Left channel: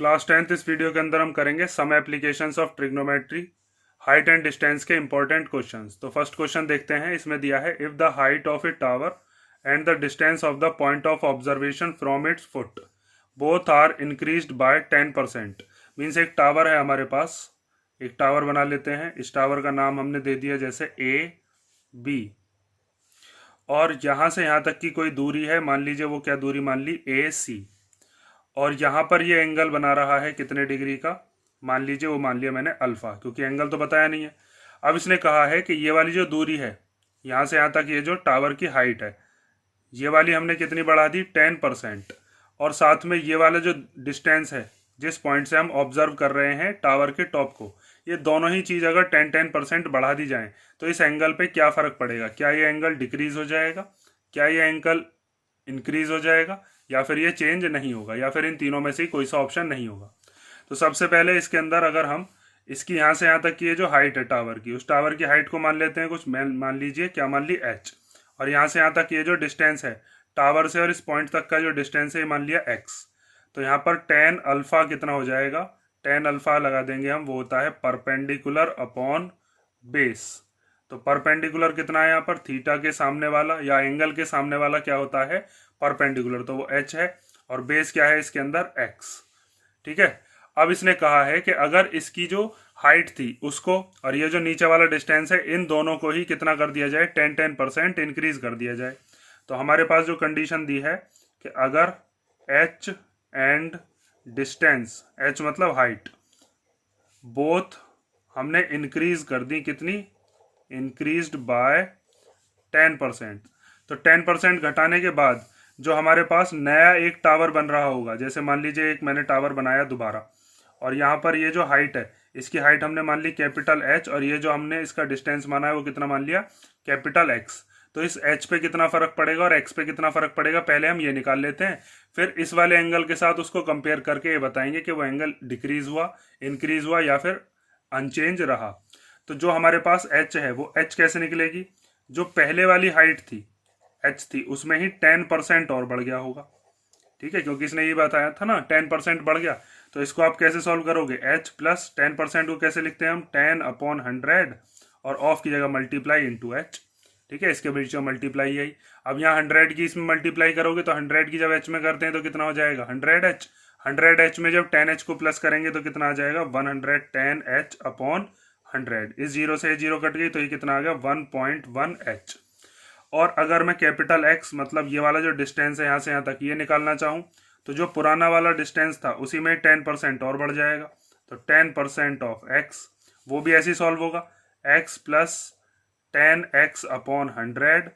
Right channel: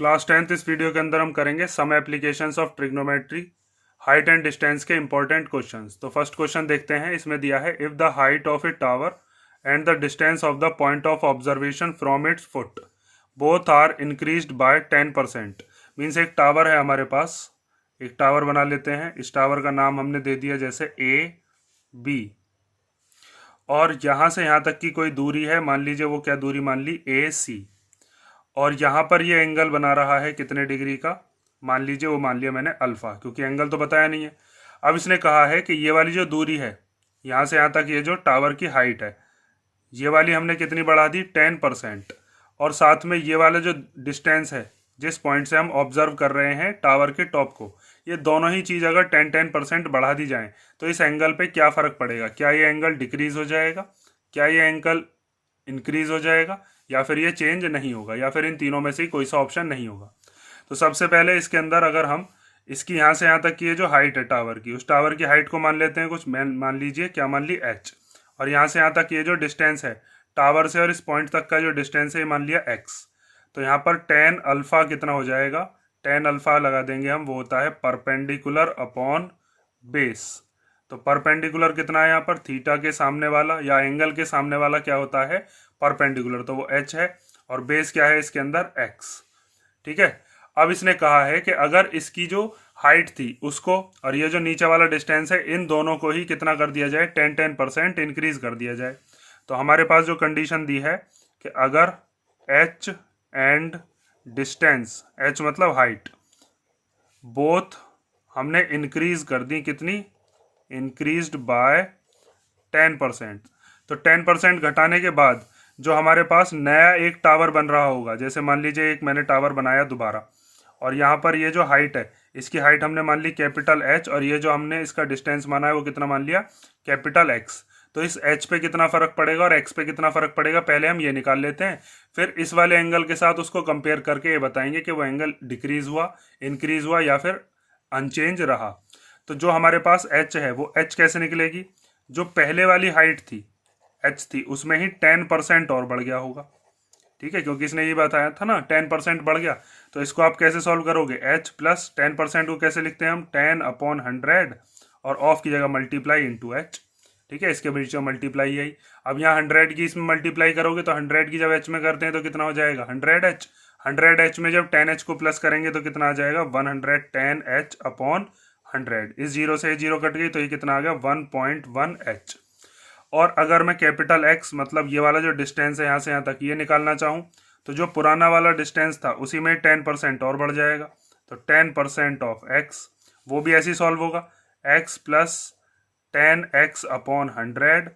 Class 10th इस video के अंदर हम करेंगे some applications of trigonometry, height and distance के इंपॉर्टेंट क्वेश्चंस। तो फर्स्ट क्वेश्चन देखते हैं। इसमें दिया है if the height of a tower and the distance of the point of observation from its foot both are increased by 10%। Means एक tower है हमारे पास, एक टावर बना लेते हैं। इस टावर का नाम हमने दे दिया जैसे ए बी, और यहाँ से यहाँ तक की कोई दूरी है, मान लीजिए वो क्या दूरी मान ली ए सी, और यहाँ पर ये एंगल बना रहा है कितने डिग्री का, मान लीजिए वो मान लिया मैंने अल्फा, क्योंकि एंगल तो बताया नहीं है। अब इसने कहा है कि ये वाली जो दूरी है यहाँ से यहाँ तक, ये जो टावर की हाइट है, ये वाली हमने कितनी बढ़ा दी 10%, और साथ में ये वाला जो डिस्टेंस है जिस पॉइंट से हम ऑब्जर्व कर रहे हैं टावर के टॉप को, ये दोनों ही चीज़ अगर 10% बढ़ा दी जाए तो इस एंगल पे क्या फ़र्क पड़ेगा। क्या ये एंगल डिक्रीज हो जाएगा, क्या ये एंगल इंक्रीज हो जाएगा, या फिर ये चेंज नहीं होगा, या फिर इन तीनों में से कोई सा ऑप्शन नहीं होगा। तो सबसे पहले इसके अंदर अगर हम इसकी यहाँ से यहाँ तक की ये जो हाइट है टावर की, उस टावर की हाइट को मान लेते हैं कुछ, मान लीजिए क्या मान ली h, और यहाँ से यहाँ तक ये जो डिस्टेंस है टावर से और इस पॉइंट तक का जो डिस्टेंस है ये मान लिया x। तो यहाँ पर tan अल्फा कितना हो जाएगा, tan अल्फा लगा देंगे हम, वो होता है परपेंडिकुलर अपॉन बेस। तो परपेंडिकुलर कितना है यहाँ पर, थीटा के सामने वाला या एंगल के सामने वाला क्या होता है, परपेंडिकुलर, तो वो h है, और बेस क्या है इसके अंदर x। ठीक है। अब इसने कहा है कि अगर इसकी जो हाइट थी उसको और ये जो नीचे वाला डिस्टेंस है, इन दोनों को ही कितना कर दिया जाए, 10% इंक्रीज कर दिया जाए। तो हमारे पास जो कंडीशन दी है कि अगर h एंड डिस्टेंस, h मतलब हाइट, बोथ हमने इंक्रीज कर दी, कितनी, इंक्रीज्ड बाय 10%। तो 10% घटाने के बाद जो हमारे पास नया एक टावर बन रहा होगा, जैसे मान लीजिए एक मैंने टावर बनाया दोबारा, और यहाँ पर ये जो हाइट है इसकी हाइट हमने मान ली कैपिटल H, और ये जो हमने इसका डिस्टेंस माना है वो कितना मान लिया, कैपिटल X। तो इस H पे कितना फर्क पड़ेगा और X पे कितना फर्क पड़ेगा, पहले हम ये निकाल लेते हैं, फिर इस वाले एंगल के साथ उसको कंपेयर करके ये बताएंगे कि वो एंगल डिक्रीज हुआ, इंक्रीज हुआ या फिर अनचेंज रहा। तो जो हमारे पास H है वो H कैसे निकलेगी, जो पहले वाली हाइट थी H थी उसमें ही 10% और बढ़ गया होगा। ठीक है, क्योंकि इसने ये बताया था ना 10% बढ़ गया। तो इसको आप कैसे सॉल्व करोगे, h प्लस 10% को कैसे लिखते हैं हम, 10/100, और ऑफ की जगह मल्टीप्लाई इंटू h। ठीक है, इसके बीच में मल्टीप्लाई यही। अब यहाँ 100 की इसमें मल्टीप्लाई करोगे तो 100 की जब h में करते हैं तो कितना हो जाएगा 100h। 100h में जब 10h को प्लस करेंगे तो कितना आ जाएगा 110h/100। इस जीरो से जीरो कट गई तो ये कितना आ गया 1.1h। और अगर मैं कैपिटल X मतलब ये वाला जो डिस्टेंस है यहाँ से यहाँ तक ये निकालना चाहूँ, तो जो पुराना वाला डिस्टेंस था उसी में 10% और बढ़ जाएगा। तो 10% ऑफ x, वो भी ऐसे ही सॉल्व होगा, x प्लस 10x/100,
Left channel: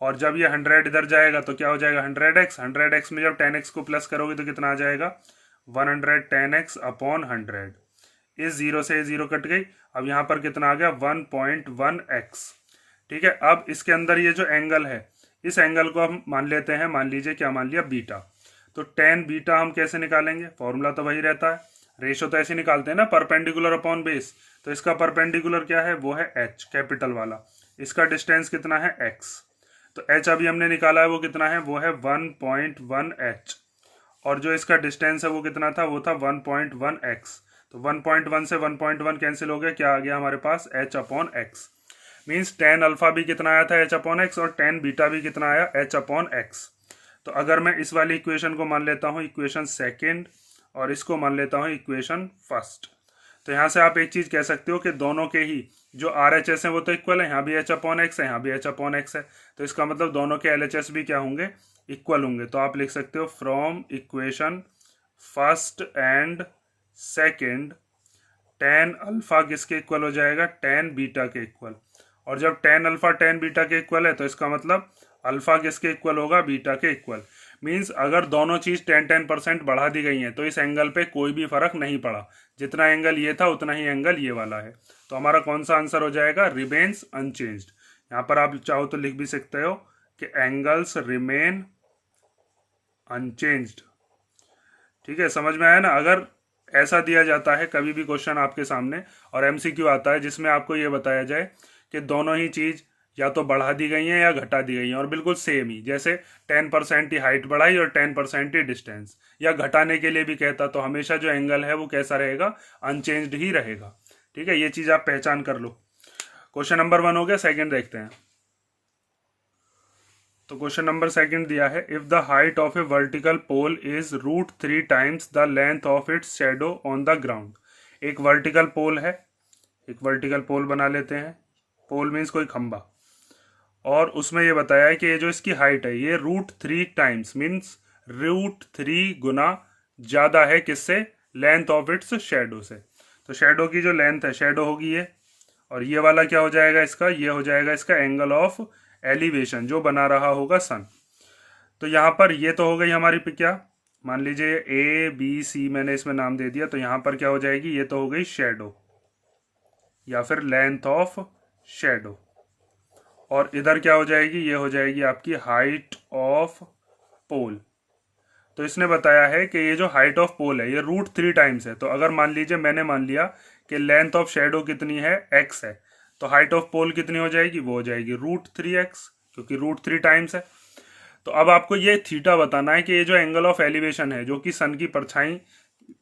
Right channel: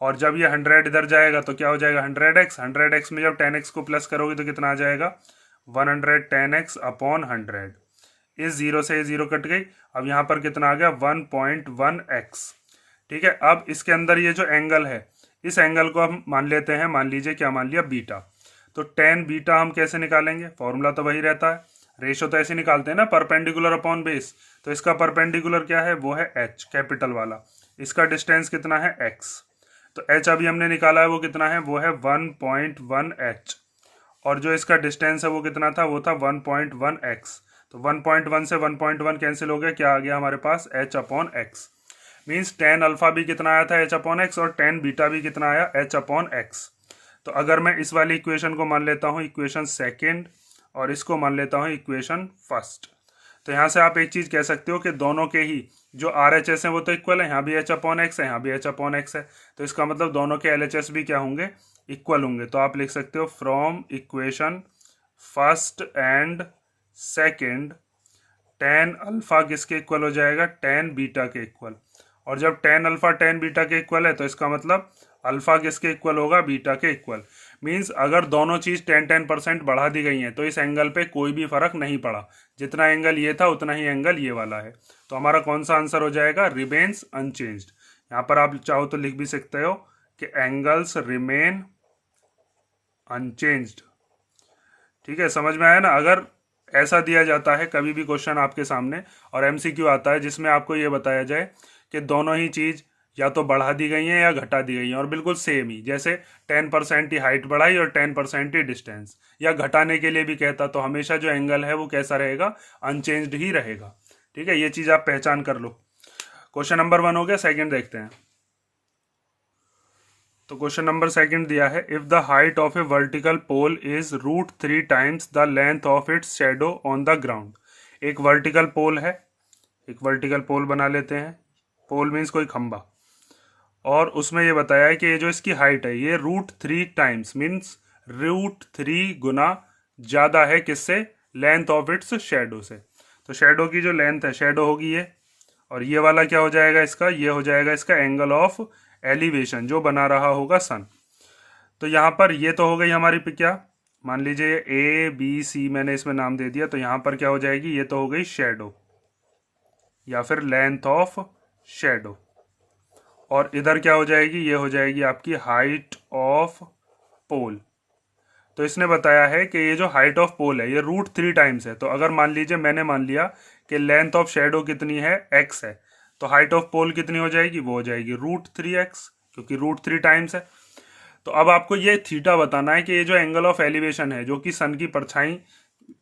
और जब ये 100 इधर जाएगा तो क्या हो जाएगा 100x। 100x में जब 10x को प्लस करोगे तो कितना आ जाएगा 110x/100। इस जीरो से जीरो कट गई, अब यहाँ पर कितना आ गया 1.1x। ठीक है। अब इसके अंदर ये जो एंगल है, इस एंगल को हम मान लेते हैं, मान लीजिए क्या मान लिया बीटा। तो tan बीटा हम कैसे निकालेंगे, फॉर्मूला तो वही रहता है, रेशो तो ऐसे निकालते हैं ना, परपेंडिकुलर अपॉन बेस। तो इसका परपेंडिकुलर क्या है, वो है h कैपिटल वाला, इसका डिस्टेंस कितना है x। तो h अभी हमने निकाला है वो कितना है, वो है 1.1h, और जो इसका डिस्टेंस है वो कितना था, वो था 1.1x। तो 1.1 से 1.1 कैंसिल हो गया, क्या आ गया हमारे पास h/x। मीन्स tan अल्फा भी कितना आया था h/x, और tan बीटा भी कितना आया h/x। तो अगर मैं इस वाली इक्वेशन को मान लेता हूँ इक्वेशन सेकेंड, और इसको मान लेता हूँ इक्वेशन फर्स्ट, तो यहाँ से आप एक चीज़ कह सकते हो कि दोनों के ही जो RHS हैं वो तो इक्वल है, यहाँ भी h/x है, यहाँ भी h/x है। तो इसका मतलब दोनों के LHS भी क्या होंगे, इक्वल होंगे। तो आप लिख सकते हो from equation first and second tan alpha किसके इक्वल हो जाएगा, tan बीटा के इक्वल। और जब tan अल्फा tan बीटा के इक्वल है तो इसका मतलब अल्फा किसके इक्वल होगा, बीटा के इक्वल। मीन्स अगर दोनों चीज 10% बढ़ा दी गई हैं तो इस एंगल पे कोई भी फर्क नहीं पड़ा, जितना एंगल ये था उतना ही एंगल ये वाला है। तो हमारा कौन सा आंसर हो जाएगा, रिमेन्स अनचेंज्ड। यहाँ पर आप चाहो तो लिख भी सकते हो कि एंगल्स रिमेन अनचेंज्ड। ठीक है, समझ में आया ना। अगर ऐसा दिया जाता है कभी भी क्वेश्चन आपके सामने और MCQ आता है जिसमें आपको ये बताया जाए कि दोनों ही चीज या तो बढ़ा दी गई हैं या घटा दी गई हैं, और बिल्कुल सेम ही, जैसे 10% ही हाइट बढ़ाई और 10% ही डिस्टेंस, या घटाने के लिए भी कहता तो हमेशा जो एंगल है वो कैसा रहेगा, अनचेंज्ड ही रहेगा। ठीक है, ये चीज आप पहचान कर लो। क्वेश्चन नंबर 1 हो गया। सेकंड देखते हैं। तो क्वेश्चन नंबर सेकंड दिया है, if the height of a vertical pole is √3 times the length of its shadow on the ground. एक वर्टिकल पोल है, एक वर्टिकल पोल बना लेते हैं। पोल मीन्स कोई खंबा, और उसमें ये बताया है कि ये जो इसकी हाइट है ये √3 टाइम्स मीन्स √3 गुना ज्यादा है किससे, लेंथ ऑफ इट्स शेडो से। तो शेडो की जो लेंथ है, शेडो होगी ये, और ये वाला क्या हो जाएगा इसका, ये हो जाएगा इसका एंगल ऑफ एलिवेशन जो बना रहा होगा सन। तो यहाँ पर ये तो हो गई हमारी पे क्या, मान लीजिए ABC मैंने इसमें नाम दे दिया, तो यहाँ पर क्या हो जाएगी, ये तो हो गई शेडो या फिर लेंथ ऑफ शेडो, और इधर क्या हो जाएगी, ये हो जाएगी आपकी हाइट ऑफ पोल। तो इसने बताया है कि ये जो हाइट ऑफ पोल है ये √3 टाइम्स है। तो अगर मान लीजिए मैंने मान लिया कि लेंथ ऑफ शेडो कितनी है, x है, तो हाइट ऑफ पोल कितनी हो जाएगी, वो हो जाएगी √3x, क्योंकि √3 टाइम्स है। तो अब आपको ये थीटा बताना है कि ये जो एंगल ऑफ एलिवेशन है जो कि सन की परछाई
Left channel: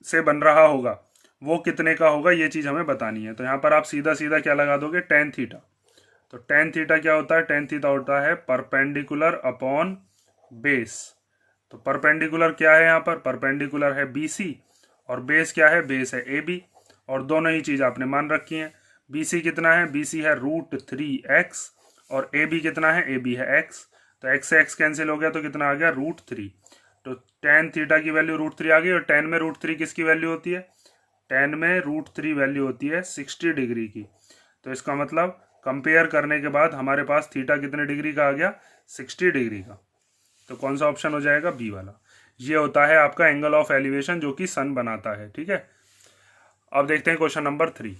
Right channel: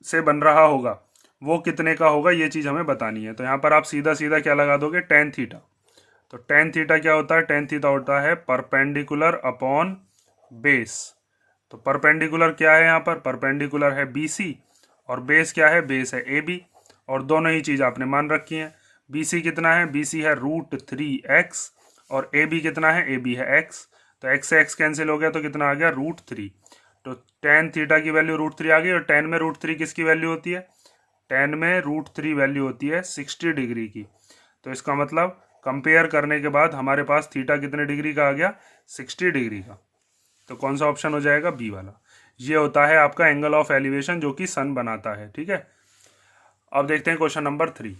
से बन रहा होगा वो कितने का होगा, ये चीज हमें बतानी है। तो यहाँ पर आप सीधा सीधा क्या लगा दोगे, tan थीटा। तो tan थीटा क्या होता है, tan थीटा होता है परपेंडिकुलर अपॉन बेस। तो परपेंडिकुलर क्या है, यहाँ पर परपेंडिकुलर है BC, और बेस क्या है, बेस है AB, और दोनों ही चीज आपने मान रखी है। BC कितना है, BC है √3x, और AB कितना है, AB है x। तो x से x कैंसिल हो गया तो कितना आ गया, √3। तो tan थीटा की वैल्यू √3 आ गई, और tan में √3 किसकी वैल्यू होती है, tan में √3 वैल्यू होती है 60 डिग्री की। तो इसका मतलब कंपेयर करने के बाद हमारे पास थीटा कितने डिग्री का आ गया, 60 डिग्री का। तो कौन सा ऑप्शन हो जाएगा, बी वाला। ये होता है आपका एंगल ऑफ एलिवेशन जो कि सन बनाता है। ठीक है, अब देखते हैं क्वेश्चन नंबर 3।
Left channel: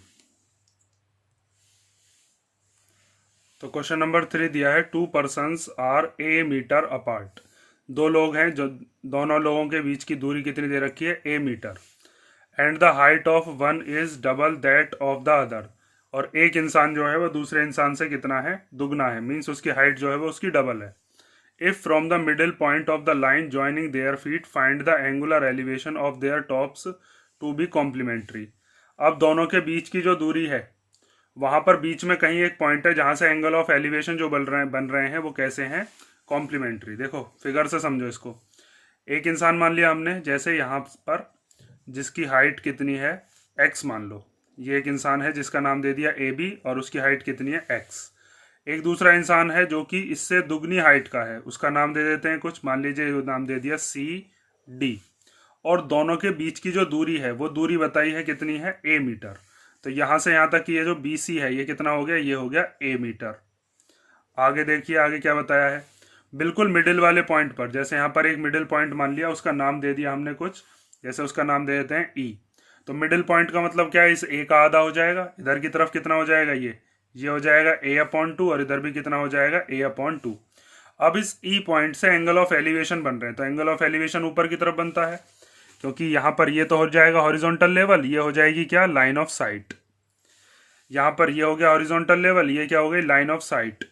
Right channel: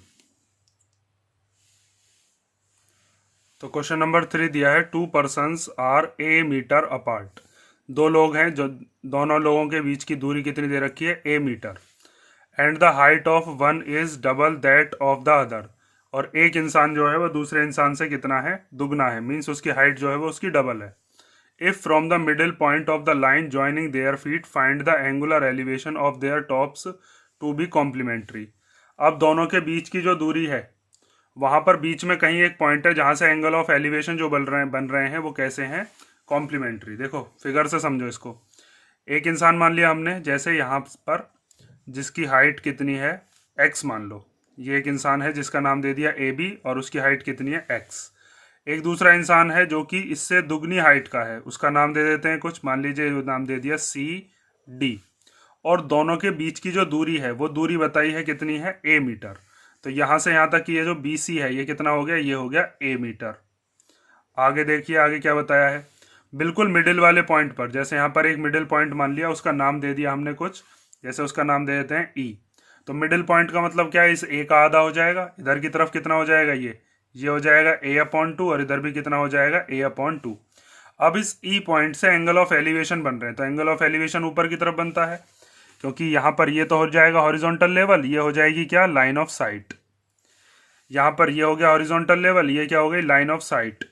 तो क्वेश्चन नंबर 3 दिया है, 2 persons are a metre apart. दो लोग हैं, जो दोनों लोगों के बीच की दूरी कितनी दे रखी है, a metre, and the height of one is double that of the other. और एक इंसान जो है वो दूसरे इंसान से कितना है, दुगना है, मीन्स उसकी हाइट जो है वो उसकी डबल है। If from the middle point of the line joining their feet find the angular elevation of their tops to be complementary. अब दोनों के बीच की जो दूरी है वहां पर बीच में कहीं एक पॉइंट है जहां से एंगल ऑफ एलिवेशन जो बन रहे हैं वो कैसे हैं, कॉम्प्लीमेंट्री। देखो फिगर से समझो इसको। एक इंसान मान लिया हमने, जैसे यहाँ पर जिसकी हाइट कितनी है, x मान लो। ये एक इंसान है जिसका नाम दे दिया AB, और उसकी हाइट कितनी है, x। एक दूसरा इंसान है जो कि इससे दुगनी हाइट का है, उसका नाम दे देते हैं कुछ, मान लीजिए नाम दे दिया CD, और दोनों के बीच की जो दूरी है वो दूरी बताई है कितनी है, a मीटर। तो यहां से यहां तक की ये जो BC है ये कितना हो गया, ये हो गया a मीटर। आगे देखिए, आगे क्या बताया है, बिल्कुल मिडिल वाले पॉइंट पर, जैसे यहाँ पर एक मिडिल पॉइंट मान लिया, उसका नाम दे दिया हमने कुछ, जैसे उसका नाम दे देते हैं E। तो मिडिल पॉइंट का मतलब क्या है, इस A का आधा हो जाएगा, इधर की तरफ कितना हो जाएगा, ये हो जाएगा a/2, और इधर भी कितना हो जाएगा, a/2। अब इस E पॉइंट से एंगल ऑफ एलिवेशन बन रहे हैं, तो एंगल ऑफ एलिवेशन ऊपर की तरफ बनता है, क्योंकि यहाँ पर ये तो हो जाएगा हॉरिजॉन्टल लेवल, ये हो जाएगी क्या, लाइन ऑफ साइट। यहाँ पर ये हो गया हॉरिजॉन्टल लेवल, ये क्या हो गई, लाइन ऑफ साइट।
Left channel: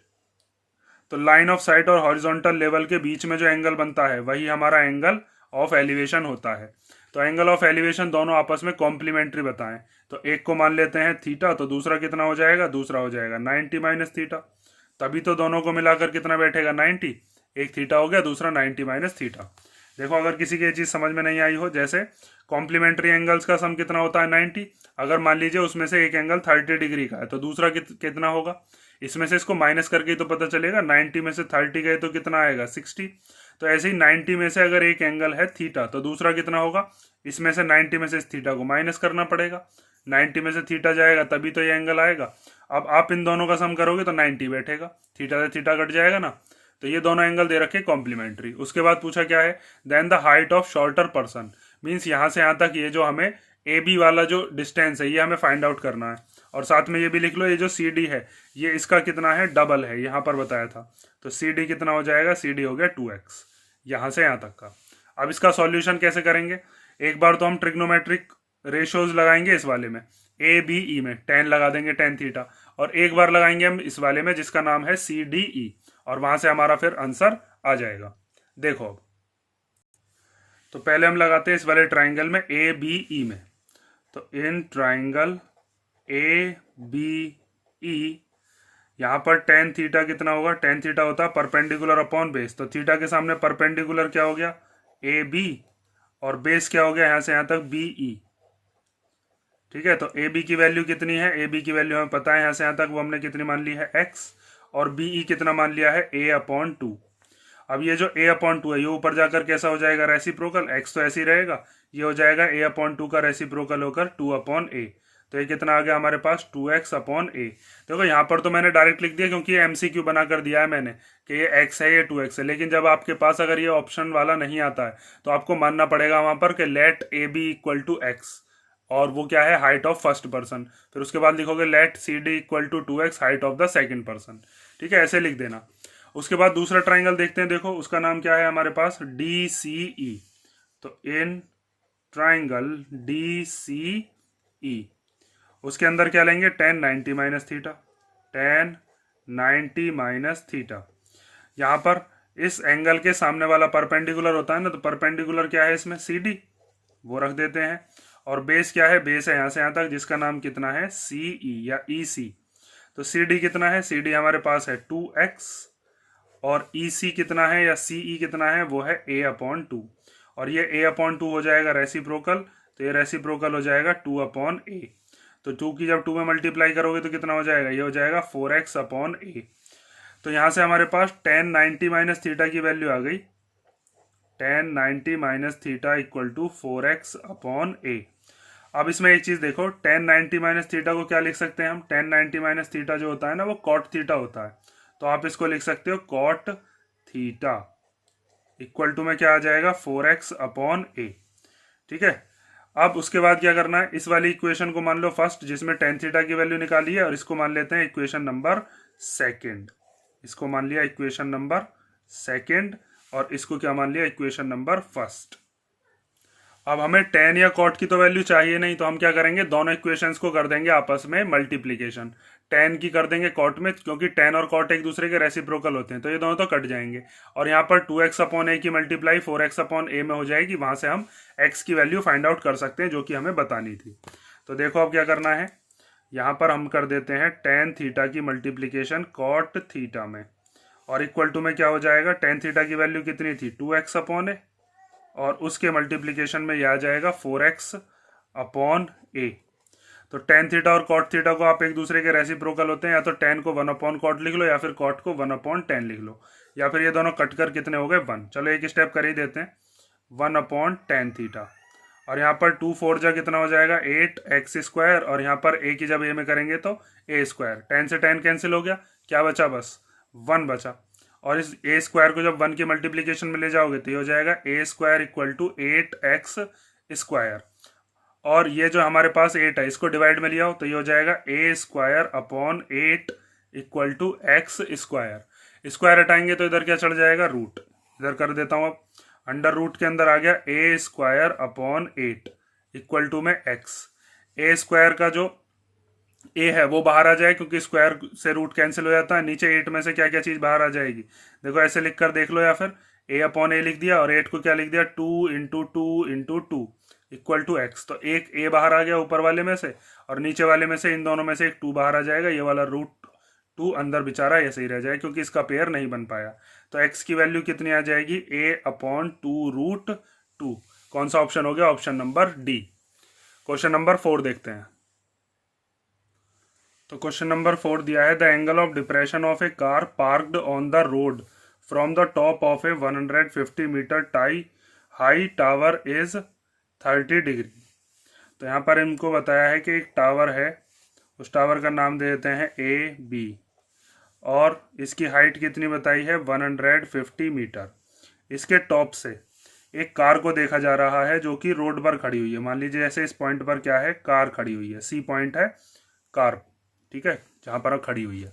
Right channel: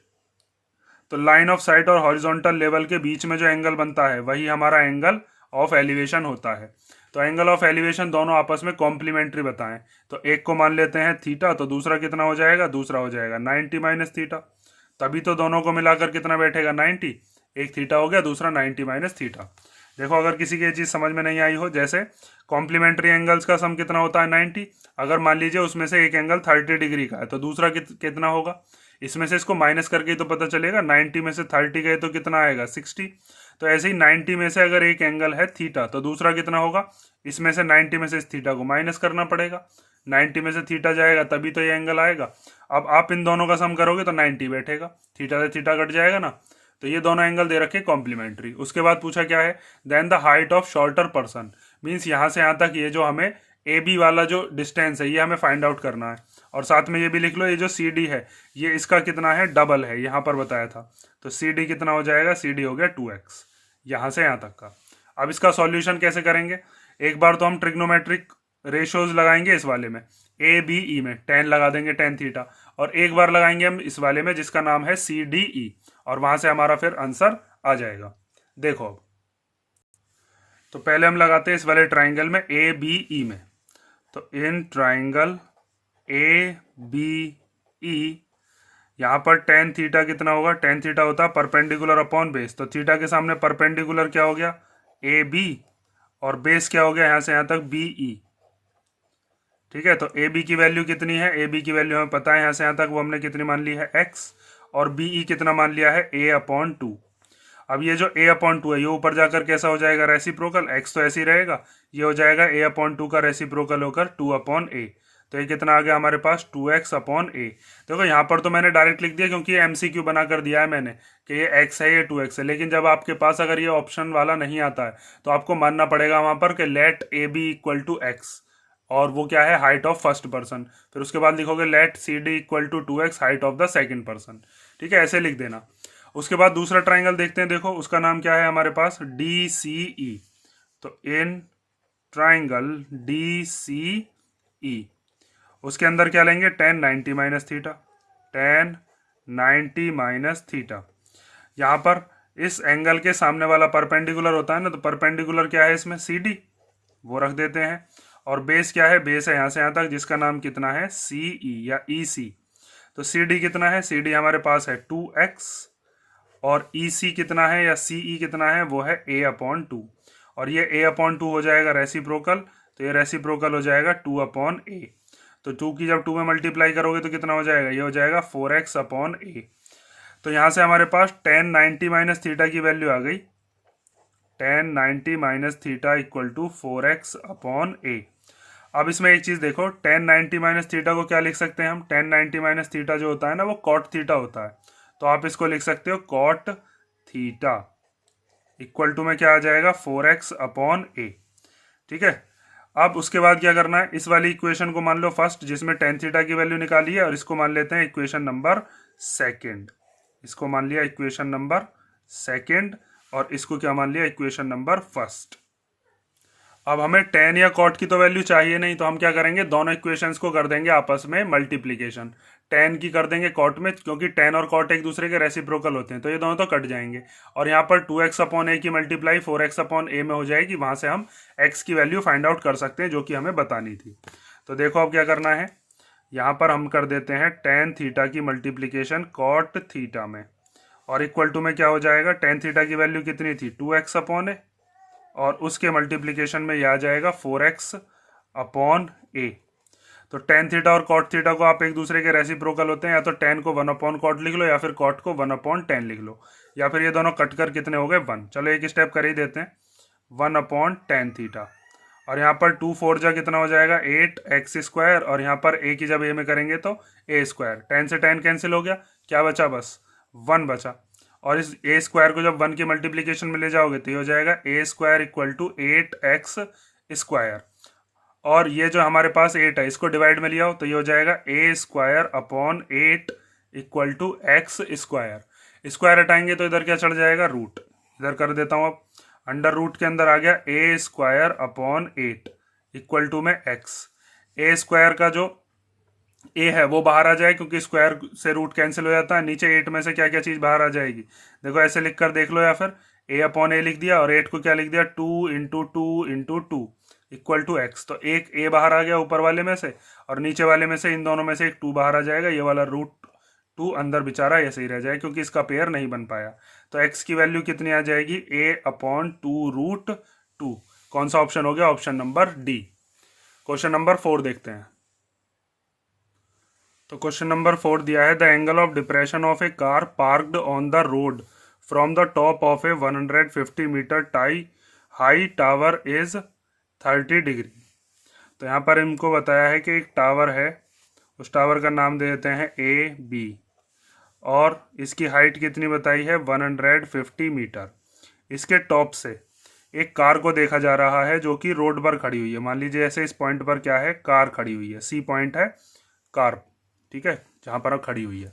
तो लाइन ऑफ साइट और हॉरिजॉन्टल लेवल के बीच में जो एंगल बनता है वही हमारा एंगल ऑफ एलिवेशन होता है। तो एंगल ऑफ एलिवेशन दोनों आपस में कॉम्प्लीमेंट्री बताएं, तो एक को मान लेते हैं थीटा, तो दूसरा कितना हो जाएगा, दूसरा हो जाएगा 90 माइनस थीटा। तभी तो दोनों को मिलाकर कितना बैठेगा, 90। एक थीटा हो गया, दूसरा 90 माइनस थीटा। देखो अगर किसी की चीज समझ में नहीं आई हो, जैसे कॉम्प्लीमेंट्री एंगल्स का सम कितना होता है, 90। अगर मान लीजिए उसमें से एक एंगल 30 डिग्री का है, तो दूसरा कितना होगा, इसमें से इसको माइनस करके तो पता चलेगा, 90 में से 30 गए तो कितना आएगा, 60। तो ऐसे ही 90 में से अगर एक एंगल है थीटा, तो दूसरा कितना होगा, इसमें से 90 में से इस थीटा को माइनस करना पड़ेगा, 90 में से थीटा जाएगा तभी तो ये एंगल आएगा। अब आप इन दोनों का सम करोगे तो 90 बैठेगा, थीटा से थीटा कट जाएगा ना। तो ये दोनों एंगल दे रखे कॉम्प्लीमेंट्री। उसके बाद पूछा क्या है, then the height of shorter person, means यहाँ से यहाँ तक ये जो हमें AB वाला जो डिस्टेंस है ये हमें फाइंड आउट करना है। और साथ में ये भी लिख लो, ये जो CD है ये इसका कितना है, डबल है, यहाँ पर बताया था। तो CD कितना हो जाएगा, CD हो गया 2x, यहाँ से यहाँ तक का। अब इसका सॉल्यूशन कैसे करेंगे, एक बार तो हम ट्रिग्नोमेट्रिक रेशियोज लगाएंगे इस वाले में, ABE में tan लगा देंगे tan थीटा, और एक बार लगाएंगे हम इस वाले में जिसका नाम है CDE, और वहां से हमारा फिर आंसर आ जाएगा। देखो अब तो पहले हम लगाते हैं इस वाले ट्राइंगल में ABE में। तो इन ट्राइंगल ABE यहाँ पर टेन थीटा कितना होगा, टेन थीटा होता है परपेंडिकुलर अपॉन बेस। तो थीटा के सामने परपेंडिकुलर क्या हो गया, AB, और बेस क्या हो गया यहाँ से यहाँ तक BE। ठीक है, तो AB की वैल्यू कितनी है, AB की वैल्यू हमें पता है यहाँ से यहाँ तक, वो हमने कितनी मान ली है x, और BE कितना मान लिया है A/2। अब ये जो A/2 है ये ऊपर जाकर कैसा हो जाएगा, रेसिप्रोकल, x तो ऐसे ही रहेगा, ये हो जाएगा A/2 का रेसिप्रोकल होकर 2/A। तो ये कितना आ गया हमारे पास 2x/A। देखो यहाँ पर तो मैंने डायरेक्ट लिख दिया क्योंकि ये MCQ बना कर दिया है मैंने कि ये x है ये 2x है, लेकिन जब आपके पास अगर ये ऑप्शन वाला नहीं आता है तो आपको मानना पड़ेगा वहां पर कि लेट AB = x, और वो क्या है, हाइट ऑफ फर्स्ट पर्सन। फिर उसके बाद लिखोगे let CD = 2x, height of the second person. ठीक है, ऐसे लिख देना। उसके बाद दूसरा ट्राइंगल देखते हैं, देखो उसका नाम क्या है हमारे पास, DCE। तो इन ट्राइंगल DCE उसके अंदर क्या लेंगे, tan 90 minus theta, tan 90 minus theta. यहाँ पर इस एंगल के सामने वाला परपेंडिकुलर होता है ना, तो परपेंडिकुलर क्या है इसमें, CD, वो रख देते हैं। और बेस क्या है, बेस है यहाँ से यहाँ तक जिसका नाम कितना है CE या EC। तो CD कितना है, CD हमारे पास है 2x, और EC कितना है या CE कितना है, वो है A/2, और ये A/2 हो जाएगा रेसिप्रोकल, तो ये रेसिप्रोकल हो जाएगा 2/A। तो 2 की जब 2 में मल्टीप्लाई करोगे तो कितना हो जाएगा, ये हो जाएगा 4x/A। तो यहाँ से हमारे पास tan 90 माइनस थीटा की वैल्यू आ गई, tan 90 माइनस थीटा = 4x/A। अब इसमें एक चीज देखो, tan 90 माइनस थीटा को क्या लिख सकते हैं हम, tan 90 माइनस थीटा जो होता है ना वो cot थीटा होता है, तो आप इसको लिख सकते हो cot थीटा = में क्या आ जाएगा 4x/A। ठीक है, अब उसके बाद क्या करना है, इस वाली इक्वेशन को मान लो फर्स्ट जिसमें tan थीटा की वैल्यू निकाली है, और इसको मान लेते हैं इक्वेशन नंबर सेकंड। इसको मान लिया इक्वेशन नंबर सेकंड, और इसको क्या मान लिया, इक्वेशन नंबर फर्स्ट। अब हमें tan या cot की तो वैल्यू चाहिए नहीं, तो हम क्या करेंगे, दोनों इक्वेशंस को कर देंगे आपस में मल्टीप्लीकेशन। tan की कर देंगे cot में, क्योंकि tan और cot एक दूसरे के रेसिप्रोकल होते हैं, तो ये दोनों तो कट जाएंगे। और यहाँ पर 2x/A की मल्टीप्लाई 4x/A में हो जाएगी, वहां से हम x की वैल्यू फाइंड आउट कर सकते हैं जो कि हमें बतानी थी। तो देखो अब क्या करना है, यहाँ पर हम कर देते हैं tan थीटा की मल्टीप्लीकेशन cot थीटा में, और इक्वल टू में क्या हो जाएगा, tan थीटा की वैल्यू कितनी थी 2x/A, और उसके मल्टीप्लीकेशन में यह आ जाएगा 4x/A। तो tan थीटा और cot थीटा को आप एक दूसरे के रेसिप्रोकल होते हैं, या तो tan को 1/cot लिख लो, या फिर cot को 1/tan लिख लो, या फिर ये दोनों कट कर कितने हो गए 1। चलो एक स्टेप कर ही देते हैं, 1/tan थीटा, और यहाँ पर 2 4 जा कितना हो जाएगा 8x², और यहाँ पर a की जब a में करेंगे तो a², tan से tan कैंसिल हो गया, क्या बचा, बस 1 बचा। और इस a² को जब 1 की मल्टीप्लीकेशन में ले जाओगे तो ये हो जाएगा a² = 8x², और ये जो हमारे पास 8 है इसको डिवाइड में लिया हो तो ये हो जाएगा a²/8 = x²। स्क्वायर हटाएंगे तो इधर क्या चढ़ जाएगा, रूट। इधर कर देता हूं, अब अंडर रूट के अंदर आ गया a²/8 = में x। a² का जो a है वो बाहर आ जाए, क्योंकि स्क्वायर से रूट कैंसिल हो जाता है। नीचे 8 में से क्या क्या चीज बाहर आ जाएगी, देखो ऐसे लिख कर देख लो, या फिर a/a लिख दिया, और 8 को क्या लिख दिया 2 × 2 × 2 = x। तो एक a बाहर आ गया ऊपर वाले में से, और नीचे वाले में से इन दोनों में से एक 2 बाहर आ जाएगा, ये वाला √2 अंदर बेचारा ऐसे ही रह जाए क्योंकि इसका पेयर नहीं बन पाया। तो x की वैल्यू कितनी आ जाएगी, a/2√2। कौन सा ऑप्शन हो गया, option number D. Question number 4 देखते हैं। तो क्वेश्चन नंबर 4 दिया है, the angle of depression of a car parked on the road from the top of a 150 metre high tower is 30 degree. तो यहाँ पर इनको बताया है कि एक टावर है, उस टावर का नाम दे देते हैं AB, और इसकी हाइट कितनी बताई है 150 मीटर। इसके टॉप से एक कार को देखा जा रहा है जो कि रोड पर खड़ी हुई है। मान लीजिए ऐसे इस पॉइंट पर क्या है, कार खड़ी हुई है, C पॉइंट है कार, ठीक है, जहां पर खड़ी हुई है।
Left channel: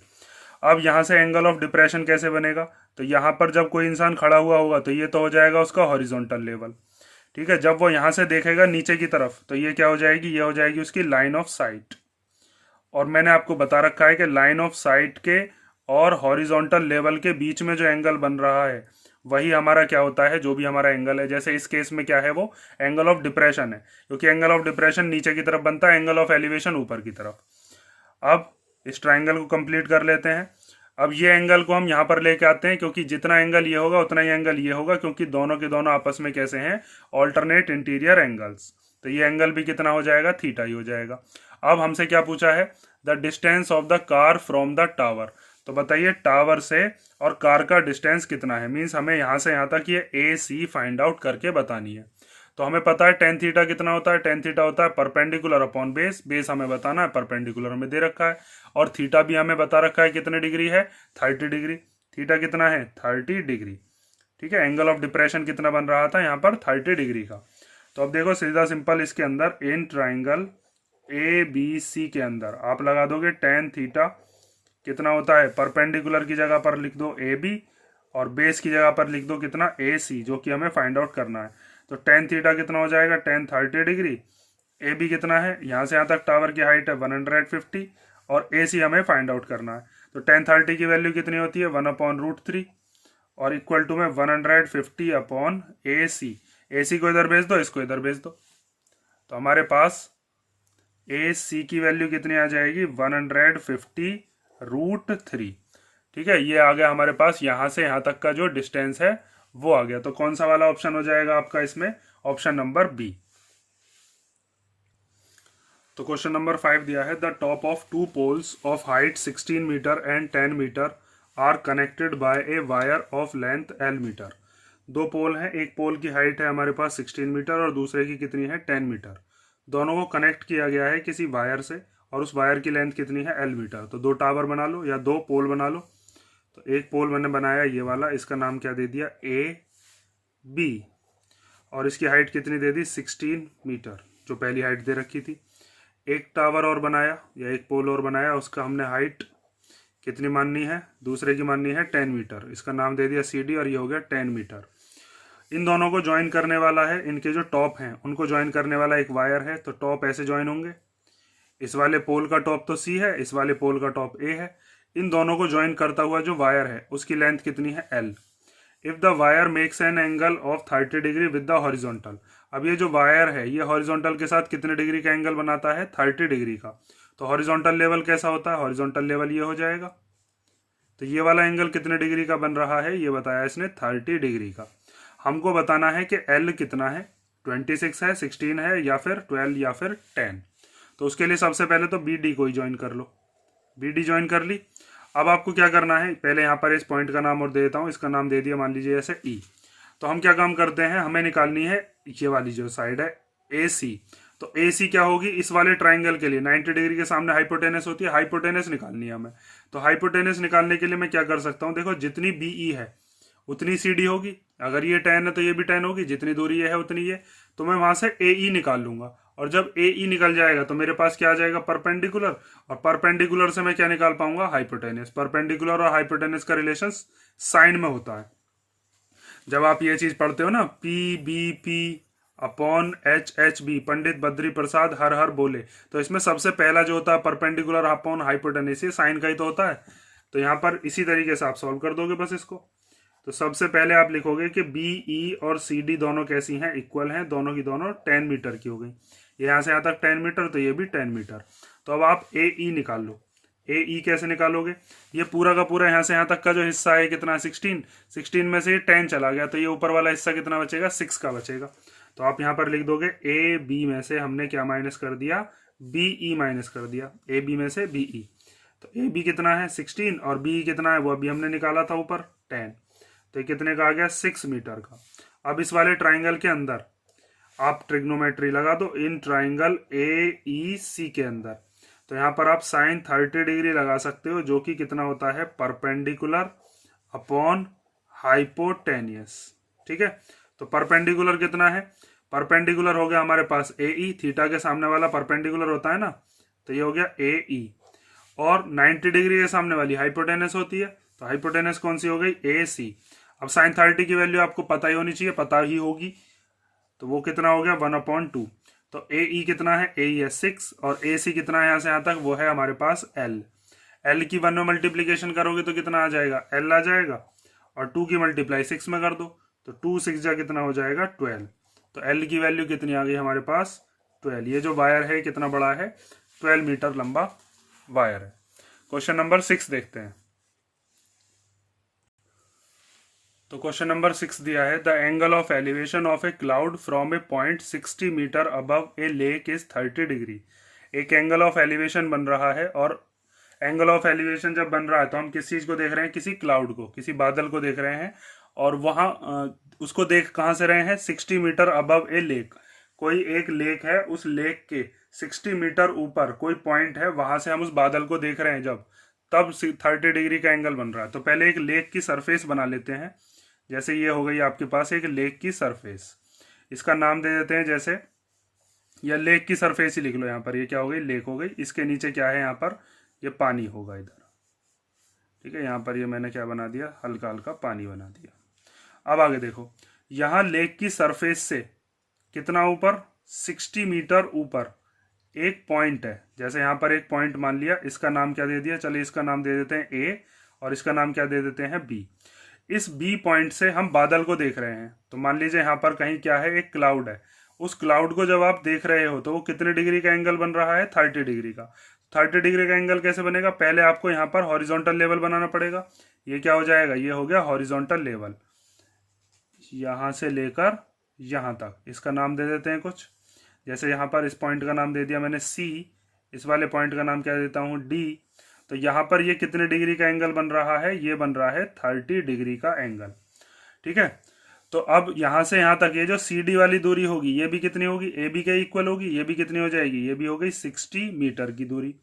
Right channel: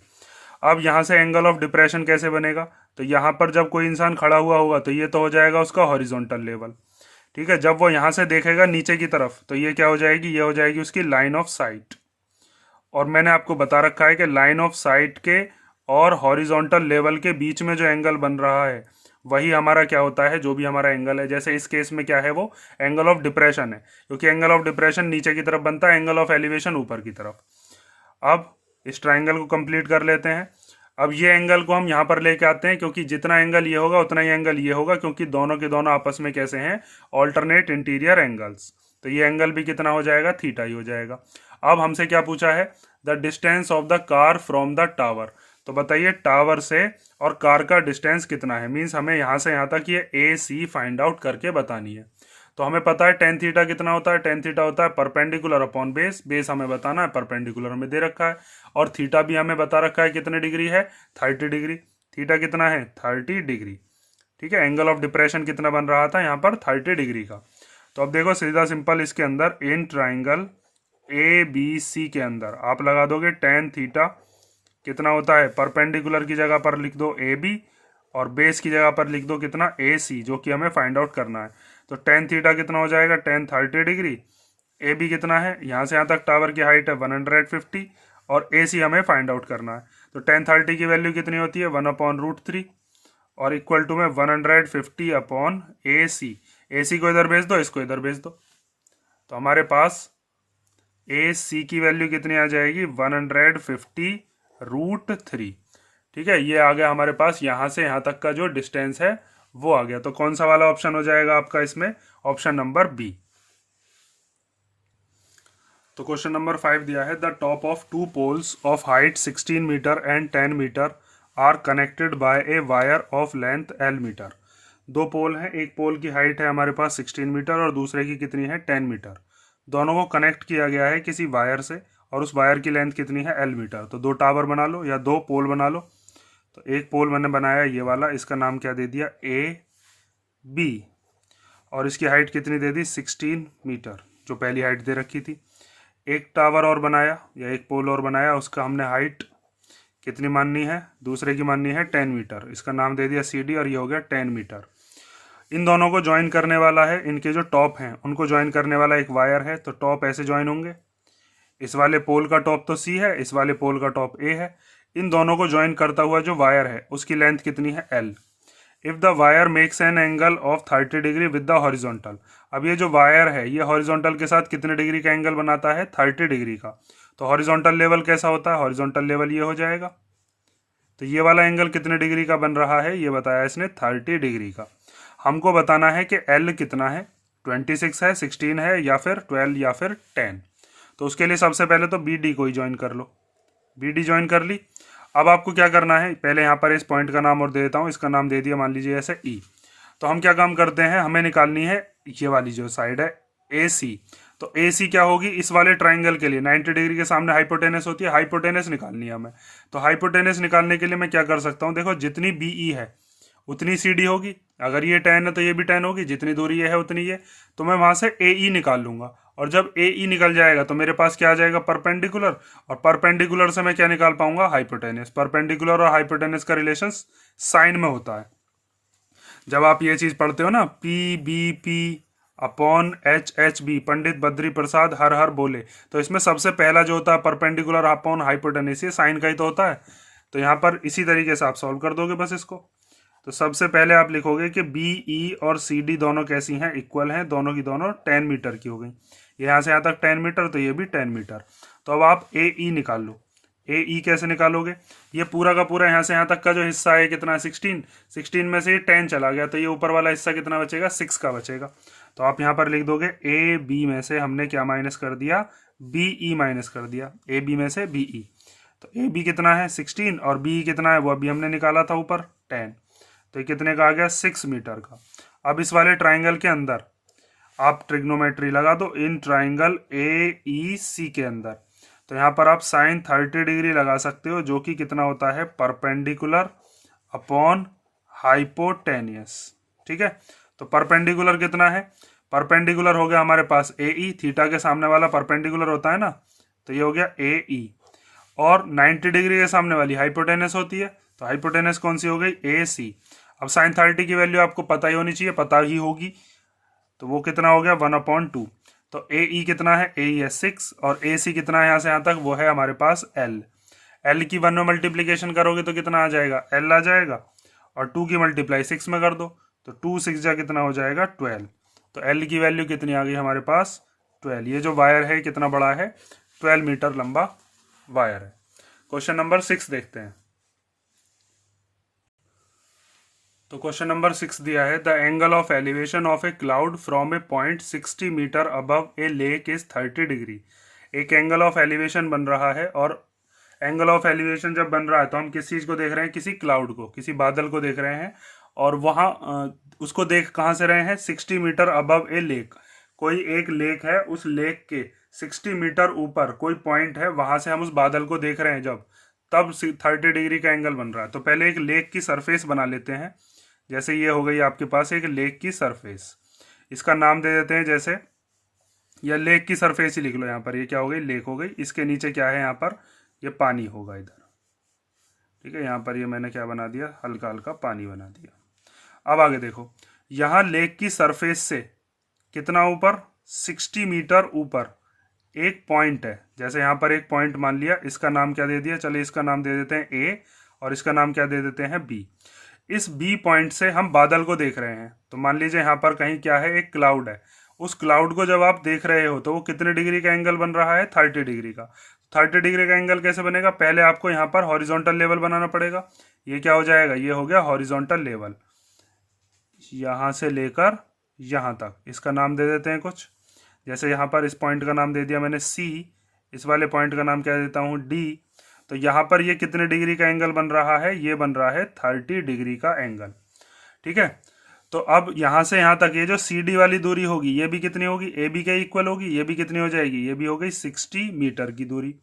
अब यहां से एंगल ऑफ डिप्रेशन कैसे बनेगा, तो यहां पर जब कोई इंसान खड़ा हुआ होगा तो ये तो हो जाएगा उसका हॉरिजॉन्टल लेवल, ठीक है। जब वो यहां से देखेगा नीचे की तरफ तो ये क्या हो जाएगी, ये हो जाएगी उसकी लाइन ऑफ साइट। और मैंने आपको बता रखा है कि लाइन ऑफ साइट के और हॉरिजॉन्टल लेवल के बीच में जो एंगल बन रहा है वही हमारा क्या होता है, जो भी हमारा एंगल है। जैसे इस केस में क्या है, वो एंगल ऑफ डिप्रेशन है, क्योंकि एंगल ऑफ डिप्रेशन नीचे की तरफ बनता है, एंगल ऑफ एलिवेशन ऊपर की तरफ। अब इस ट्राइंगल को कंप्लीट कर लेते हैं। अब ये एंगल को हम यहाँ पर लेके आते हैं, क्योंकि जितना एंगल ये होगा उतना ही एंगल ये होगा, क्योंकि दोनों के दोनों आपस में कैसे हैं, ऑल्टरनेट इंटीरियर एंगल्स। तो ये एंगल भी कितना हो जाएगा, थीटा ही हो जाएगा। अब हमसे क्या पूछा है, the distance of the car from the tower. तो बताइए टावर से और कार का डिस्टेंस कितना है, मीन्स हमें यहाँ से यहाँ तक ये ए सी फाइंड आउट करके बतानी है। तो हमें पता है टेन थीटा कितना होता है, टेन थीटा होता है परपेंडिकुलर अपॉन बेस। बेस हमें बताना है, परपेंडिकुलर हमें दे रखा है, और थीटा भी हमें बता रखा है कितने डिग्री है, 30 डिग्री। थीटा कितना है, 30 डिग्री। ठीक है, एंगल ऑफ डिप्रेशन कितना बन रहा था यहाँ पर, 30 डिग्री का। तो अब देखो सीधा सिंपल, इसके अंदर इन ट्राइंगल ए बी सी के अंदर आप लगा दोगे टेन थीटा कितना होता है, परपेंडिकुलर की जगह पर लिख दो ए बी, और बेस की जगह पर लिख दो कितना, ए सी, जो कि हमें फाइंड आउट करना है। तो टेन थीटा कितना हो जाएगा, टेन 30 डिग्री। ए बी कितना है, यहाँ से यहाँ तक टावर की हाइट है 150, और ए सी हमें फाइंड आउट करना है। तो टेन 30 की वैल्यू कितनी होती है, 1/√3, और इक्वल टू में 150 अपॉन ए सी। ए सी को इधर भेज दो, इसको इधर भेज दो, तो हमारे पास ए सी की वैल्यू कितनी आ जाएगी, 150√3। ठीक है, ये आ गया हमारे पास यहाँ से यहाँ तक का जो डिस्टेंस है वो आ गया। तो कौन सा वाला ऑप्शन हो जाएगा आपका इसमें, ऑप्शन नंबर बी। तो क्वेश्चन नंबर 5 दिया है, the top of two poles of height 16 metre and 10 metre are connected by a wire of length L metre. दो पोल हैं, एक पोल की हाइट है हमारे पास 16 मीटर और दूसरे की कितनी है, 10 मीटर। दोनों को कनेक्ट किया गया है किसी वायर से, और उस वायर की लेंथ कितनी है, एल मीटर। तो दो टावर बना लो या दो पोल बना लो। तो एक पोल मैंने बनाया ये वाला, इसका नाम क्या दे दिया, ए बी, और इसकी हाइट कितनी दे दी, 16 मीटर, जो पहली हाइट दे रखी थी। एक टावर और बनाया या एक पोल और बनाया, उसका हमने हाइट कितनी माननी है, दूसरे की माननी है 10 मीटर, इसका नाम दे दिया सी डी, और ये हो गया 10 मीटर। इन दोनों को ज्वाइन करने वाला है, इनके जो टॉप हैं उनको ज्वाइन करने वाला एक वायर है। तो टॉप ऐसे ज्वाइन होंगे, इस वाले पोल का टॉप तो सी है, इस वाले पोल का टॉप ए है। इन दोनों को ज्वाइन करता हुआ जो वायर है उसकी लेंथ कितनी है, L. If the wire makes an angle of 30 degree with the horizontal. अब ये जो वायर है ये हॉरिजॉन्टल के साथ कितने डिग्री का एंगल बनाता है, 30 डिग्री का। तो हॉरिजॉन्टल लेवल कैसा होता है, हॉरिजॉन्टल लेवल ये हो जाएगा। तो ये वाला एंगल कितने डिग्री का बन रहा है, ये बताया इसने 30 डिग्री का। हमको बताना है कि एल कितना है, 26 है, 16 है, या फिर 12 या फिर 10। तो उसके लिए सबसे पहले तो बी डी को ही ज्वाइन कर लो। बी डी ज्वाइन कर ली। अब आपको क्या करना है, पहले यहाँ पर इस पॉइंट का नाम और दे देता हूँ, इसका नाम दे दिया मान लीजिए ऐसे ई। तो हम क्या काम करते हैं, हमें निकालनी है ये वाली जो साइड है ए सी। तो ए सी क्या होगी, इस वाले ट्राइंगल के लिए 90 डिग्री के सामने हाइपोटेनस होती है, हाइपोटेनस निकालनी है हमें। तो हाइपोटेनस निकालने के लिए मैं क्या कर सकता हूँ, देखो जितनी बी ई है उतनी सी डी होगी, अगर ये 10 है तो ये भी 10 होगी, जितनी दूरी ये है उतनी ये। तो मैं वहां से ए ई निकाल लूंगा, और जब ए ई निकल जाएगा तो मेरे पास क्या आ जाएगा, परपेंडिकुलर, और परपेंडिकुलर से मैं क्या निकाल पाऊंगा, हाइपोटेनस। परपेंडिकुलर और हाइपोटेनस का रिलेशन साइन में होता है। जब आप ये चीज पढ़ते हो ना, P B P upon H H B, Pandit Badri Prasad हर हर बोले, तो इसमें सबसे पहला जो होता है परपेंडिकुलर अपॉन हाइपोटेनस, ये साइन का ही तो होता है। तो यहाँ पर इसी तरीके से आप सॉल्व कर दोगे बस इसको। तो सबसे पहले आप लिखोगे कि बी ई और सी डी दोनों कैसी हैं, इक्वल हैं, दोनों की दोनों 10 मीटर की हो गई। यहाँ से यहाँ तक 10 मीटर, तो ये भी 10 मीटर। तो अब आप ए ई निकाल लो। ए ई कैसे निकालोगे, ये पूरा का पूरा यहाँ से यहाँ तक का जो हिस्सा है कितना है, 16। 16 में से ये 10 चला गया, तो ये ऊपर वाला हिस्सा कितना बचेगा, 6 का बचेगा। तो आप यहाँ पर लिख दोगे ए बी में से हमने क्या माइनस कर दिया, बी ई माइनस कर दिया, ए बी में से बी ई। तो ए बी कितना है 16, और बी कितना है वो अभी हमने निकाला था ऊपर 10। तो ये कितने का आ गया, 6 मीटर का। अब इस वाले ट्राइंगल के अंदर आप ट्रिग्नोमेट्री लगा दो, इन ट्राइंगल ए ई सी के अंदर। तो यहाँ पर आप साइन 30 डिग्री लगा सकते हो, जो कि कितना होता है, परपेंडिकुलर अपॉन हाइपोटेनियस। ठीक है, तो परपेंडिकुलर कितना है, परपेंडिकुलर हो गया हमारे पास ए ई, थीटा के सामने वाला परपेंडिकुलर होता है ना, तो ये हो गया ए ई। और 90 डिग्री के सामने वाली हाइपोटेनस होती है, तो हाइपोटेनस कौन सी हो गई, ए सी। अब साइन 30 की वैल्यू आपको पता ही होनी चाहिए, पता ही होगी, तो वो कितना हो गया, 1/2। तो ए ई कितना है, ए ई है 6 और ए सी कितना है यहाँ से यहाँ तक, वो है हमारे पास एल। एल की 1 में मल्टीप्लीकेशन करोगे तो कितना आ जाएगा, एल आ जाएगा, और 2 की मल्टीप्लाई 6 में कर दो तो 2 6 जा कितना हो जाएगा 12। तो एल की वैल्यू कितनी आ गई हमारे पास 12। ये जो वायर है कितना बड़ा है, 12 मीटर लंबा वायर है। क्वेश्चन नंबर 6 देखते हैं। तो क्वेश्चन नंबर 6 दिया है, the angle of elevation of a cloud from a point 60 metre above a lake is 30 degree. एक एंगल ऑफ एलिवेशन बन रहा है, और एंगल ऑफ एलिवेशन जब बन रहा है तो हम किस चीज को देख रहे हैं, किसी क्लाउड को, किसी बादल को देख रहे हैं, और वहां उसको देख कहाँ से रहे हैं, 60 मीटर अबव ए लेक। कोई एक लेक है, उस लेक के 60 मीटर ऊपर कोई पॉइंट है, वहां से हम उस बादल को देख रहे हैं जब, तब 30 डिग्री का एंगल बन रहा है। तो पहले एक लेक की सरफेस बना लेते हैं। जैसे ये हो गई आपके पास एक लेक की सरफेस, इसका नाम दे देते हैं जैसे, या लेक की सरफेस ही लिख लो यहाँ पर, ये क्या हो गई, लेक हो गई। इसके नीचे क्या है यहाँ पर, ये पानी होगा इधर, ठीक है। यहाँ पर ये मैंने क्या बना दिया, हल्का हल्का पानी बना दिया। अब आगे देखो, यहाँ लेक की सरफेस से कितना ऊपर, 60 मीटर ऊपर एक पॉइंट है। जैसे यहाँ पर एक पॉइंट मान लिया, इसका नाम क्या दे दिया, चलिए इसका नाम दे देते हैं ए, और इसका नाम क्या दे देते हैं बी। इस बी पॉइंट से हम बादल को देख रहे हैं। तो मान लीजिए यहाँ पर कहीं क्या है, एक क्लाउड है। उस क्लाउड को जब आप देख रहे हो तो वो कितने डिग्री का एंगल बन रहा है, 30 डिग्री का। 30 डिग्री का एंगल कैसे बनेगा, पहले आपको यहाँ पर हॉरिजॉन्टल लेवल बनाना पड़ेगा। ये क्या हो जाएगा, ये हो गया हॉरिजॉन्टल लेवल, यहाँ से लेकर यहाँ तक। इसका नाम दे देते हैं कुछ, जैसे यहाँ पर इस पॉइंट का नाम दे दिया मैंने सी, इस वाले पॉइंट का नाम क्या देता हूँ डी। तो यहाँ पर ये कितने डिग्री का एंगल बन रहा है, ये बन रहा है 30 डिग्री का एंगल, ठीक है। तो अब यहाँ से यहाँ तक ये जो सी डी वाली दूरी होगी, ये भी कितनी होगी, ए बी के इक्वल होगी। ये भी कितनी हो जाएगी, ये भी हो गई 60 मीटर की दूरी।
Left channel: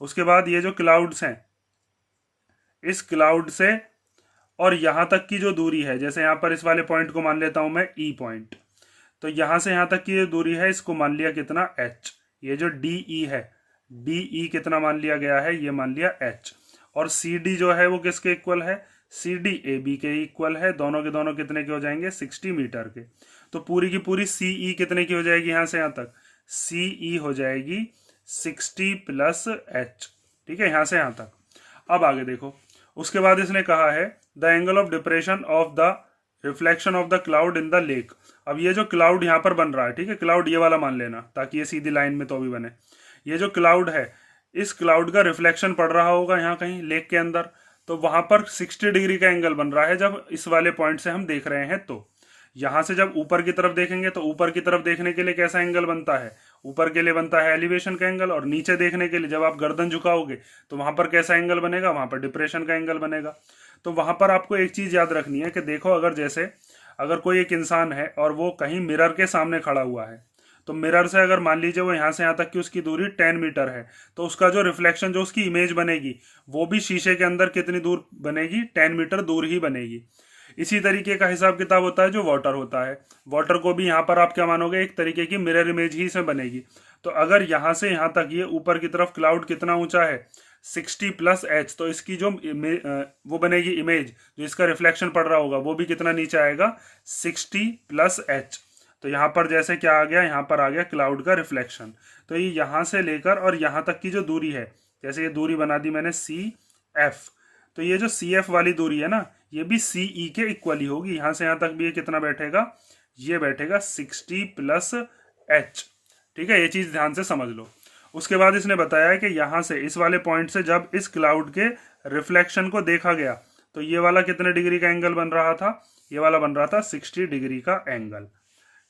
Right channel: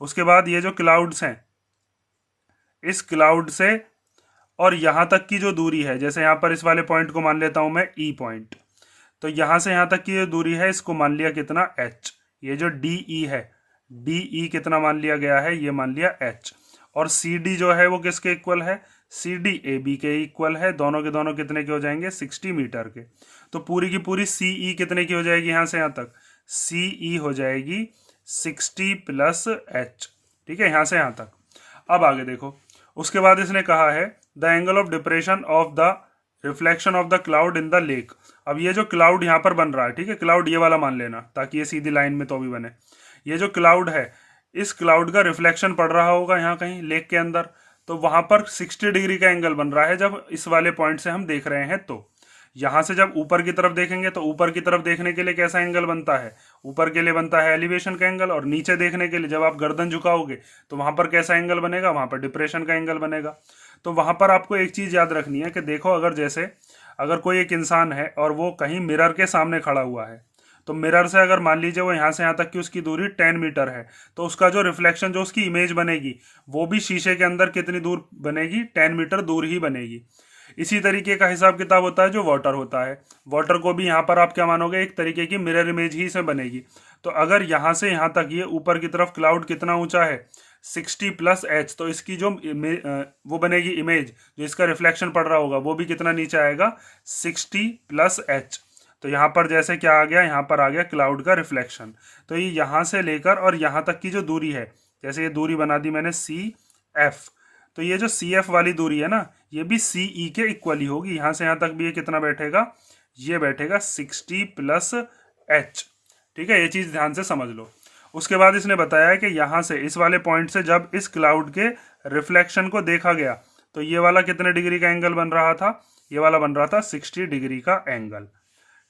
उसके बाद ये जो क्लाउड्स हैं, इस क्लाउड से और यहाँ तक की जो दूरी है, जैसे यहाँ पर इस वाले पॉइंट को मान लेता हूँ मैं ई पॉइंट, तो यहाँ से यहाँ तक की जो दूरी है, इसको मान लिया कितना एच। ये जो डी ई है, डी ई कितना मान लिया गया है, ये मान लिया एच। और सी डी जो है वो किसके इक्वल है, सी डी ए बी के इक्वल है। दोनों के दोनों कितने के हो जाएंगे, 60 मीटर के। तो पूरी की पूरी सी ई कितने की हो जाएगी, यहाँ से यहाँ तक सी ई हो जाएगी 60 प्लस एच, ठीक है, यहाँ से यहाँ तक। अब आगे देखो, उसके बाद इसने कहा है the angle of depression of the reflection of the cloud in the lake. अब ये जो क्लाउड यहाँ पर बन रहा है, ठीक है, क्लाउड ये वाला मान लेना ताकि ये सीधी लाइन में तो भी बने। ये जो क्लाउड है, इस क्लाउड का रिफ्लेक्शन पड़ रहा होगा यहाँ कहीं लेक के अंदर, तो वहां पर 60 डिग्री का एंगल बन रहा है जब इस वाले पॉइंट से हम देख रहे हैं। तो यहां से जब ऊपर की तरफ देखेंगे तो ऊपर की तरफ देखने के लिए कैसा एंगल बनता है, ऊपर के लिए बनता है एलिवेशन का एंगल, और नीचे देखने के लिए जब आप गर्दन झुकाओगे तो वहां पर कैसा एंगल बनेगा, वहां पर डिप्रेशन का एंगल बनेगा। तो वहां पर आपको एक चीज याद रखनी है कि देखो, अगर जैसे अगर कोई एक इंसान है और वो कहीं मिरर के सामने खड़ा हुआ है, तो मिरर से अगर मान लीजिए वो यहाँ से यहाँ तक की उसकी दूरी 10 मीटर है, तो उसका जो रिफ्लेक्शन, जो उसकी इमेज बनेगी, वो भी शीशे के अंदर कितनी दूर बनेगी, 10 मीटर दूर ही बनेगी। इसी तरीके का हिसाब किताब होता है जो वाटर होता है। वाटर को भी यहाँ पर आप क्या मानोगे, एक तरीके की मिरर इमेज ही से बनेगी। तो अगर यहाँ से यहाँ तक ये ऊपर की तरफ क्लाउड कितना ऊंचा है, 60 प्लस एच, तो इसकी जो वो बनेगी इमेज, जो इसका रिफ्लेक्शन पड़ रहा होगा, वो भी कितना नीचे आएगा, 60 प्लस एच। तो यहाँ पर जैसे क्या आ गया, यहाँ पर आ गया क्लाउड का रिफ्लेक्शन। तो ये यहाँ से लेकर और यहाँ तक की जो दूरी है, जैसे ये दूरी बना दी मैंने सी एफ, तो ये जो सी एफ वाली दूरी है ना, ये भी सी ई के इक्वल ही होगी। यहाँ से यहाँ तक भी ये कितना बैठेगा, ये बैठेगा 60 प्लस एच, ठीक है। ये चीज ध्यान से समझ लो। उसके बाद इसने बताया है कि यहाँ से इस वाले पॉइंट से जब इस क्लाउड के रिफ्लेक्शन को देखा गया, तो ये वाला कितने डिग्री का एंगल बन रहा था, ये वाला बन रहा था 60 डिग्री का एंगल,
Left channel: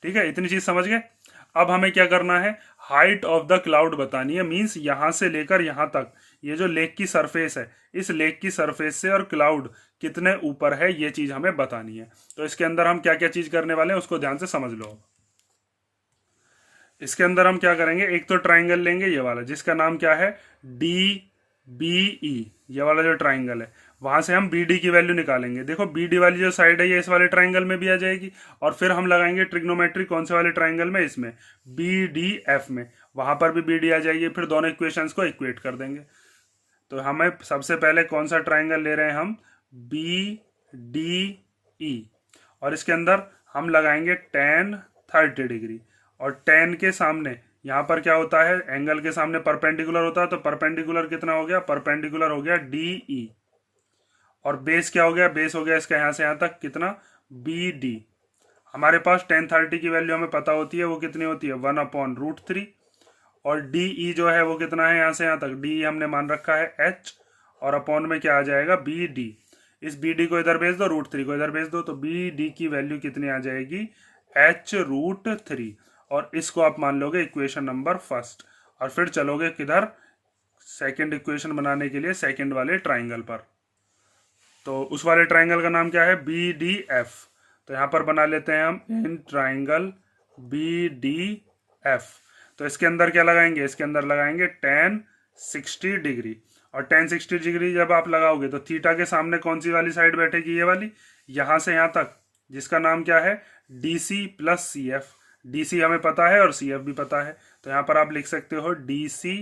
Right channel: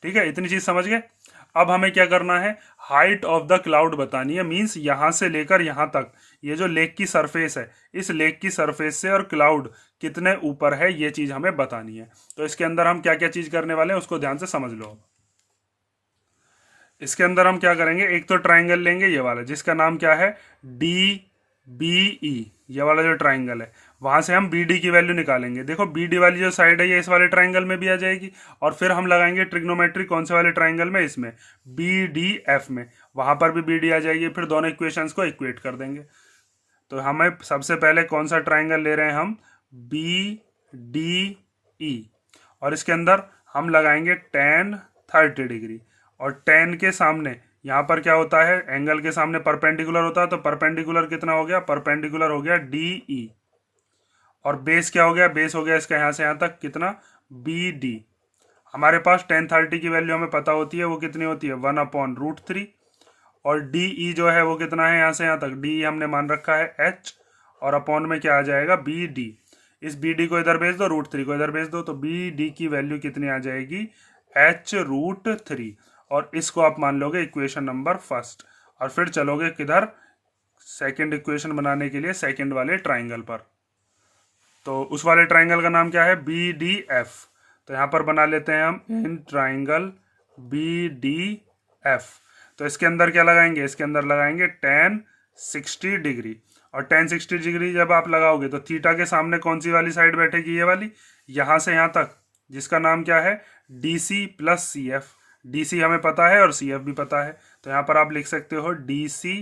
ठीक है। इतनी चीज समझ गए। अब हमें क्या करना है, हाइट ऑफ द क्लाउड बतानी है। मींस यहां से लेकर यहां तक ये जो लेक की सरफेस है, इस लेक की सरफेस से और क्लाउड कितने ऊपर है, ये चीज हमें बतानी है। तो इसके अंदर हम क्या क्या चीज करने वाले हैं उसको ध्यान से समझ लो। इसके अंदर हम क्या करेंगे, एक तो ट्राइंगल लेंगे ये वाला, जिसका नाम क्या है, डी बी ई, ये वाला जो ट्राइंगल है, वहां से हम बी डी की वैल्यू निकालेंगे। देखो बी डी वाली जो साइड है ये इस वाले ट्राइंगल में भी आ जाएगी, और फिर हम लगाएंगे ट्रिग्नोमेट्री कौन से वाले ट्राइंगल में, इसमें बी डी एफ में, वहां पर भी बी डी आ जाएगी। फिर दोनों इक्वेशंस को इक्वेट कर देंगे। तो हमें सबसे पहले कौन सा ट्राइंगल ले रहे हैं हम, बी डी ई, और इसके अंदर हम लगाएंगे tan 30 डिग्री, और tan के सामने यहाँ पर क्या होता है, एंगल के सामने परपेंडिकुलर होता है, तो परपेंडिकुलर कितना हो गया, परपेंडिकुलर हो गया DE, और बेस क्या हो गया, बेस हो गया इसका यहाँ से यहाँ तक कितना, BD। हमारे पास tan30 की वैल्यू हमें पता होती है, वो कितनी होती है 1/√3, और DE जो है वो कितना है यहाँ से यहाँ तक, DE हमने मान रखा है H, और अपॉन में क्या आ जाएगा BD। इस BD को इधर भेज दो, √3 को इधर भेज दो, तो BD की वैल्यू कितनी आ जाएगी, H√3, और इसको आप मान लोगे इक्वेशन नंबर फर्स्ट, और फिर चलोगे किधर, सेकेंड इक्वेशन बनाने के लिए सेकेंड वाले ट्राइंगल पर। तो उस वाले ट्राइंगल का नाम क्या है, BDF। तो यहाँ पर बना लेते हैं हम इन ट्राइंगल BDF। तो इसके अंदर क्या लगाएंगे, इसके अंदर लगाएंगे tan60 डिग्री, और tan60 डिग्री जब आप लगाओगे तो थीटा के सामने कौन सी वाली साइड बैठेगी, ये वाली, यहाँ से यहाँ तक, जिसका नाम क्या है DC प्लस CF। DC हमें पता है और CF भी पता है, तो यहाँ पर आप लिख सकते हो DC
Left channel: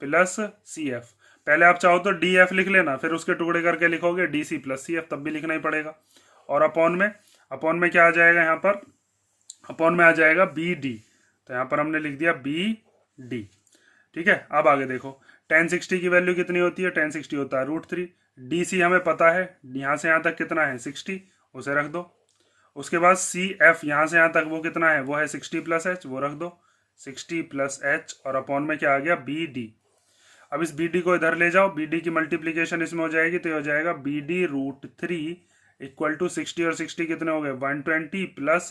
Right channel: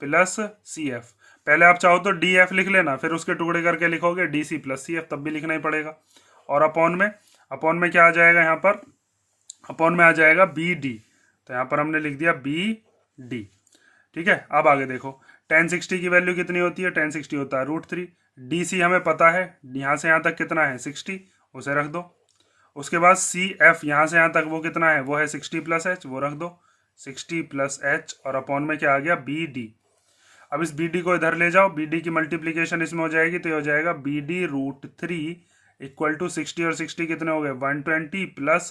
प्लस CF। पहले आप चाहो तो DF लिख लेना, फिर उसके टुकड़े करके लिखोगे DC प्लस CF, तब भी लिखना ही पड़ेगा। और अपॉन में क्या आ जाएगा, यहाँ पर अपॉन में आ जाएगा BD, तो यहाँ पर हमने लिख दिया BD। ठीक है, अब आगे देखो, tan60 की वैल्यू कितनी होती है, tan60 होता है √3, DC हमें पता है, यहाँ से यहाँ तक कितना है 60, उसे रख दो। उसके बाद CF यहाँ से यहाँ तक वो कितना है, वो है 60 प्लस H, वो रख दो 60 प्लस H, और अपॉन में क्या आ गया BD। अब इस BD को इधर ले जाओ, BD की मल्टीप्लीकेशन इसमें हो जाएगी, तो ये हो जाएगा BD√3 इक्वल टू 60, और 60 कितने हो गए 120 प्लस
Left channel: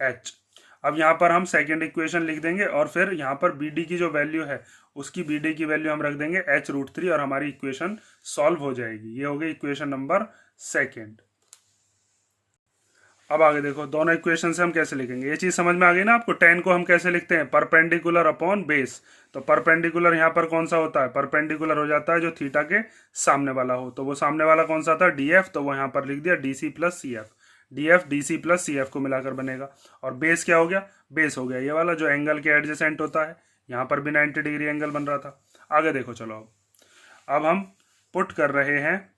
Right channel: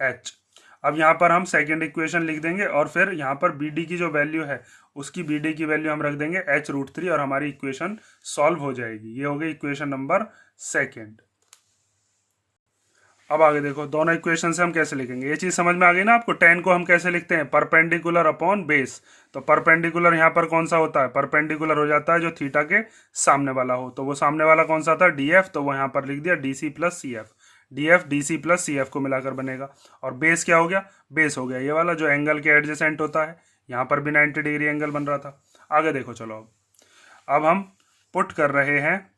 H। अब यहाँ पर हम सेकेंड इक्वेशन लिख देंगे, और फिर यहाँ पर BD की जो वैल्यू है उसकी BD की वैल्यू हम रख देंगे H√3, और हमारी इक्वेशन सॉल्व हो जाएगी। ये हो गई इक्वेशन नंबर सेकेंड। अब आगे देखो, दोनों इक्वेशन से हम कैसे लिखेंगे, ये चीज समझ में आ गई ना आपको। tan को हम कैसे लिखते हैं, परपेंडिकुलर अपॉन बेस। तो परपेंडिकुलर यहाँ पर कौन सा होता है, परपेंडिकुलर हो जाता है जो थीटा के सामने वाला हो, तो वो सामने वाला कौन सा था DF, तो वो यहाँ पर लिख दिया DC plus CF। DF DC plus CF को मिलाकर बनेगा। और बेस क्या हो गया, बेस हो गया ये वाला जो एंगल के एडजेसेंट होता है, यहाँ पर भी 90 डिग्री एंगल बन रहा था। आगे देखो, चलो अब हम पुट कर रहे हैं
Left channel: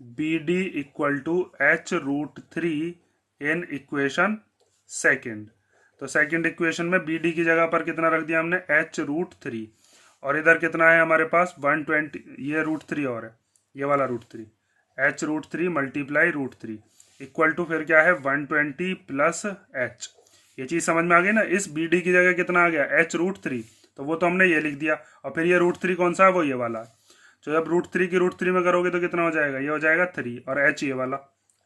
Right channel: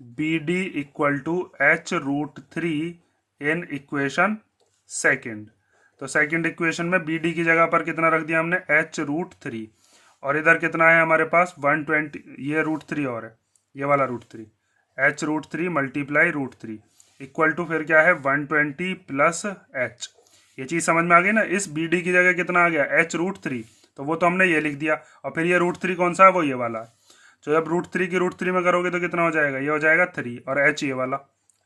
BD equal to H√3 in equation second. तो सेकेंड इक्वेशन में BD की जगह पर कितना रख दिया हमने H√3, और इधर कितना है हमारे पास 120, ये √3 और है ये वाला √3, H√3 मल्टीप्लाई √3 इक्वल टू फिर क्या है 120 प्लस H। ये चीज समझ में आ गई ना। इस BD की जगह कितना आ गया H√3, तो वो तो हमने ये लिख दिया, और फिर ये √3 कौन सा है, वो ये वाला है। तो जब √3 की √3 में करोगे तो कितना हो जाएगा, ये हो जाएगा 3, और H ये वाला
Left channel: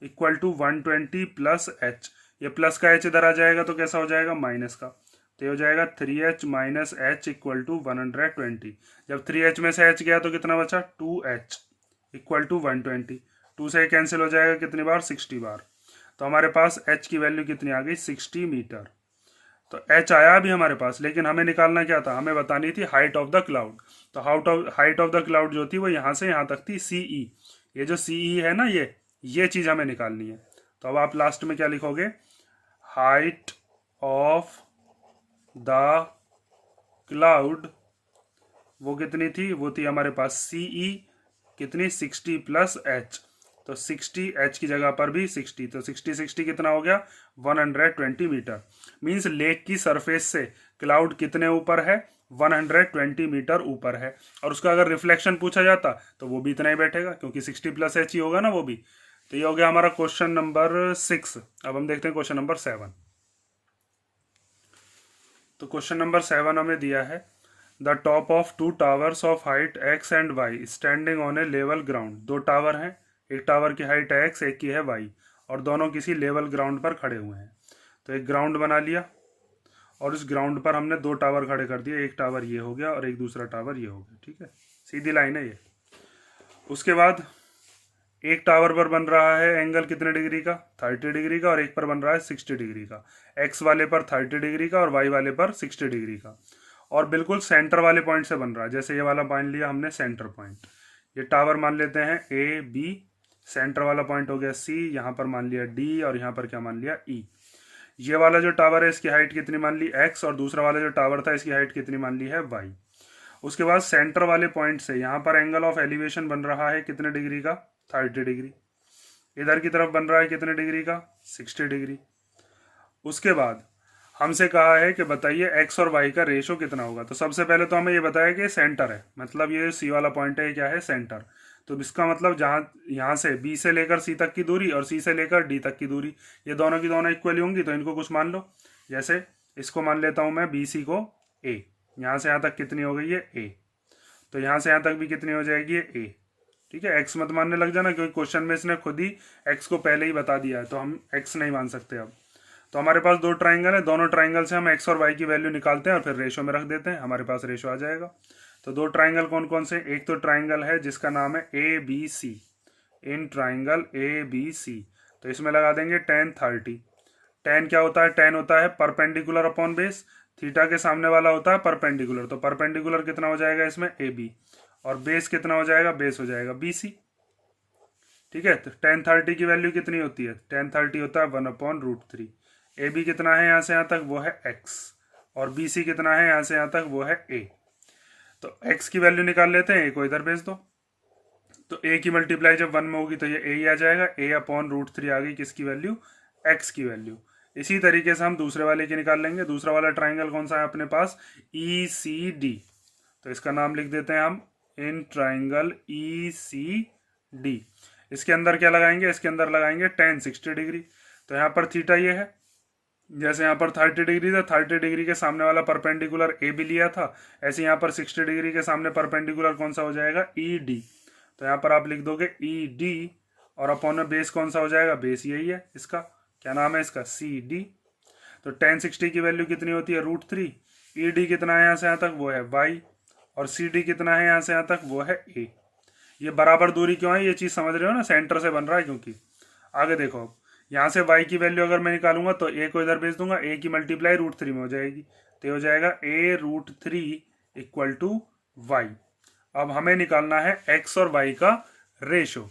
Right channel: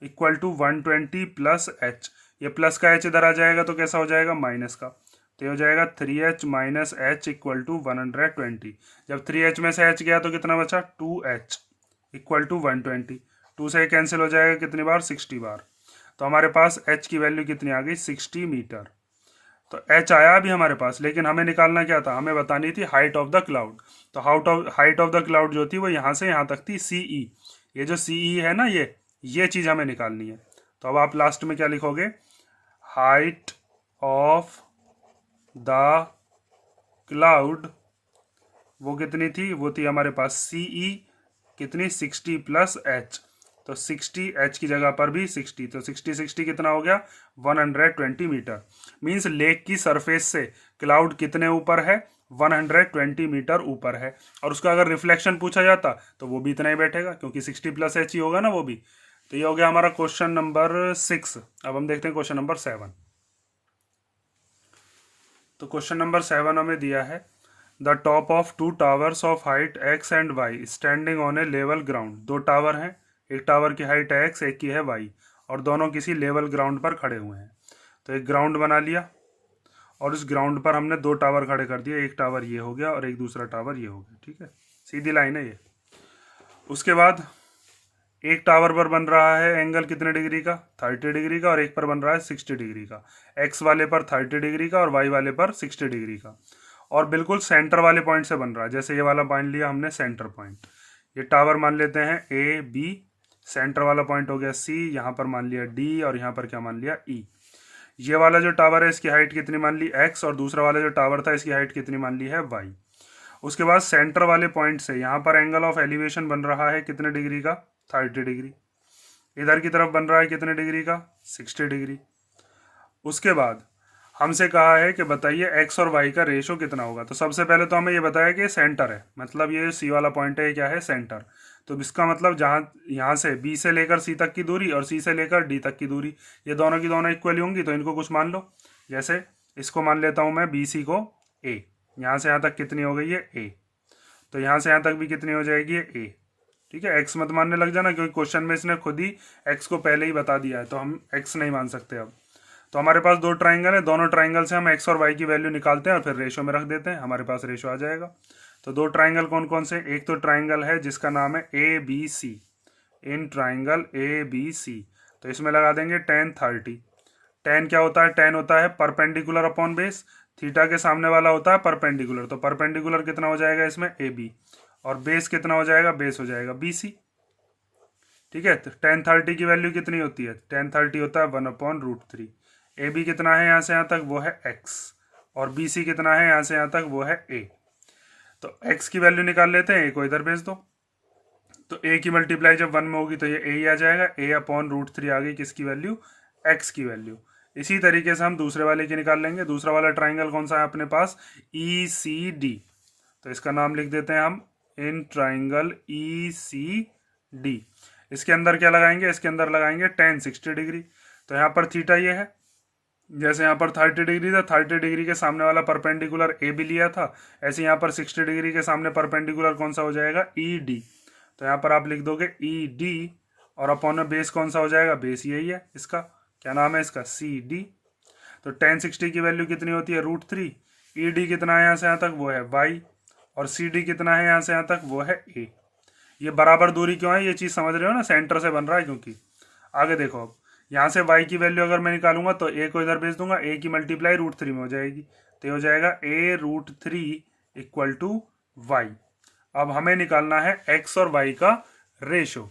इक्वल टू 120 प्लस H। ये प्लस का H इधर आ जाएगा तो कैसा हो जाएगा, माइनस का, तो ये हो जाएगा 3H minus H equal to 120। जब 3H में से H गया तो कितना बचा 2H इक्वल टू 120। 2 से कैंसिल हो जाएगा कितनी बार, 60 बार। तो हमारे पास H की वैल्यू कितनी आ गई, 60 मीटर। तो H आया अभी हमारे पास, लेकिन हमें निकालना क्या था, हमें बतानी थी हाइट ऑफ द क्लाउड। तो हाइट ऑफ द क्लाउड जो थी वो यहाँ से यहाँ तक थी CE। ये जो CE है ना, ये चीज हमें निकालनी है। तो अब आप लास्ट में क्या लिखोगे, हाइट ऑफ द क्लाउड वो कितनी थी, वो थी हमारे पास CE कितनी 60 प्लस H। तो 60 H की जगह पर भी 60, तो 60 कितना हो गया 120 मीटर। मींस लेक की सरफेस से क्लाउड कितने ऊपर है, 120 मीटर ऊपर है। और उसका अगर रिफ्लेक्शन पूछा जाता तो वो भी इतना ही बैठेगा, क्योंकि 60 प्लस H ही होगा ना वो भी। तो ये हो गया हमारा क्वेश्चन नंबर 6। अब हम देखते हैं क्वेश्चन नंबर 7। तो क्वेश्चन नंबर 7 हमें दिया है, the top of 2 towers of height X and Y standing on A level ground. 2 tower हैं, एक टावर की हाइट है X, एक की है Y, और दोनों किसी लेवल ग्राउंड पर खड़े हुए हैं। तो एक ग्राउंड बना लिया, और उस ग्राउंड पर हमने 2 टावर खड़े कर दिए, एक टावर ये हो गया और एक दूसरा टावर ये हो गया। ठीक है, सीधी लाइन है ये। उसके बाद एक टावर पर बन रहा है एंगल कितने डिग्री का, 30 डिग्री का, और एक पर बन रहा है 60 डिग्री का। X वाले पर 30 डिग्री का और Y वाले पर 60 डिग्री का, और बिल्कुल सेंटर वाले पॉइंट से बन रहा है। जैसे ये वाला मान लिया हमने सेंटर पॉइंट, ये टावर मान लेते हैं AB, सेंटर वाला पॉइंट हो गया C, यहाँ पर मान लिया D, और यहाँ पर क्या मान लिया E। ये वाला जो टावर है इसकी हाइट कितनी मान ली X, और दूसरा वाला जो टावर था इसकी हाइट कितनी मान ली है Y। उसके बाद सेंटर वाले पॉइंट से यहाँ पर एंगल ऑफ एलिवेशन बन रहा है कितने डिग्री का, 30 डिग्री। इधर की तरफ बन रहा है कितने डिग्री का, 60 डिग्री। उसके बाद हमसे कहा है कि बताइए एक्स और वाई का रेशो कितना होगा। तो सबसे पहले तो हमें ये बताया कि सेंटर है, मतलब ये सी वाला पॉइंट है, क्या है, सेंटर। तो इसका मतलब जहाँ यहाँ से बी से लेकर सी तक की दूरी और सी से लेकर डी तक की दूरी, ये दोनों की दोनों इक्वल होंगी, तो इनको कुछ मान लो। जैसे इसको मान लेता हूँ मैं बी सी को ए, यहाँ से यहाँ तक कितनी हो गई है ए, तो यहाँ से यहाँ तक भी कितनी हो जाएगी ए। ठीक है, एक्स मत मानने लग जाना, क्योंकि क्वेश्चन में इसने खुद ही एक्स को पहले ही बता दिया है, तो हम एक्स नहीं मान सकते अब। तो हमारे पास दो ट्राइंगल है, दोनों ट्राइंगल से हम एक्स और वाई की वैल्यू निकालते हैं और फिर रेशो में रख देते हैं, हमारे पास रेशो आ जाएगा। तो दो ट्राइंगल कौन कौन से, एक तो ट्राइंगल है जिसका नाम है A B C, in triangle A B C, तो इसमें लगा देंगे tan 30। tan क्या होता है, tan होता है परपेंडिकुलर अपॉन बेस, थीटा के सामने वाला होता है परपेंडिकुलर, तो परपेंडिकुलर कितना हो जाएगा इसमें ए बी, और बेस कितना हो जाएगा, बेस हो जाएगा बी सी। ठीक है, तो tan 30 की वैल्यू कितनी होती है, tan 30 होता है 1/√3। ए बी कितना है यहाँ से यहाँ तक, वो है एक्स, और बी सी कितना है यहाँ से यहाँ तक, वो है ए। तो एक्स की वैल्यू निकाल लेते हैं, ए को इधर भेज दो, तो ए की मल्टीप्लाई जब 1 में होगी तो ये ए ही आ जाएगा, a/√3 आ गई किसकी वैल्यू, एक्स की वैल्यू। इसी तरीके से हम दूसरे वाले की निकाल लेंगे। दूसरा वाला ट्राइंगल कौन सा है अपने पास, ई सी डी, तो इसका नाम लिख देते हैं हम in triangle E C D. इसके अंदर क्या लगाएंगे, इसके अंदर लगाएंगे tan 60 डिग्री, तो यहाँ पर थीटा ये है, जैसे यहाँ पर 30 डिग्री था, 30 डिग्री के सामने वाला परपेंडिकुलर ए भी लिया था, ऐसे यहाँ पर 60 डिग्री के सामने परपेंडिकुलर कौन सा हो जाएगा, ई डी। तो यहाँ पर आप लिख दोगे ई डी, और अपॉन में बेस कौन सा हो जाएगा, बेस यही है, इसका क्या नाम है, इसका सी डी। तो tan 60 की वैल्यू कितनी होती है, √3। ई डी कितना है यहाँ से यहाँ तक, वो है वाई, और सी डी कितना है यहाँ से यहाँ तक, वो है ए। ये बराबर दूरी क्यों है, ये चीज़ समझ रहे हो ना, सेंटर से बन रहा है, क्योंकि आगे देखो अब यहाँ से y की वैल्यू अगर मैं निकालूंगा तो a को इधर भेज दूंगा, a की मल्टीप्लाई √3 में हो जाएगी, तो ये हो जाएगा a√3 इक्वल टू वाई। अब हमें निकालना है x और y का रेशो।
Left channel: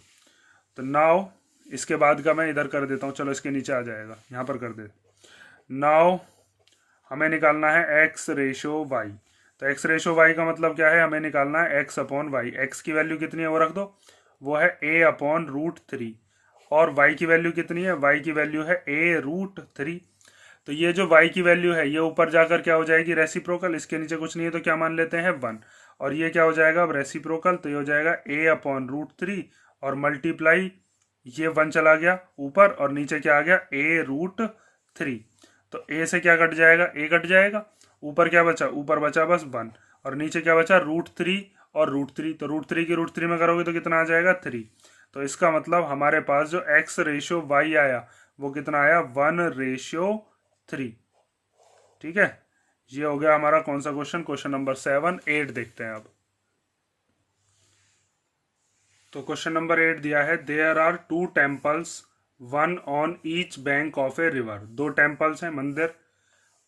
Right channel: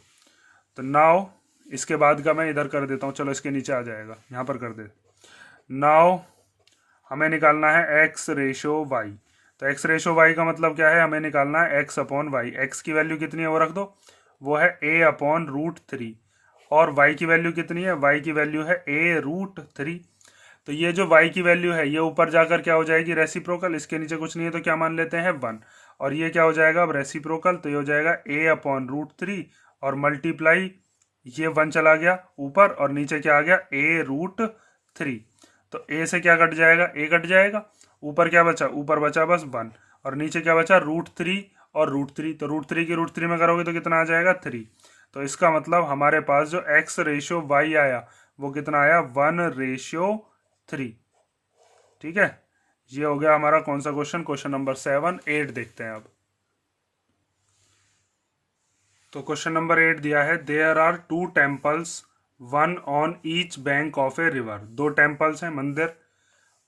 तो नाउ इसके बाद का मैं इधर कर देता हूँ, चलो इसके नीचे आ जाएगा, यहाँ पर कर दे। नाउ हमें निकालना है x रेशो y। तो x रेशो y का मतलब क्या है, हमें निकालना है x/y। x की वैल्यू कितनी है वो रख दो, वो है a/√3, और y की वैल्यू कितनी है, y की वैल्यू है a√3। तो ये जो y की वैल्यू है ये ऊपर जाकर क्या हो जाएगी, रेसिप्रोकल, इसके नीचे कुछ नहीं है तो क्या मान लेते हैं 1, और ये क्या हो जाएगा अब रेसिप्रोकल, तो ये हो जाएगा a/√3 और मल्टीप्लाई ये 1 चला गया ऊपर और नीचे क्या आ गया a√3। तो a से क्या कट जाएगा, a कट जाएगा, ऊपर क्या बचा, ऊपर बचा बस 1, और नीचे क्या बचा √3 और √3, तो √3 की √3 में करोगे तो कितना आ जाएगा 3। तो इसका मतलब हमारे पास जो x रेशो y आया वो कितना आया, 1:3। ठीक है, ये हो गया हमारा कौन सा क्वेश्चन, क्वेश्चन नंबर 7। 8 देखते हैं अब। तो क्वेश्चन नंबर 8 दिया है, there are 2 temples, one on each bank of a river. दो टेम्पल्स हैं, मंदिर,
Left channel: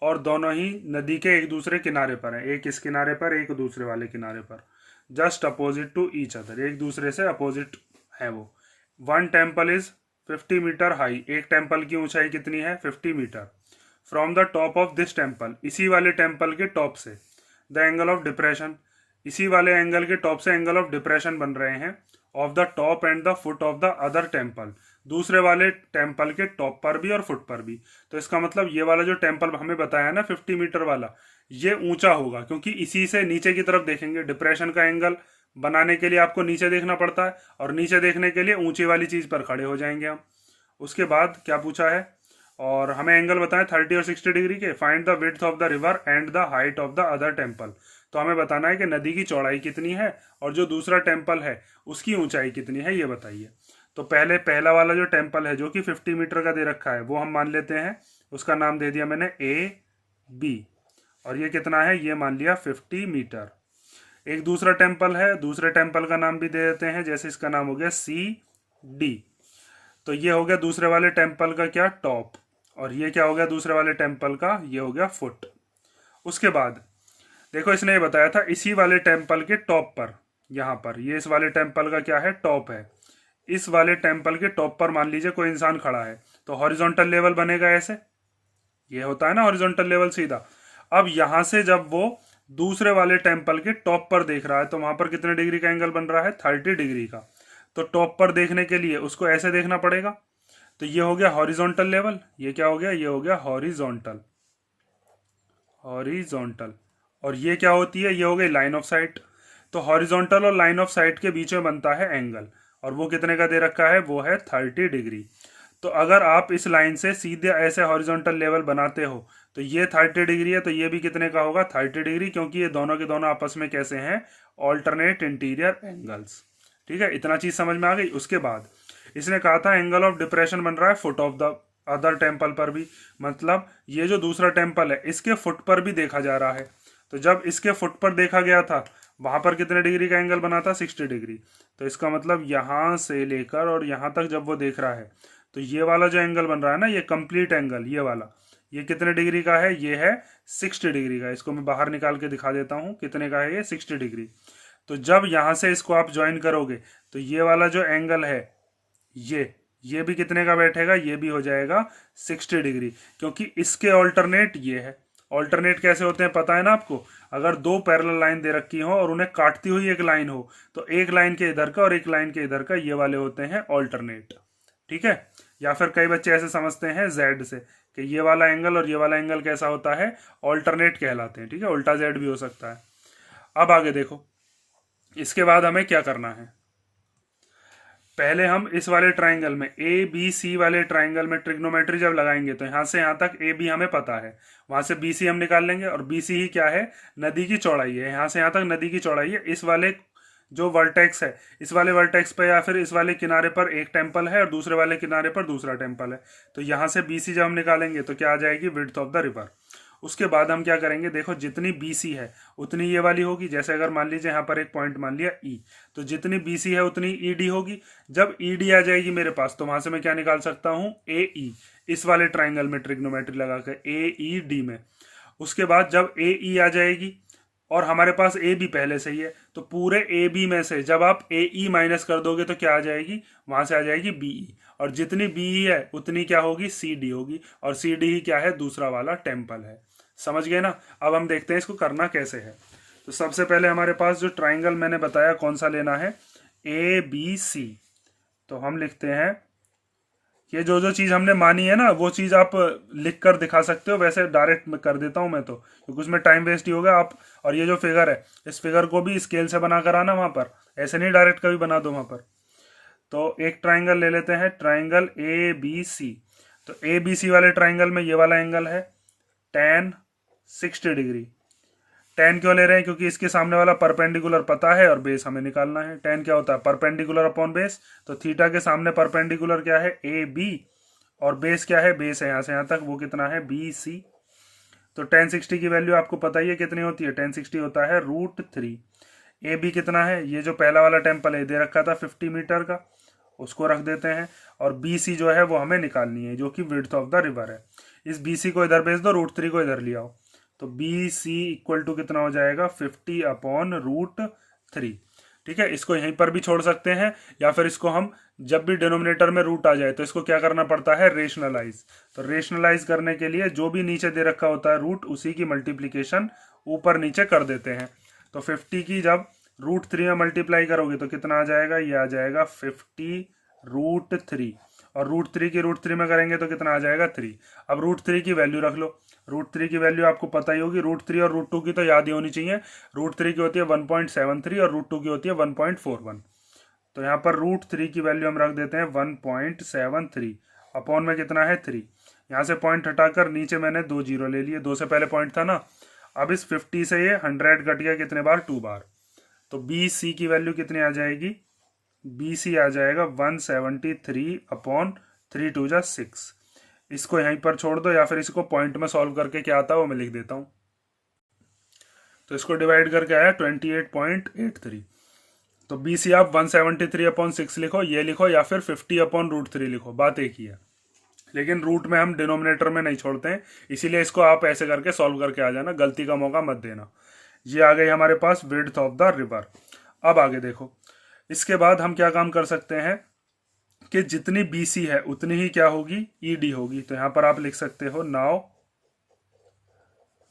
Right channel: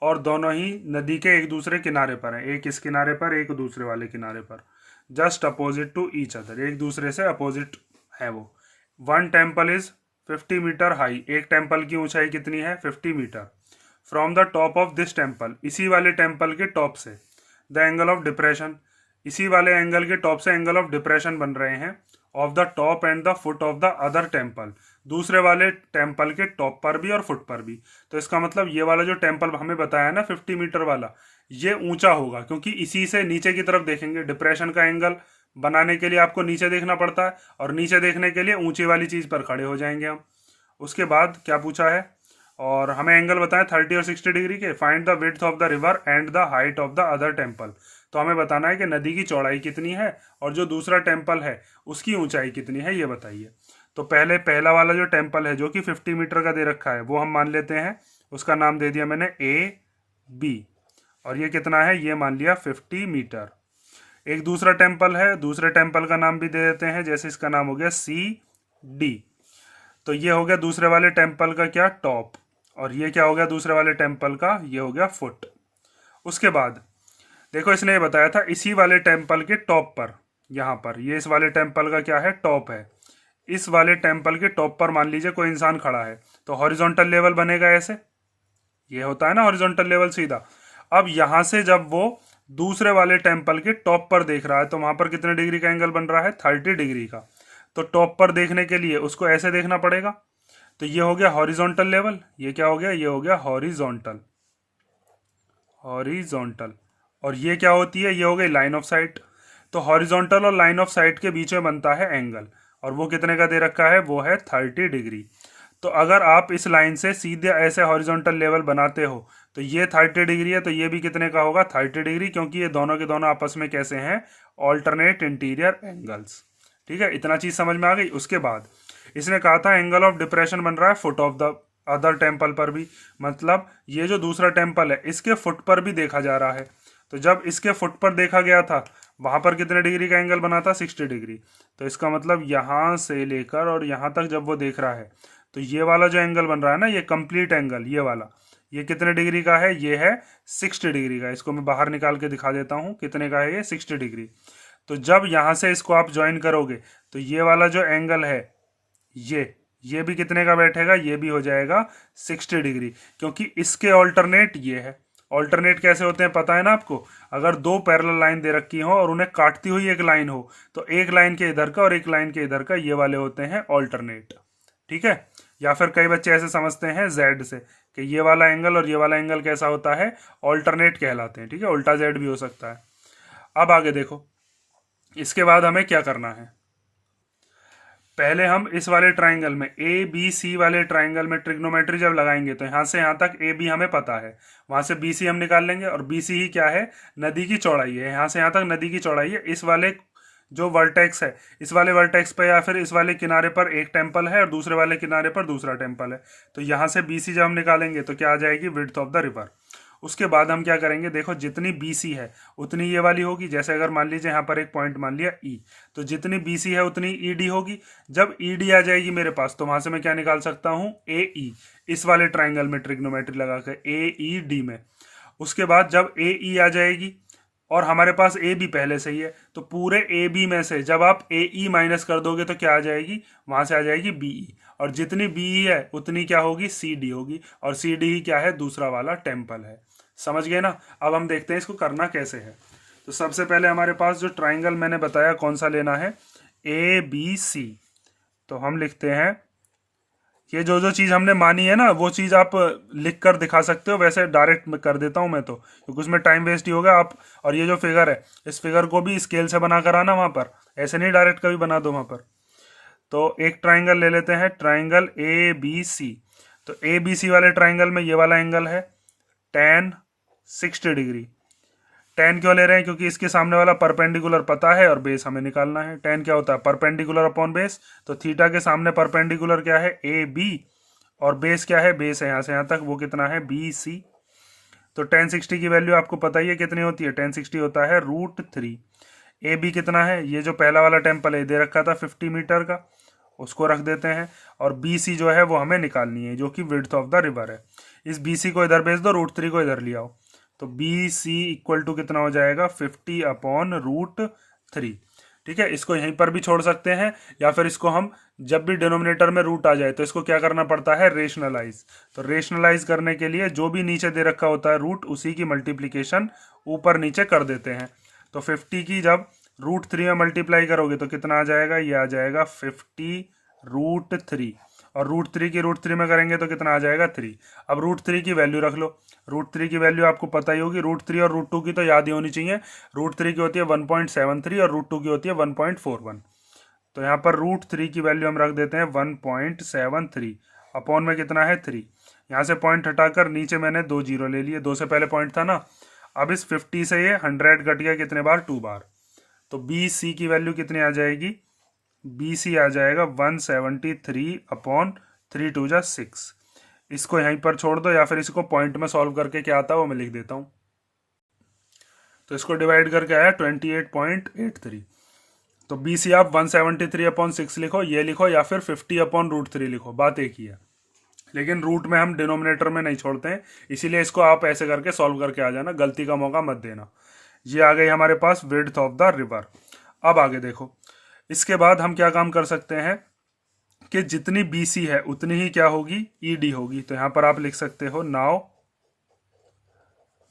और दोनों ही नदी के एक दूसरे किनारे पर हैं, एक इस किनारे पर एक दूसरे वाले किनारे पर, just opposite to each other, एक दूसरे से अपोजिट है वो। One temple is 50 metre high, एक टेम्पल की ऊंचाई कितनी है 50 metre. From the top of this temple, इसी वाले टेम्पल के टॉप से, द एंगल ऑफ डिप्रेशन, इसी वाले एंगल के टॉप से एंगल ऑफ डिप्रेशन बन रहे हैं, of the top and the foot of the other temple, दूसरे वाले टेम्पल के टॉप पर भी और फुट पर भी। तो इसका मतलब ये वाला जो टेम्पल हमें बताया ना 50 मीटर वाला, ये ऊंचा होगा, क्योंकि इसी से नीचे की तरफ देखेंगे। डिप्रेशन का एंगल बनाने के लिए आपको नीचे देखना पड़ता है, और नीचे देखने के लिए ऊंची वाली चीज पर खड़े हो जाएंगे हम। उसके बाद क्या पूछा है, और हमें एंगल बताएं 30 और 60 डिग्री के। Find the width of the river and the height of the other temple, तो हमें बताना है कि नदी की चौड़ाई कितनी है और जो दूसरा टेम्पल है उसकी ऊंचाई कितनी है, ये बताइए। तो पहला वाला जो टेम्पल है जो कि 50 मीटर का दे रखा है वो हम मान लेते हैं, उसका नाम दे दिया मैंने ए बी, और ये कितना है, ये मान लिया 50 मीटर। एक दूसरा टेम्पल है, दूसरे टेम्पल का नाम भी दे देते हैं, जैसे इसका नाम हो गया सी डी। तो ये हो गया दूसरे वाले टेम्पल का क्या, टॉप, और ये क्या हो गया दूसरे वाले टेम्पल का, ये हो गया फुट। उसके बाद देखो इसने ये बताया था इसी वाले टेम्पल के टॉप पर, यहाँ पर ये इस वाले टेम्पल का क्या है, टॉप है। इस वाले टेम्पल के टॉप पर मान लीजिए कोई इंसान खड़ा है, तो हॉरिजॉन्टल लेवल बनेगा ऐसे, ये होता है ना हॉरिजॉन्टल लेवल सीधा। अब यहां से जब वो दूसरे वाले टेम्पल के टॉप पर देख रहा है तो वहां पर कितने डिग्री का एंगल बन रहा है, 30 डिग्री का। तो टॉप पर देखने के लिए उसको ऐसे देखना पड़ेगा, तो ये हो गया हॉरिजॉन्टल लेवल, ये क्या हो गया, ये हो गया हॉरिजॉन्टल। हॉरिजॉन्टल। और ये क्या होती है, ये हो गई लाइन ऑफ साइट। तो हॉरिजॉन्टल और लाइन ऑफ साइट के बीच में बनता है एंगल, और वो कितने का दे रखा है, वो है 30 डिग्री। तो अगर आप इस लाइन से सीधे ऐसे हॉरिजॉन्टल लेवल बनाते हो तो ये 30 डिग्री है, तो ये भी कितने का होगा, 30 डिग्री, क्योंकि ये दोनों के दोनों आपस में कैसे हैं, ऑल्टरनेट इंटीरियर एंगल्स। ठीक है, इतना चीज समझ में आ गई। उसके बाद इसने कहा था एंगल ऑफ डिप्रेशन बन रहा है foot of the other temple पर भी, मतलब ये जो दूसरा टेम्पल है इसके फुट पर भी देखा जा रहा है। तो जब इसके फुट पर देखा गया था वहां पर कितने डिग्री का एंगल बना था, 60 डिग्री। तो इसका मतलब यहां से लेकर और यहां तक जब वो देख रहा है तो ये वाला जो एंगल बन रहा है ना, ये कंप्लीट एंगल, ये वाला, ये कितने डिग्री का है, ये है 60 डिग्री का। इसको मैं बाहर निकाल के दिखा देता हूँ कितने का है, ये 60 डिग्री। तो जब यहां से इसको आप ज्वाइन करोगे तो ये वाला जो एंगल है ये भी कितने का बैठेगा, ये भी हो जाएगा 60 डिग्री, क्योंकि इसके ऑल्टरनेट ये है। ऑल्टरनेट कैसे होते हैं पता है ना आपको, अगर दो पैरेलल लाइन दे रखी हो और उन्हें काटती हुई एक लाइन हो तो एक लाइन के इधर का और एक लाइन के इधर का, ये वाले होते हैं ऑल्टरनेट। ठीक है, या फिर कई बच्चे ऐसे समझते हैं जेड से कि ये वाला एंगल और ये वाला एंगल कैसा होता है, ऑल्टरनेट कहलाते हैं। ठीक है, उल्टा जेड भी हो सकता है। अब आगे देखो, इसके बाद हमें क्या करना है, पहले हम इस वाले ट्राइंगल में ए बी सी वाले ट्राइंगल में ट्रिग्नोमेट्री जब लगाएंगे तो यहां से यहां तक ए बी हमें पता है, वहां से बी सी हम निकाल लेंगे, और बी सी ही क्या है, नदी की चौड़ाई है, यहां से यहां तक नदी की चौड़ाई है। इस वाले जो वर्टेक्स है, इस वाले वर्टेक्स पे या फिर इस वाले किनारे पर एक टेम्पल है और दूसरे वाले किनारे पर दूसरा टेम्पल है। तो यहां से बी सी जब हम निकालेंगे तो क्या आ जाएगी, विड्थ ऑफ द रिवर। उसके बाद हम क्या करेंगे, देखो जितनी बी सी है उतनी ये वाली होगी। जैसे अगर मान लीजिए यहाँ पर एक पॉइंट मान लिया ई, तो जितनी बी सी है उतनी ई डी होगी। जब ई डी आ जाएगी मेरे पास तो वहां से मैं क्या निकाल सकता हूँ, ए ई, इस वाले ट्राइंगल में ट्रिग्नोमेट्री लगाकर ए ई डी में। उसके बाद जब ए ई आ जाएगी और हमारे पास ए बी पहले से ही है, तो पूरे ए बी में से जब आप ए ई माइनस कर दोगे तो क्या आ जाएगी, वहां से आ जाएगी बी ई, और जितनी बी ई है उतनी क्या होगी, सी डी होगी, और सी डी ही क्या है, दूसरा वाला टेम्पल है। समझ गए ना। अब हम देखते हैं इसको करना कैसे है। तो सबसे पहले हमारे पास जो ट्राइंगल मैंने बताया कौन सा लेना है, ए बी सी। तो हम लिखते हैं, ये जो जो चीज हमने मानी है ना वो चीज आप लिख कर दिखा सकते हो, वैसे डायरेक्ट कर देता हूं मैं तो, क्योंकि उसमें टाइम वेस्ट ही होगा। आप और ये जो फिगर है इस फिगर को भी स्केल से बना कर आना वहां पर, ऐसे नहीं डायरेक्ट कभी बना दो वहां पर। तो एक ट्राइंगल ले लेते हैं, ट्राइंगल ए बी सी। तो ए बी सी वाले ट्राइंगल में ये वाला एंगल है tan 60 डिग्री। tan क्यों ले रहे हैं, क्योंकि इसके सामने वाला परपेंडिकुलर पता है और बेस हमें निकालना है। tan क्या होता है, परपेंडिकुलर अपॉन बेस। तो थीटा के सामने परपेंडिकुलर क्या है, ए बी, और बेस क्या है, बेस है यहाँ से यहाँ तक, वो कितना है, बी सी। तो tan 60 की वैल्यू आपको पता ही है कितनी होती है, tan 60 होता है √3। ए बी कितना है, ये जो पहला वाला टेम्पल है दे रखा था 50 मीटर का, उसको रख देते हैं, और बी सी जो है वो हमें निकालनी है, जो कि विड्थ ऑफ द रिवर है। इस बी सी को इधर भेज दो, √3 को इधर ले आओ, तो बी सी इक्वल टू कितना हो जाएगा, 50 अपॉन √3। ठीक है, इसको यहीं पर भी छोड़ सकते हैं, या फिर इसको हम जब भी डिनोमिनेटर में रूट आ जाए तो इसको क्या करना पड़ता है, रेशनलाइज। तो रेशनलाइज करने के लिए जो भी नीचे दे रखा होता है रूट, उसी की मल्टीप्लीकेशन ऊपर नीचे कर देते हैं। तो 50 की जब √3 में मल्टीप्लाई करोगे तो कितना आ जाएगा, ये आ जाएगा 50 √3, और √3 की √3 में करेंगे तो कितना आ जाएगा, 3। अब √3 की वैल्यू रख लो, √3 की वैल्यू आपको पता ही होगी, √3 और √2 की तो याद ही होनी चाहिए। √3 की होती है 1.73 और √2 की होती है 1.41। तो यहाँ पर √3 की वैल्यू हम रख देते हैं 1.73, अपॉन में कितना है, 3। यहाँ से पॉइंट हटाकर नीचे मैंने 2 जीरो ले लिए, 2 से पहले पॉइंट था ना। अब इस 50 से ये 100 कट गया कितने बार, 2 बार। तो बी सी की वैल्यू कितनी आ जाएगी, बी सी आ जाएगा 173 अपॉन 3 2 जा 6। इसको यहीं पर छोड़ दो, या फिर इसको पॉइंट में सॉल्व करके क्या आता है वो मैं लिख देता हूं। तो इसको डिवाइड करके आया 28.83। तो बी सी आप 173 अपॉन 6 लिखो, ये लिखो, या फिर 50 अपॉन √3 लिखो, बात एक ही है। लेकिन रूट में हम डिनोमिनेटर में नहीं छोड़ते हैं, इसीलिए इसको आप ऐसे करके सॉल्व करके आ जाना, गलती का मौका मत देना। ये आ गई हमारे पास विड्थ ऑफ द रिवर। अब आगे देखो, इसके बाद हम क्या काम कर सकते हैं कि जितनी बी सी है उतनी ही क्या होगी, ई डी होगी। तो यहां पर आप लिख सकते हो, now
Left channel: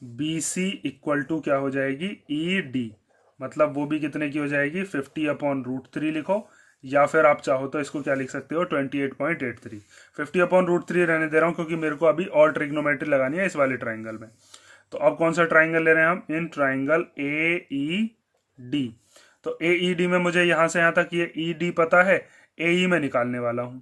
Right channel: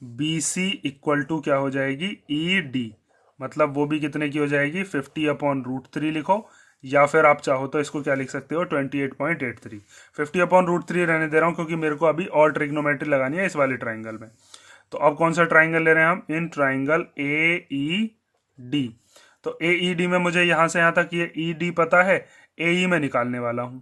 B C equal to क्या हो जाएगी, ई डी, मतलब वो भी कितने की हो जाएगी, 50 अपॉन √3 लिखो, या फिर आप चाहो तो इसको क्या लिख सकते हो, 28.83। 50 अपॉन √3 रहने दे रहा हूं क्योंकि मेरे को अभी और ट्रिग्नोमेट्री लगानी है इस वाले ट्राइंगल में। तो अब कौन सा ट्राइंगल ले रहे हैं हम, इन ट्राइंगल ए ई डी। तो ए ई डी में मुझे यहाँ से यहाँ तक ये ई डी पता है, ए ई में निकालने वाला हूँ।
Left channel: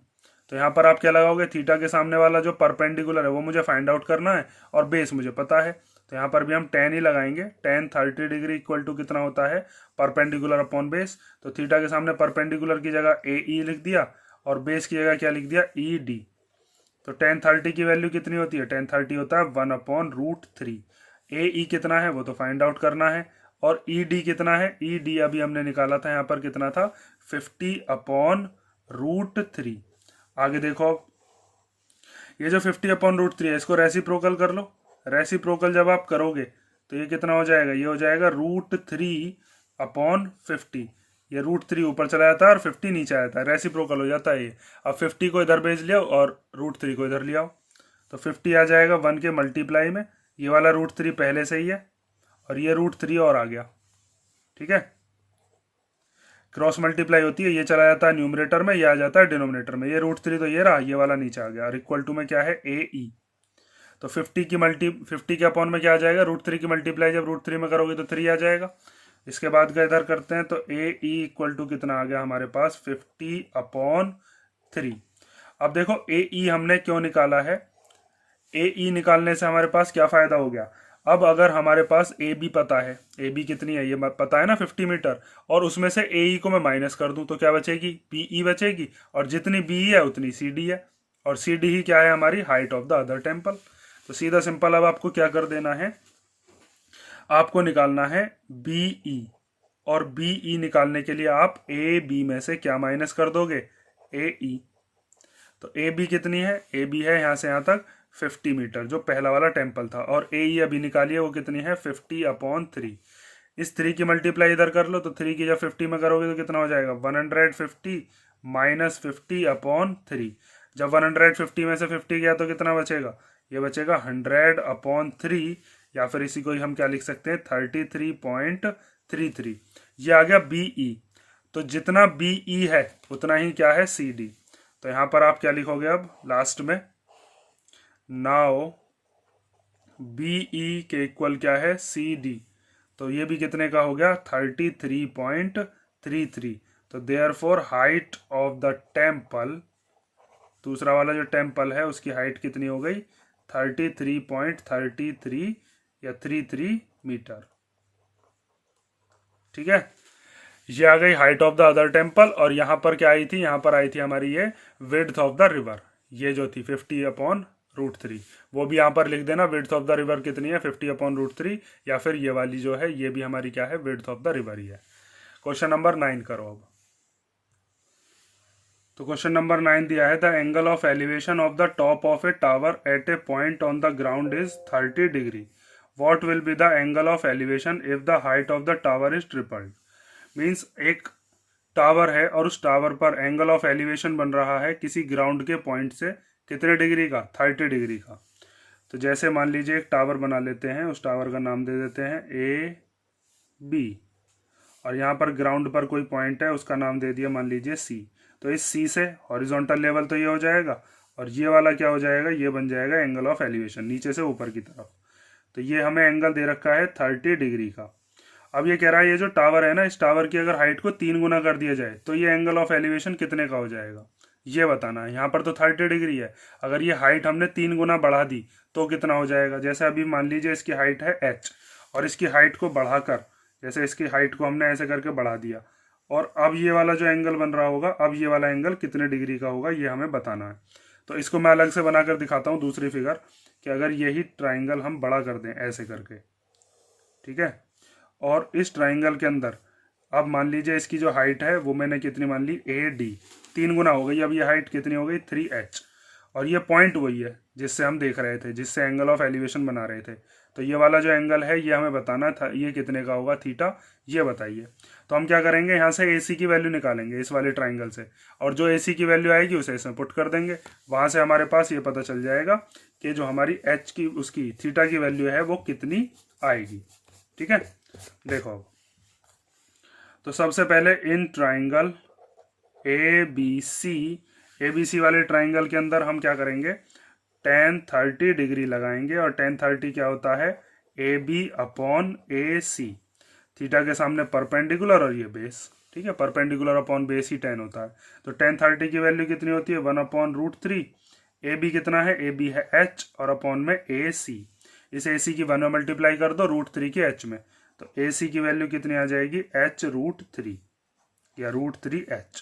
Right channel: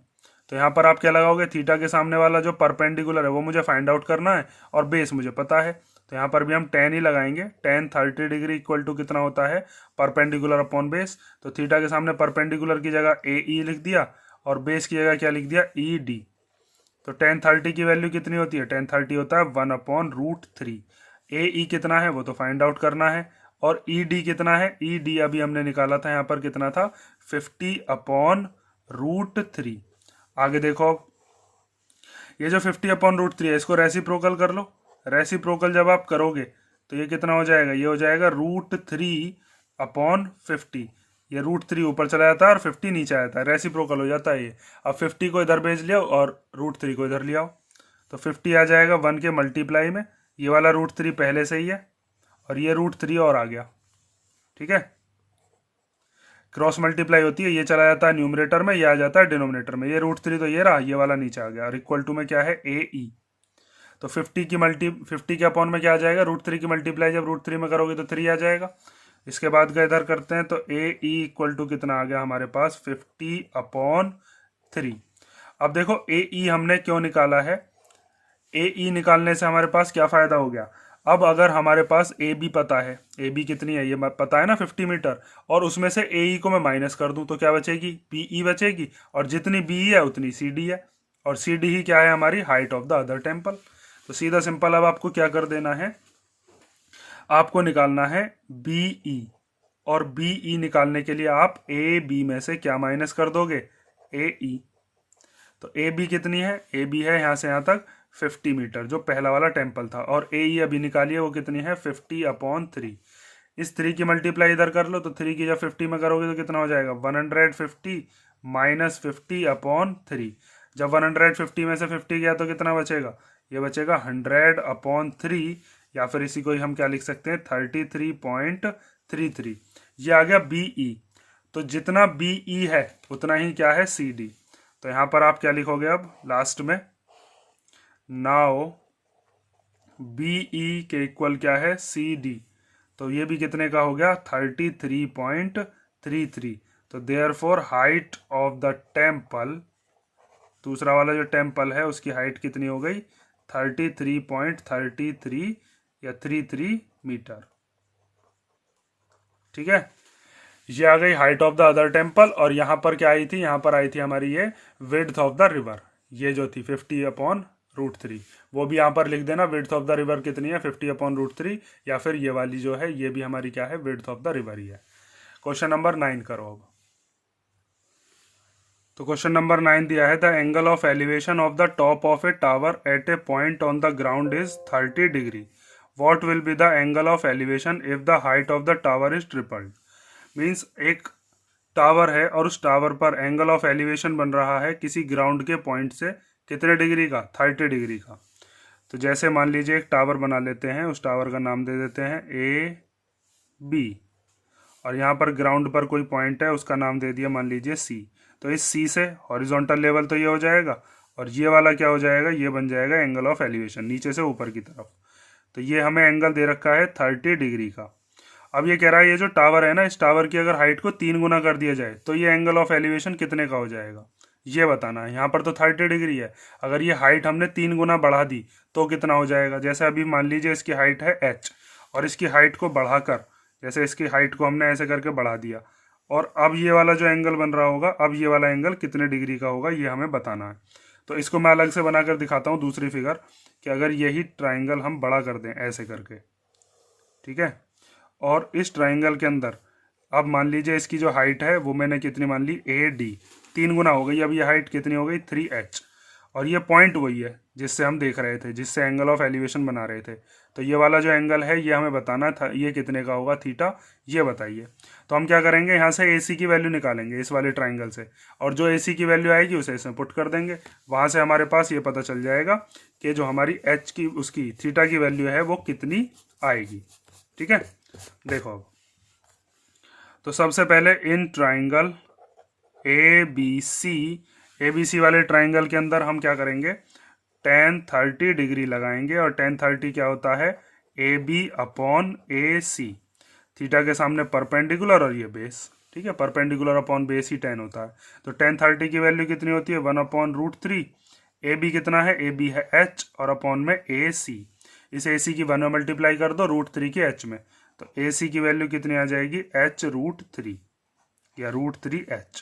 तो यहाँ पर आप क्या लगाओगे, थीटा के सामने वाला जो परपेंडिकुलर है वो मुझे फाइंड आउट करना है, और बेस मुझे पता है। तो यहाँ पर भी हम tan ही लगाएंगे। tan 30 डिग्री इक्वल टू कितना होता है, परपेंडिकुलर अपॉन बेस। तो थीटा के सामने परपेंडिकुलर की जगह ए ई लिख दिया, और बेस की जगह क्या लिख दिया, ई डी। तो tan 30 की वैल्यू कितनी होती है, tan 30 होता है 1/√3। ए ई कितना है वो तो फाइंड आउट करना है, और ई डी कितना है, ई डी अभी हमने निकाला था, यहाँ पर कितना था 50/√3। आगे देखो, ये जो 50/√3 है इसको रेसिप्रोकल कर लो। रेसिप्रोकल जब आप करोगे तो ये कितना हो जाएगा, ये हो जाएगा √3/50। ये √3 ऊपर चला जाता है और 50 नीचे आ जाता है, रेसिप्रोकल हो जाता है ये। अब 50 को इधर भेज लिया और √3 को इधर ले आओ, तो 50 आ जाएगा 1 के मल्टीप्लाई में। ये वाला √3 पहले से ही है, और ये √3 और आ गया, ठीक है। क्रॉस मल्टीप्लाई होती है, ये चला जाता है न्यूमरेटर में, ये आ जाता है डिनोमिनेटर में। ये √3 तो ये रहा, ये वाला नीचे आ गया, और इक्वल टू में क्या है, ए ई। तो 50 के अपॉन में क्या आ जाएगा, √3 की मल्टीप्लाई जब √3 में करोगे तो 3 आ जाएगा। इसके बाद का इधर करते हैं, तो ए ई इक्वल टू कितना आ गया हमारे पास, 50/3। अब देखो ए ई हमने क्यों निकाला है, ए ई निकालने से हमारे पास क्या फायदा हो गया। अब अगर हमारे पास ए बी पता है, ए बी कितनी है ये पता है ना 50 मीटर, और उसमें से ए ई को मैं माइनस कर दूं तो क्या बचेगी, बी ई बचेगी, और जितनी बी है उतनी सी डी है, और सी डी ही क्या है हमारी, height of the other temple. तो सीधा सिंपल अब आपको क्या कर देना है, आपको निकालना है बी ई, और बी ई निकालने के लिए आप ए बी में से क्या माइनस कर दोगे, ए ई। तो ए बी कितनी है, ए बी है यहाँ से यहाँ तक 50 मीटर, जो पहला वाला टेम्पल था, और ए ई अभी निकालिए वो कितनी है, 50/3। इस 3 की मल्टीप्लाई इधर कर लो, तो 3 की जब 50 में करोगे तो कितना हो जाएगा, 150 माइनस 50/3। जब 150 में से 50 गया तो कितना बचेगा, ये बचेगा 100/3, या फिर इसी को ही हम क्या लिख सकते हैं, 33.33। ये आ गया बी ई। तो जितना बी ई है उतना ही क्या है, सी डी। तो यहाँ पर आप क्या लिखोगे अब लास्ट में, नाउ बी ई के इक्वल क्या है, सी डी। तो ये भी कितने का हो गया, 33.33। तो therefore height of the temple, दूसरा वाला जो टेम्पल है उसकी हाइट कितनी हो गई, 33.33 या 33 मीटर, ठीक है। ये आ गई height of the other temple, और यहाँ पर क्या आई थी, यहाँ पर आई थी हमारी ये विड्थ ऑफ द रिवर, ये जो थी 50/√3, वो भी यहाँ पर लिख देना। विड्थ ऑफ द रिवर कितनी है, 50/√3, या फिर ये वाली जो है ये भी हमारी क्या है, विड्थ ऑफ द रिवर ही है। क्वेश्चन नंबर 9 करो अब। तो क्वेश्चन नंबर 9 दिया है, the angle of elevation of the top of a tower at a point on the ground is 30 degree. What will be the angle of elevation if the height of the tower is tripled. Means एक tower है और उस tower पर angle of elevation बन रहा है किसी ground के पॉइंट से कितने डिग्री का, 30 डिग्री का। तो जैसे मान लीजिए एक टावर बना लेते हैं, उस टावर का नाम दे देते हैं ए बी, और यहाँ पर ग्राउंड पर कोई पॉइंट है उसका नाम दे दिया मान लीजिए सी। तो इस सी से हॉरिजॉन्टल लेवल तो ये हो जाएगा, और ये वाला क्या हो जाएगा, ये बन जाएगा एंगल ऑफ एलिवेशन नीचे से ऊपर की तरफ। तो ये हमें एंगल दे रखा है 30 डिग्री का। अब ये कह रहा है ये जो टावर है ना, इस टावर की अगर हाइट को 3 गुना कर दिया जाए तो ये एंगल ऑफ एलिवेशन कितने का हो जाएगा, ये बताना है। यहाँ पर तो 30 डिग्री है, अगर ये हाइट हमने 3 गुना बढ़ा दी तो कितना हो जाएगा। जैसे अभी मान लीजिए इसकी हाइट है h, और इसकी हाइट को बढ़ाकर, जैसे इसकी हाइट को हमने ऐसे करके बढ़ा दिया, और अब ये वाला जो एंगल बन रहा होगा, अब ये वाला एंगल कितने डिग्री का होगा ये हमें बताना है। तो इसको मैं अलग से बनाकर दिखाता हूँ दूसरी फिगर, कि अगर यही ट्राइंगल हम बड़ा कर दें ऐसे करके, ठीक है, और इस ट्राइंगल के अंदर अब मान लीजिए इसकी जो हाइट है वो मैंने कितनी मान ली, ए डी, 3 गुना हो गई। अब ये हाइट कितनी हो गई, 3h, और ये पॉइंट वही है जिससे हम देख रहे थे, जिससे एंगल ऑफ एलिवेशन बना रहे थे। तो ये वाला जो एंगल है ये हमें बताना था, ये कितने का होगा, थीटा, ये बताइए। तो हम क्या करेंगे, यहाँ से AC की वैल्यू निकालेंगे इस वाले ट्राइंगल से, और जो AC की वैल्यू आएगी उसे इसमें पुट कर देंगे। वहाँ से हमारे पास ये पता चल जाएगा कि जो हमारी H की, उसकी थीटा की वैल्यू है वो कितनी आएगी, ठीक है। देखो अब, तो सबसे पहले इन ट्राइंगल ABC वाले ट्राइंगल के अंदर हम क्या करेंगे, tan 30 डिग्री लगाएंगे, और tan 30 क्या होता है, A B upon A C. Theta के सामने परपेंडिकुलर और ये बेस, ठीक है, परपेंडिकुलर अपॉन बेस ही 10 होता है। तो tan 30 की वैल्यू कितनी होती है 1/√3। ए बी कितना है, ए बी है h और अपॉन में ए सी। इस ए सी की 1 में मल्टीप्लाई कर दो √3 के h में, तो ए सी की वैल्यू कितनी आ जाएगी h√3 या √3h।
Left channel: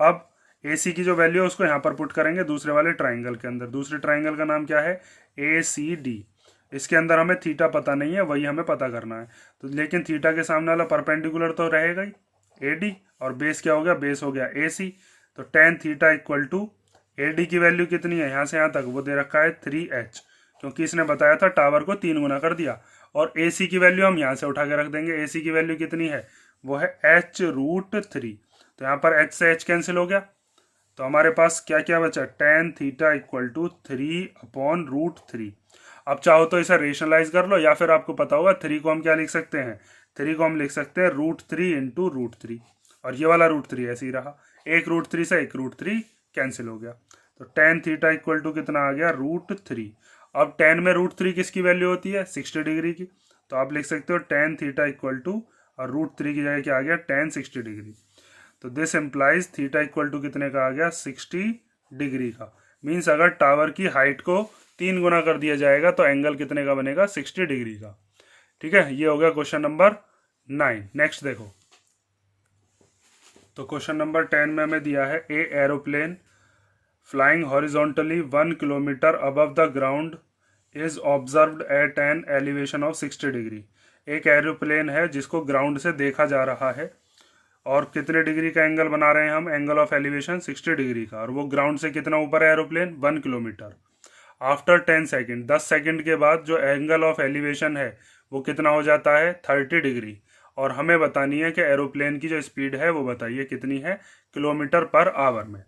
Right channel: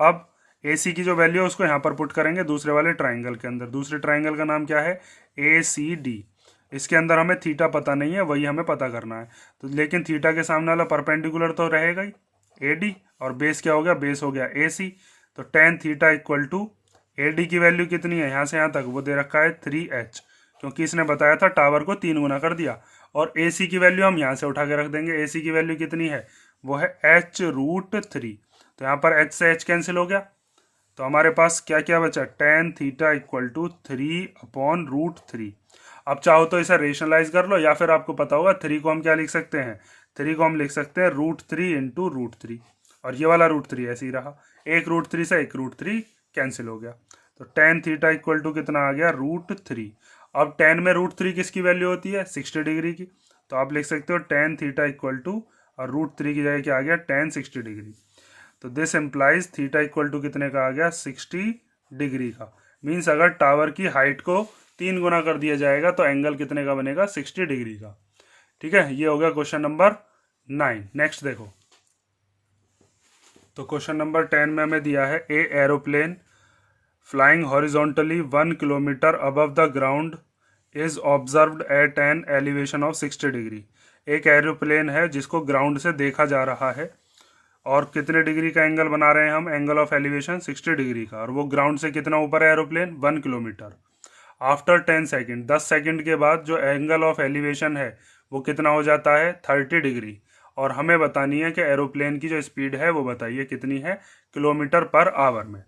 अब ए सी की जो वैल्यू है उसको यहाँ पर पुट करेंगे दूसरे वाले ट्राइंगल के अंदर। दूसरे ट्राइंगल का नाम क्या है ए सी डी। इसके अंदर हमें थीटा पता नहीं है, वही हमें पता करना है। तो लेकिन थीटा के सामने वाला परपेंडिकुलर तो रहेगा ही ए डी, और बेस क्या हो गया, बेस हो गया ए सी। तो tan theta equal to A D की वैल्यू कितनी है यहाँ से यहाँ तक, वो दे रखा है 3h, क्योंकि इसने बताया था टावर को 3 गुना कर दिया। और ए सी की वैल्यू हम यहाँ से उठा के रख देंगे। ए सी की वैल्यू कितनी है, वो है h√3। तो यहाँ पर h से h कैंसिल हो गया, तो हमारे पास क्या क्या बचा, tan थीटा इक्वल टू 3/√3। अब चाहो तो इसे रेशनलाइज कर लो, या फिर आपको पता होगा 3 को हम क्या लिख सकते हैं, 3 को हम लिख सकते हैं √3 इंटू √3, और ये वाला √3 ऐसे ही रहा। एक √3 से एक √3 कैंसिल हो गया, तो tan थीटा इक्वल टू कितना आ गया √3। अब tan में √3 किसकी वैल्यू होती है 60 डिग्री की, तो आप लिख सकते हो tan थीटा इक्वल टू, और √3 की जगह क्या आ गया tan 60 डिग्री। तो this implies theta equal to कितने का आ गया 60 डिग्री का। मीन्स अगर टावर की हाइट को 3 गुना कर दिया जाएगा तो एंगल कितने का बनेगा 60 डिग्री का। ठीक है, ये हो गया क्वेश्चन नंबर 9। नेक्स्ट देखो, तो क्वेश्चन नंबर 10 में हमें दिया है a aeroplane flying horizontally 1 kilometre above the ground is observed at an elevation of 60 degree. एक एरोप्लेन है जिसको ग्राउंड से देखा जा रहा है, और कितने डिग्री का एंगल बना रहे हैं हम, एंगल ऑफ एलिवेशन 60 डिग्री का, और वो ग्राउंड से कितना ऊपर है aeroplane 1 kilometre. After 10 second, 10 second के बाद जो एंगल ऑफ एलिवेशन है वो कितना हो जाता है 30 डिग्री, और हमें बतानी है कि एरोप्लेन की जो स्पीड है वो बताइए कितनी है किलोमीटर पर आवर में।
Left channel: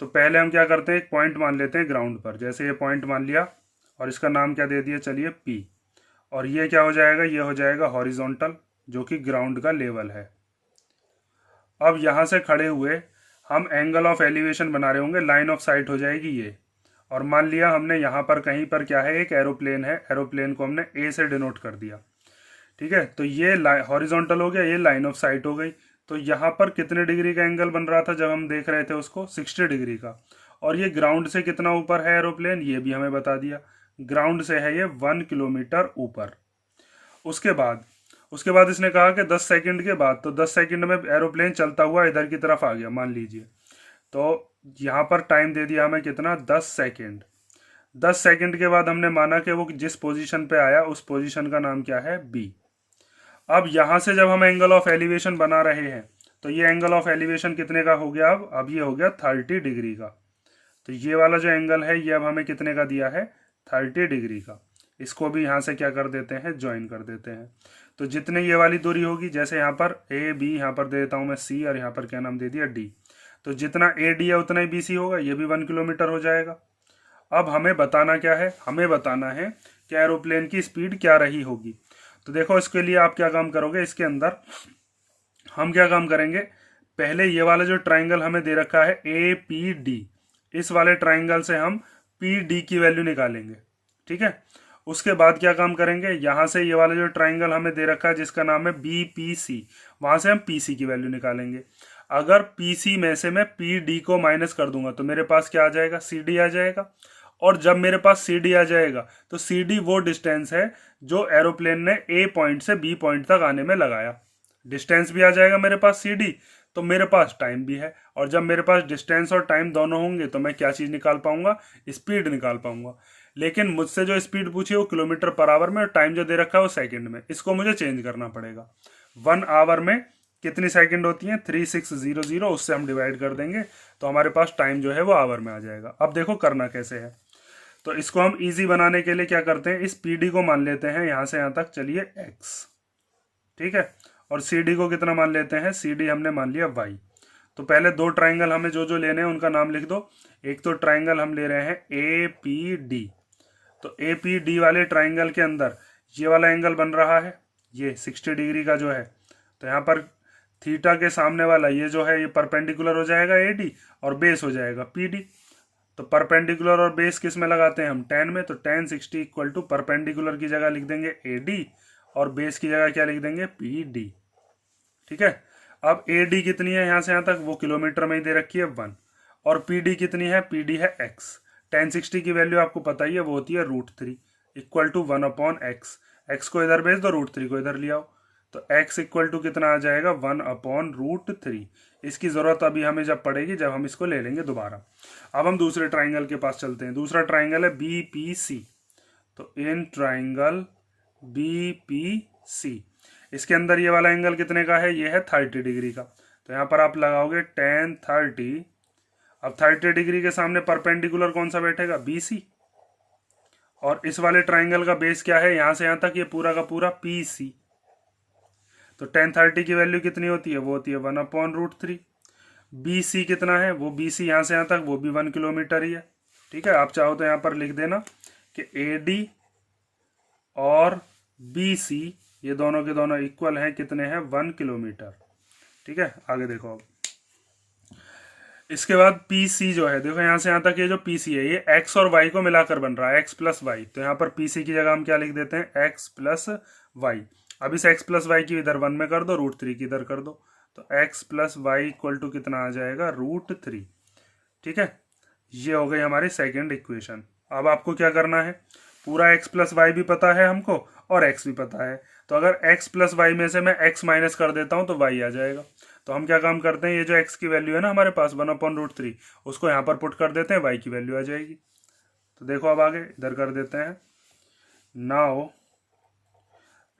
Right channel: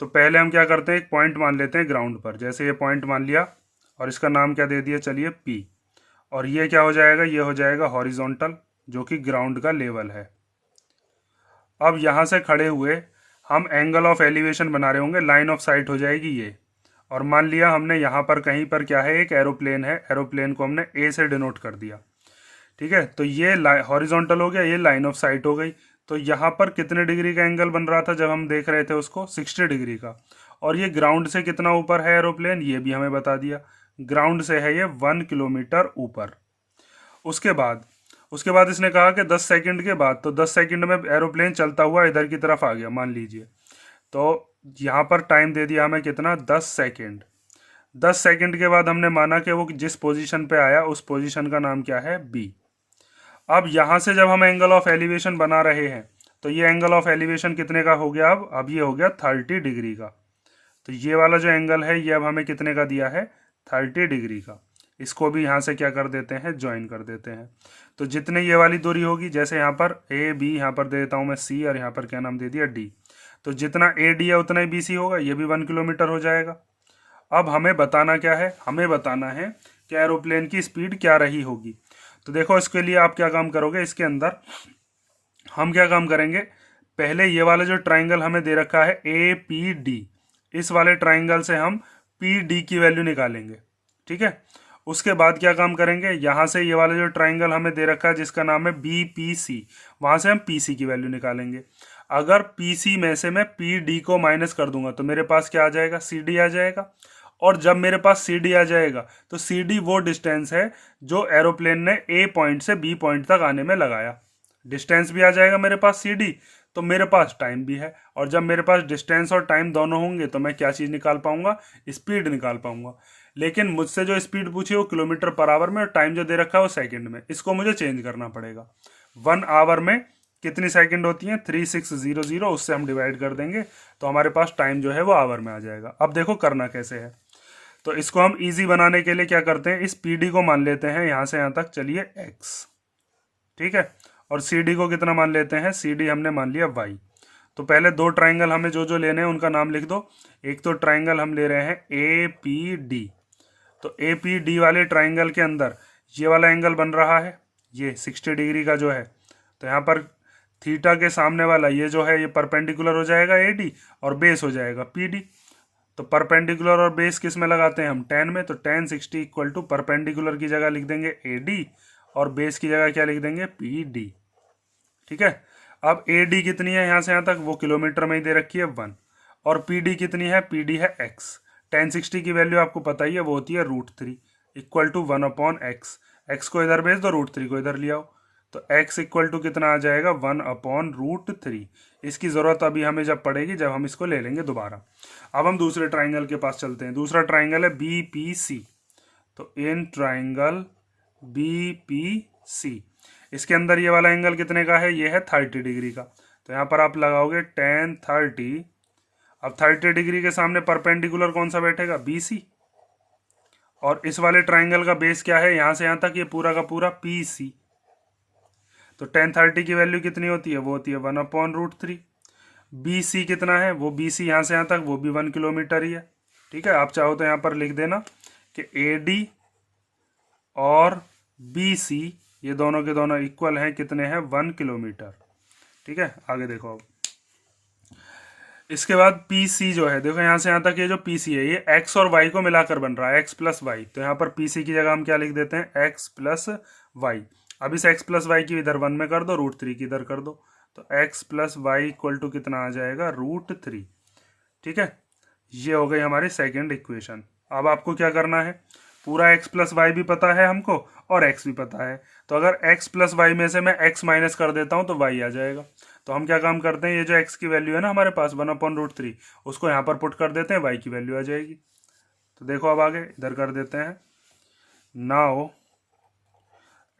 तो पहले हम क्या करते हैं, एक पॉइंट मान लेते हैं ग्राउंड पर। जैसे ये पॉइंट मान लिया, और इसका नाम क्या दे दिया, चलिए P, और ये क्या हो जाएगा, ये हो जाएगा हॉरिजॉन्टल, जो कि ग्राउंड का लेवल है। अब यहाँ से खड़े हुए हम एंगल ऑफ एलिवेशन बना रहे होंगे, लाइन ऑफ साइट हो जाएगी ये, और मान लिया हमने यहाँ पर कहीं पर क्या है एक एरोप्लेन है, एरोप्लेन को हमने ए से डिनोट कर दिया। ठीक है, तो ये हॉरिजॉन्टल हो गया, ये लाइन ऑफ साइट हो गई। तो यहाँ पर कितने डिग्री का एंगल बन रहा था जब हम देख रहे थे उसको 60 डिग्री का, और ये ग्राउंड से कितना ऊपर है एरोप्लेन, ये भी हमें बता दिया, ग्राउंड से है ये 1 किलोमीटर ऊपर। उसके बाद इसने कहा कि 10 सेकंड के बाद, तो 10 सेकंड में एरोप्लेन चलता हुआ इधर की तरफ आ गया मान लीजिए, तो यहाँ पर टाइम दे दिया हमें कितना 10 सेकंड। 10 सेकंड के बाद हमने माना कि वो जिस पोजीशन पे आया उस पोजीशन का नाम क्या है B। अब यहाँ से जब हम एंगल ऑफ एलिवेशन बना रहे हैं तो ये एंगल ऑफ एलिवेशन कितने का हो गया, अब ये हो गया 30 डिग्री का। तो ये वाला जो एंगल है ये अब हमें कितने का दिया है 30 डिग्री का। इसको भी यहाँ से क्या कर देते हैं, ज्वाइन कर देते हैं। तो जितने ये वाली दूरी होगी, जैसे यहाँ पर ए बी, यहाँ पर दे देता हूँ मैं C, और यहाँ पर क्या नाम दे दिया D, तो जितना AD है उतना ही BC होगा, ये भी 1 किलोमीटर हो जाएगा। अब हमें बताना क्या है, हमें बताना है कि एरोप्लेन की स्पीड क्या रही होगी। तो देखो इसके लिए आप क्या काम करोगे, इसके अंदर हम क्या काम करेंगे, पहले ये वाला जो ट्राइंगल हमें दे रखा है APD, इस वाले ट्राइंगल से हम PD की वैल्यू निकालेंगे। ठीक है, उसके बाद क्या काम करेंगे, यहाँ से ये वाला जो ट्राइंगल हमें दे रखा है जिसका नाम है BPC, वहाँ से हम PC की वैल्यू निकालेंगे। अगर PC में से मैं PD को माइनस कर दूंगा तो मेरे पास क्या आ जाएगा, CD आ जाएगा। और जब मेरे पास CD आ जाएगा तो CD वो डिस्टेंस है जो एरोप्लेन ने A पॉइंट से B पॉइंट तक आने में लगाया। डिस्टेंस भी आ जाएगा मेरे पास CD, तो मेरे पास टाइम भी है, और जब मेरे पास डिस्टेंस और टाइम दोनों होंगे तो मैं क्या चीज़ निकाल पाऊंगा, स्पीड निकाल पाऊंगा। लेकिन मुझसे जो स्पीड पूछी वो किलोमीटर पर आवर में, और टाइम जो दे रखा है वो सेकंड में, इसको मुझे चेंज करना पड़ेगा। 1 आवर में कितनी सेकंड होती हैं 3600, उससे हम डिवाइड कर देंगे तो हमारे पास टाइम जो है वो आवर में आ जाएगा। अब देखो करना कैसे है, तो इसको हम इजी बनाने के लिए क्या करते हैं, इस PD को मान लेते हैं यहाँ से यहाँ तक, चलिए X। ठीक है, और CD को कितना मान लेते हैं, CD हमने मान लिया Y। तो पहले दो ट्राइंगल हमें जो जो लेने हैं उनका नाम लिख दो। एक तो ट्राइंगल हम ले रहे हैं APD, तो APD वाले ट्राइंगल के अंदर ये वाला एंगल बन रहा है ये 60 डिग्री का जो है, तो यहाँ पर थीटा के सामने वाला ये जो है ये परपेंडिकुलर हो जाएगा AD, और बेस हो जाएगा PD। तो परपेंडिकुलर और बेस किस में लगाते हैं हम, tan में। तो tan 60 इक्वल टू परपेंडिकुलर की जगह लिख देंगे AD और बेस की जगह क्या लिख देंगे PD। ठीक है। अब AD कितनी है यहाँ से यहाँ तक, वो किलोमीटर में ही दे रखी है 1, और PD कितनी है, PD है x। tan 60 की वैल्यू आपको पता ही है, वो होती है √3 इक्वल टू 1/x। x को इधर भेज दो, √3 को इधर ले आओ, तो x इक्वल टू कितना आ जाएगा, 1/√3। इसकी ज़रूरत अभी हमें जब पड़ेगी, जब हम इसको ले लेंगे दोबारा। अब हम दूसरे ट्राइंगल के पास चलते हैं। दूसरा ट्राइंगल है BPC। तो इन ट्राइंगल BPC, इसके अंदर ये वाला एंगल कितने का है, ये है 30 डिग्री का। तो यहाँ पर आप लगाओगे tan 30। अब 30 डिग्री के सामने परपेंडिकुलर कौन सा बैठेगा, BC। और इस वाले ट्राइंगल का बेस क्या है, यहाँ से यहाँ तक ये पूरा का पूरा PC। तो tan 30 की वैल्यू कितनी होती है, वो होती है 1/√3। BC कितना है, वो BC यहाँ से यहाँ तक वो भी 1 किलोमीटर ही है। ठीक है। आप चाहो तो यहाँ पर लिख देना कि AD और BC ये दोनों के दोनों इक्वल हैं, कितने हैं, 1 किलोमीटर। ठीक है। आगे देखो। अब इसके बाद PC जो है, देखो यहाँ से यहाँ तक ये जो PC है, ये x और y को मिलाकर बन रहा है, x प्लस वाई। तो यहाँ पर PC की जगह हम क्या लिख देते हैं, x प्लस वाई। अब इस x प्लस वाई की इधर 1 में कर दो, √3 की इधर कर दो, तो x plus Y equal to कितना आ जाएगा, √3। ठीक है। ये हो गई हमारी सेकेंड इक्वेशन। अब आपको क्या करना है, पूरा x प्लस वाई भी पता है हमको और x भी पता है। तो अगर x प्लस वाई में से मैं x माइनस कर देता हूँ तो y आ जाएगा। तो हम क्या काम करते हैं, ये जो x की वैल्यू है ना हमारे पास 1/√3, उसको यहाँ पर पुट कर देते हैं, y की वैल्यू आ जाएगी। तो देखो अब आगे इधर कर देते हैं। नाउ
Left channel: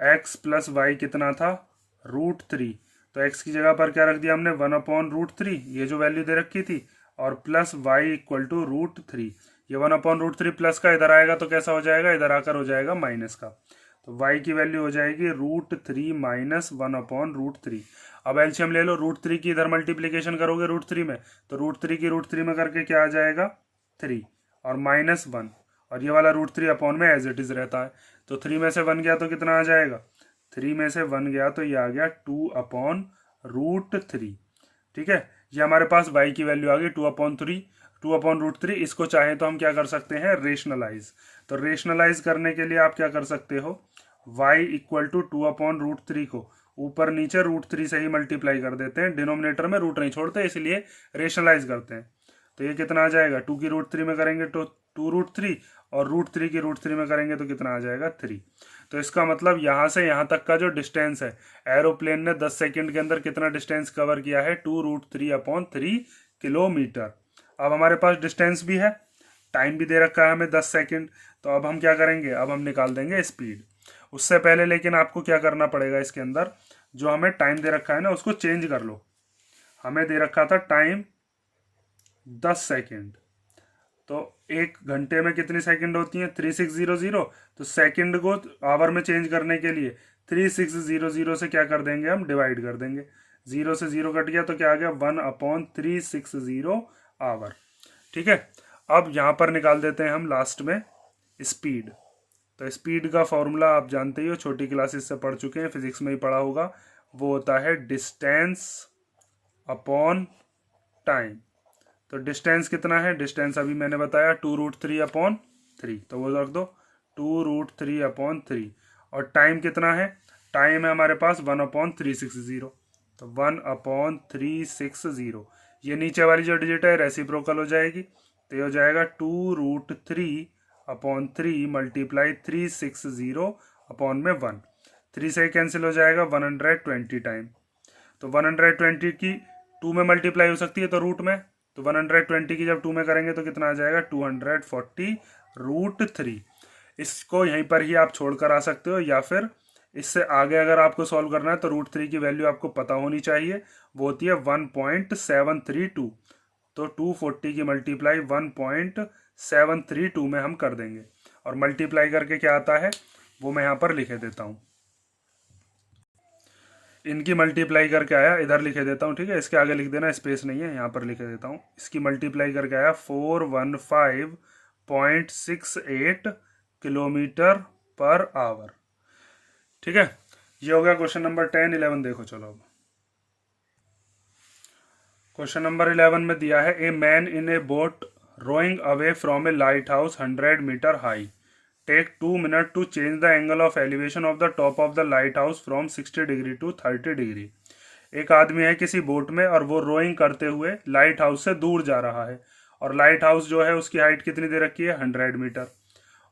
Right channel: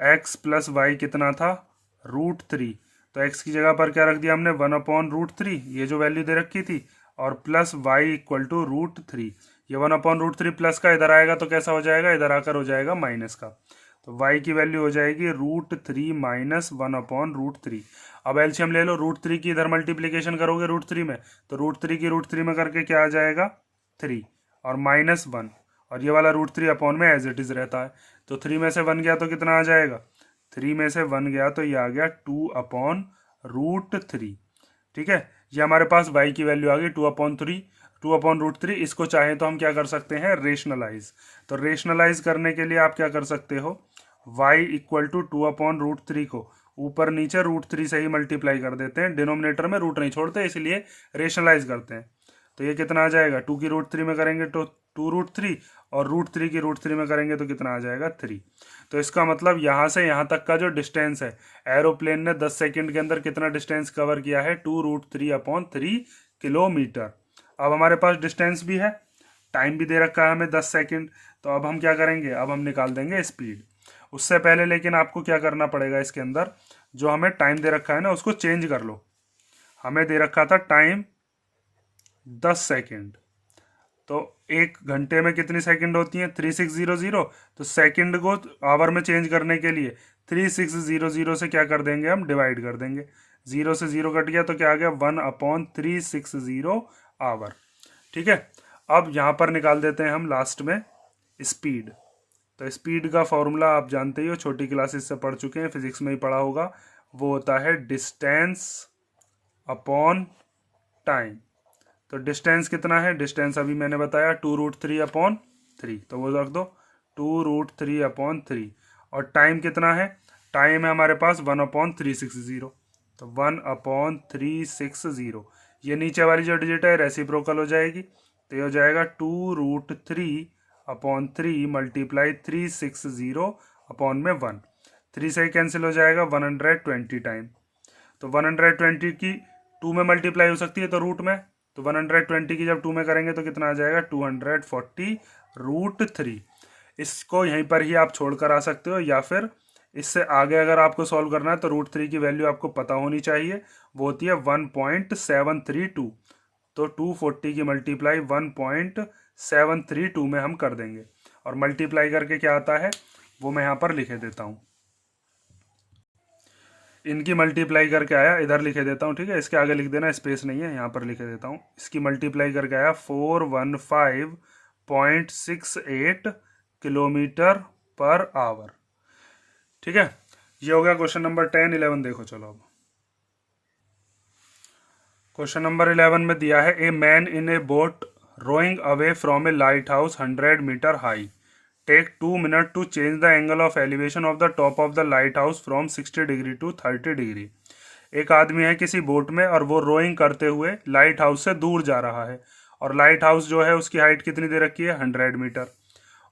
x प्लस वाई कितना था, √3। तो x की जगह पर क्या रख दिया हमने, 1/√3, ये जो वैल्यू दे रखी थी, और प्लस वाई इक्वल टू √3। ये 1/√3 प्लस का इधर आएगा तो कैसा हो जाएगा, इधर आकर हो जाएगा माइनस का। तो y की वैल्यू हो जाएगी √3 माइनस 1/√3। अब एलसीएम ले लो, √3 की इधर मल्टीप्लीकेशन करोगे √3 में, तो √3 की √3 में करके क्या आ जाएगा, 3 और -1, और ये वाला √3 अपॉन में एज इट इज रहता है। तो 3 में से 1 गया तो कितना आ जाएगा, 3 में से 1 गया तो ये आ गया 2/√3। ठीक है। ये हमारे पास y की वैल्यू आ गई 2/√3। इसको चाहे तो हम क्या कर सकते हैं, रेशनलाइज। तो रेशनलाइज करने के लिए आप क्या कर सकते हो, y इक्वल टू 2/√3 को ऊपर नीचे √3 से ही मल्टीप्लाई कर देते हैं, डिनोमिनेटर में रूट नहीं छोड़ते, इसलिए रेशनलाइज करते हैं। तो ये कितना आ जाएगा, 2 की √3 में करेंगे तो 2√3, और √3 की √3 में करेंगे तो कितना आ जाएगा, 3। तो इसका मतलब यहाँ से यहाँ तक का जो डिस्टेंस है, एरोप्लेन ने 10 सेकंड के अंदर कितना डिस्टेंस कवर किया है, 2√3/3 किलोमीटर। अब हमारे पास डिस्टेंस भी है, टाइम भी दे रखा है हमें 10 सेकंड। तो अब हम क्या करेंगे, अब हम निकाल देंगे स्पीड। उससे पहले लेकिन आपको क्या करना पड़ेगा, इसके अंदर जो हमें टाइम दे रखा है ना, उसको चेंज कर लो। हमें दे रखा था टाइम 10 सेकंड, तो 1 घंटे में कितनी सेकंड होती हैं, 3600। तो सेकंड को आवर में चेंज करने के लिए 3600 से क्या कर देंगे, हम डिवाइड कर देंगे। 0 से 0 कट गया तो क्या आ गया, 1/360 आवर। ठीक है। अब यहाँ पर निकाल देते हैं हम लास्ट में स्पीड। तो स्पीड का फॉर्मूला आप जानते ही हो, छोटी क्लासेस से पढ़ चुके हैं, फिजिक्स में ही पढ़ा होगा। वो होता है डिस्टेंस अपॉन टाइम। तो डिस्टेंस कितना है, डिस्टेंस अभी मैंने बताया 2√3/3, तो वो रख दो 2√3/3। और टाइम कितना है, टाइम है हमारे पास 1/360, तो 1/360। ये नीचे वाली जो डिजिट है रेसिप्रोकल हो जाएगी, तो ये हो जाएगा 2√3/3 मल्टीप्लाई 360/1। 3 से कैंसिल हो जाएगा, 120 टाइम। तो 120 की 2 में मल्टीप्लाई हो सकती है तो रूट में, तो 120 की जब 2 में करेंगे तो कितना आ जाएगा, 240√3। इसको यहीं पर ही आप छोड़कर आ सकते हो, या फिर इससे आगे अगर आपको सॉल्व करना है तो √3 की वैल्यू आपको पता होनी चाहिए, वो होती है 1.732। तो 240 की मल्टीप्लाई 1.732 में हम कर देंगे, और मल्टीप्लाई करके क्या आता है वो मैं यहाँ पर लिखे देता हूँ। इनकी मल्टीप्लाई करके आया, इधर लिखे देता हूँ। ठीक है। इसके आगे लिख देना, स्पेस नहीं है, यहाँ पर लिखे देता हूँ। इसकी मल्टीप्लाई करके आया 415.68 किलोमीटर पर आवर। ठीक है। ये हो गया क्वेश्चन नंबर 10। 11 देखो। चलो अब क्वेश्चन नंबर 11 में दिया है, a man in A boat rowing away from a lighthouse 100 meter high. Take 2 minutes to change the angle of elevation of the top of the lighthouse from 60 degree to 30 degree. एक आदमी है किसी boat में और वो rowing करते हुए light house से दूर जा रहा है, और लाइट हाउस जो है उसकी हाइट कितनी दे रखी है 100 मीटर,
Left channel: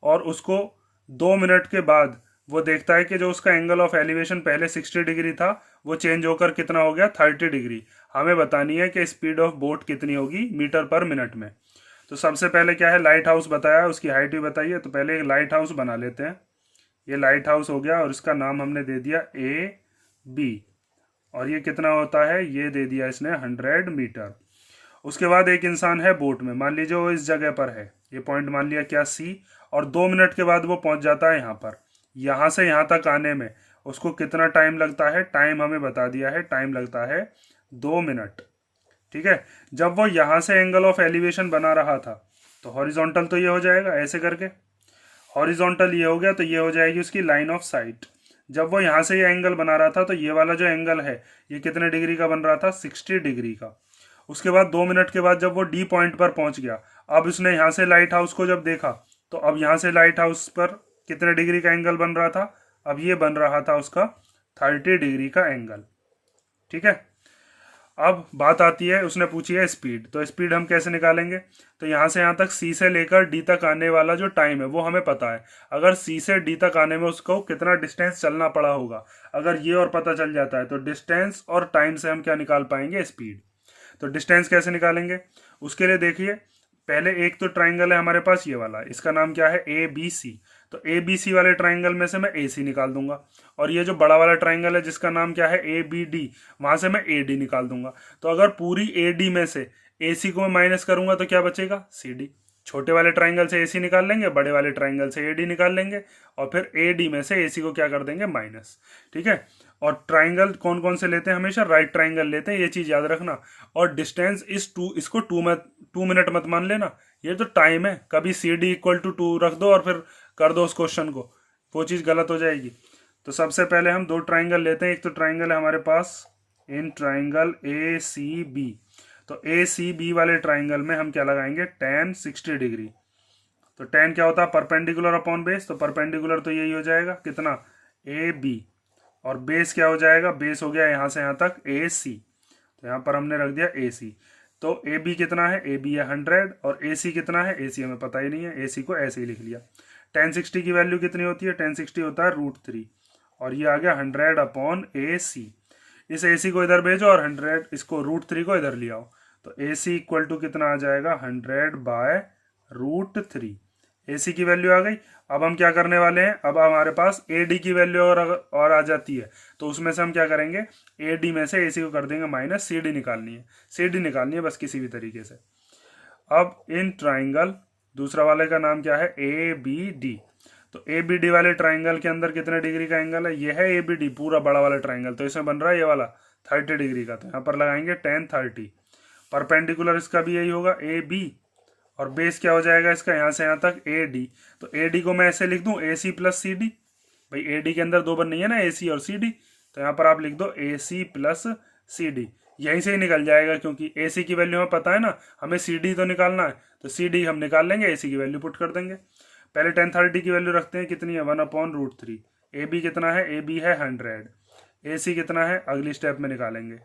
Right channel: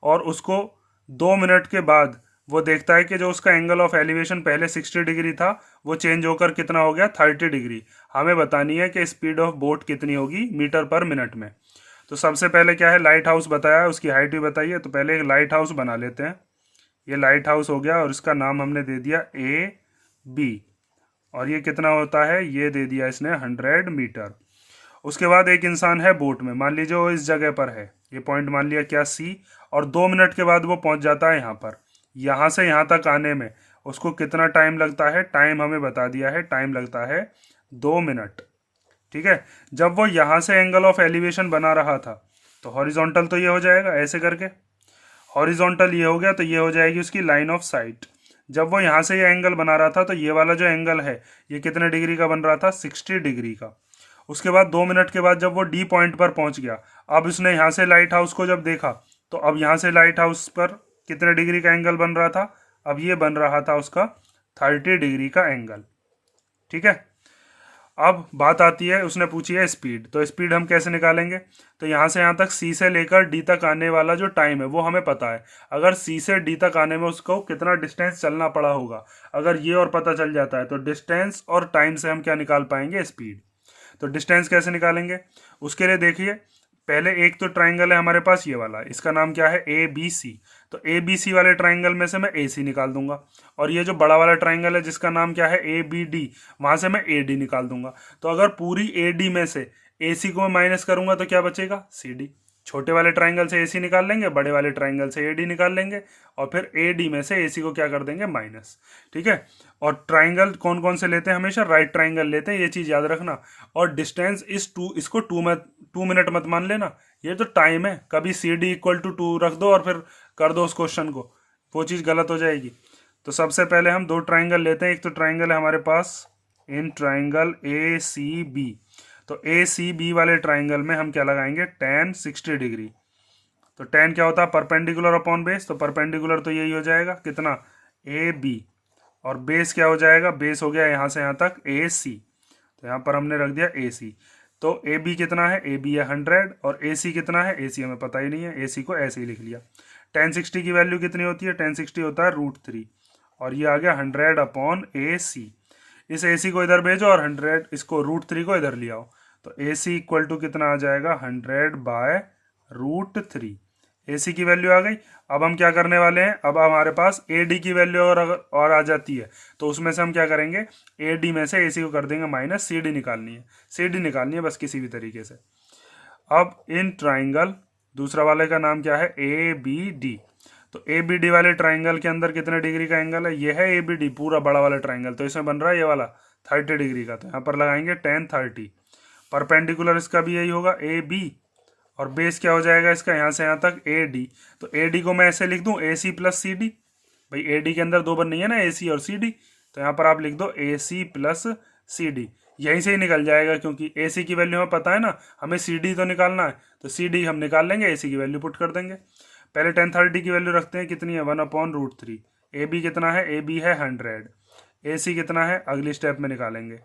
और उसको 2 मिनट के बाद वो देखता है कि जो उसका एंगल ऑफ एलिवेशन पहले 60 डिग्री था वो चेंज होकर कितना हो गया 30 डिग्री। हमें बतानी है कि स्पीड ऑफ बोट कितनी होगी मीटर पर मिनट में। तो सबसे पहले क्या है, लाइट हाउस बताया, उसकी हाइट भी बताइए। तो पहले एक लाइट हाउस बना लेते हैं। ये लाइट हाउस हो गया और इसका नाम हमने दे दिया AB, और ये कितना होता है, ये दे दिया इसने 100 मीटर। उसके बाद एक इंसान है बोट में, मान लीजिए वो इस जगह पर है, ये पॉइंट मान लिया क्या C, और 2 मिनट के बाद वो पहुंच जाता है यहाँ पर। यहाँ से यहाँ तक आने में उसको कितना टाइम लगता है, टाइम हमें बता दिया है, टाइम लगता है 2 मिनट। ठीक है, जब वो यहाँ से एंगल ऑफ एलिवेशन बना रहा था तो हॉरिजॉन्टल तो ये हो जाएगा ऐसे करके, हॉरिजॉन्टल ये हो गया तो ये हो जाएगी उसकी लाइन ऑफ साइट। जब वो यहाँ से ये एंगल बना रहा था तो ये वाला जो एंगल है ये कितने डिग्री का बन रहा था, 60 डिग्री का। उसके बाद 2 मिनट के बाद जब वो D पॉइंट पर पहुंच गया, अब उसने यहाँ से लाइट हाउस को जब देखा तो अब यहाँ से लाइट हाउस पर कितने डिग्री का एंगल बन रहा था, अब ये बन रहा था उसका 30 डिग्री का एंगल। ठीक है, अब बात आती है, उसने पूछी है स्पीड, तो स्पीड हम कैसे निकालेंगे। तो यहाँ से यहाँ तक C से लेकर D तक आने वाला जो टाइम है वो हमें पता है। अगर C से D तक आने में उसको कितना डिस्टेंस चलना पड़ा होगा, अगर ये और पता चल जाता है तो डिस्टेंस और टाइम से हम क्या निकाल पाएंगे, स्पीड। तो डिस्टेंस कैसे निकालेंगे, उसके लिए देखिए, पहले एक तो ट्राइंगल है हमारे पास ये वाला, इसका नाम क्या है ABC। तो ABC वाले ट्राइंगल में से मैं AC निकाल दूंगा, और ये जो बड़ा वाला ट्राइंगल है जिसका नाम क्या है ABD, वहां से मैं AD निकाल दूंगा। तो अगर पूरी AD में से AC को मैं माइनस करूंगा तो क्या बचेगा, CD। छोटे वाले ट्राइंगल से AC निकाल लेंगे, बड़े वाले ट्राइंगल से AD निकाल लेंगे, और फिर AD में से AC को क्या कर देंगे, माइनस। ठीक है, और ट्राइंगल कौन कौन से लेते हैं, हमेशा राइट ट्राइंगल लेते हैं, ये चीज याद रखना। और डिस्टेंस इस 2, इसको 2 मिनट मत मान लेना, ये तो टाइम है। कभी CD इक्वल टू 2 रख दो और फिर कर दो उस क्वेश्चन को, वो चीज गलत हो जाएगी। तो सबसे पहले हम 2 ट्राइंगल लेते हैं। एक तो ट्राइंगल है हमारे पास इन ट्राइंगल ACB, तो ACB वाले ट्राइंगल में हम क्या लगाएंगे, tan 60 डिग्री। तो tan क्या होता है, परपेंडिकुलर अपॉन बेस, तो परपेंडिकुलर तो यही हो जाएगा कितना, AB, और बेस क्या हो जाएगा, बेस हो गया यहाँ से यहाँ तक AC, तो यहाँ पर हमने रख दिया AC। तो AB कितना है, AB है 100, और AC कितना है, AC हमें पता ही नहीं है, AC को ऐसे ही लिख लिया। tan 60 की वैल्यू कितनी होती है, tan 60 होता है √3, और ये आ गया 100 अपॉन AC। इस AC को इधर भेजो और 100 इसको √3 को इधर ले आओ, तो AC इक्वल टू कितना आ जाएगा, 100/√3। AC की वैल्यू आ गई। अब हम क्या करने वाले हैं, अब हमारे पास AD की वैल्यू और आ जाती है, तो उसमें से हम क्या करेंगे, AD में से AC को कर देंगे माइनस, CD निकालनी है, CD निकालनी है बस किसी भी तरीके से। अब इन ट्राइंगल दूसरा वाले का नाम क्या है, ABD। तो ABD वाले ट्राइंगल के अंदर कितने डिग्री का एंगल है, ये है ABD पूरा बड़ा वाला ट्राइंगल, तो इसमें बन रहा है ये वाला 30 डिग्री का, तो यहाँ पर लगाएंगे tan 30। परपेंडिकुलर इसका भी यही होगा AB, और बेस क्या हो जाएगा इसका, यहाँ से यहाँ तक AD। तो AD को मैं ऐसे लिख दूं AC प्लस CD, भाई AD के अंदर 2 बार नहीं है ना, AC और CD, तो यहाँ पर आप लिख दो AC प्लस CD, यहीं से ही निकल जाएगा, क्योंकि AC की वैल्यू हमें पता है ना, हमें CD तो निकालना है, तो CD हम निकाल लेंगे, AC की वैल्यू पुट कर देंगे। पहले tan 30 की वैल्यू रखते हैं, कितनी है, 1/√3। AB कितना है, AB है 100, AC कितना है, अगली स्टेप में निकालेंगे।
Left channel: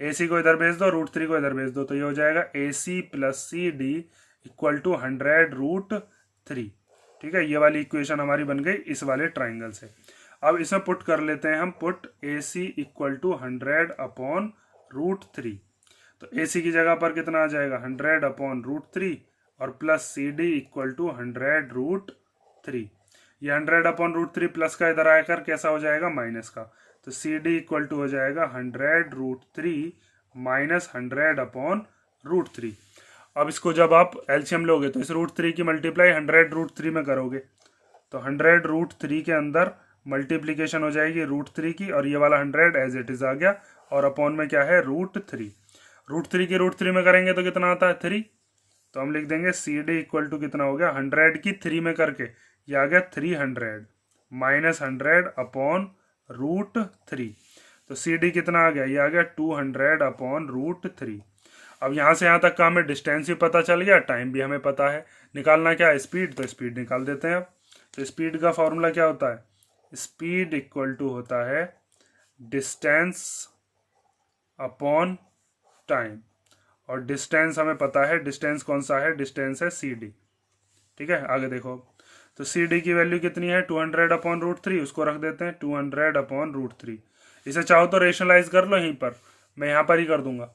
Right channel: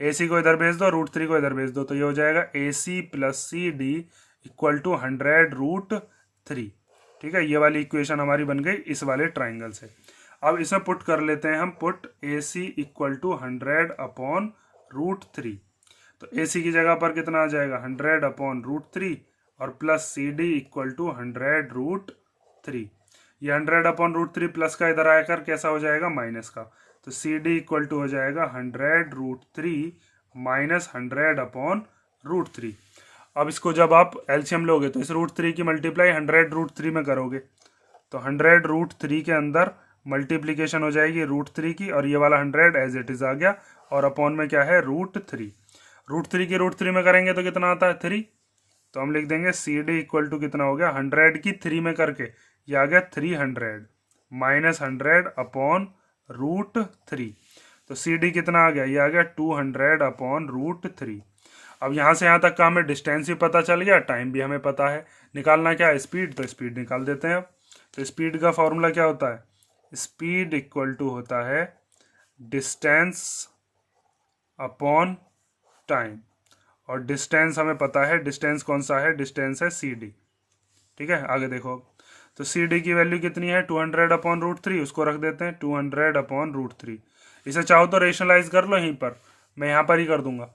AC को इधर भेज दो, √3 को इधर भेज दो, तो ये हो जाएगा AC plus CD equal to 100√3। ठीक है, ये वाली इक्वेशन हमारी बन गई इस वाले ट्राइंगल से। अब इसमें पुट कर लेते हैं हम, पुट AC इक्वल टू 100/√3। तो AC की जगह पर कितना आ जाएगा, 100/√3, और प्लस CD इक्वल टू 100√3। ये 100/√3 प्लस का इधर आकर कैसा हो जाएगा, माइनस का, तो CD इक्वल टू हो जाएगा 100√3 माइनस 100/√3। अब इसको जब आप एलसीएम लोगे तो इस √3 की मल्टीप्लाई 100√3 में करोगे, तो 100√3 के अंदर मल्टीप्लीकेशन हो जाएगी √3 की, और ये वाला 100 एज इट इज आ गया, और अपॉन में क्या है, √3। √3 की √3 में करेंगे तो कितना आता है, 3। तो हम लिख देंगे CD इक्वल टू कितना हो गया, 100 की 3 में करके ये आ गया 300 माइनस 100/√3। तो CD कितना आ गया, ये आ गया 200/√3। अब यहाँ से यहाँ तक का हमें डिस्टेंस भी पता चल गया, टाइम भी हमें पता है। निकालना क्या है, स्पीड, तो स्पीड निकाल देते हैं अब। तो स्पीड का फॉर्मूला क्या होता है, स्पीड इक्वल टू होता है डिस्टेंस अपॉन टाइम। और डिस्टेंस हमें पता है, डिस्टेंस कौन सा है, डिस्टेंस है सी डी। ठीक है, आगे देखो। तो सी डी की वैल्यू कितनी है, 200 अपॉन रूट थ्री, उसको रख देते हैं 200 अपॉन रूट थ्री। इसे चाहो तो रेशनलाइज कर लो यहीं पर, मैं यहाँ पर ही कर दूंगा।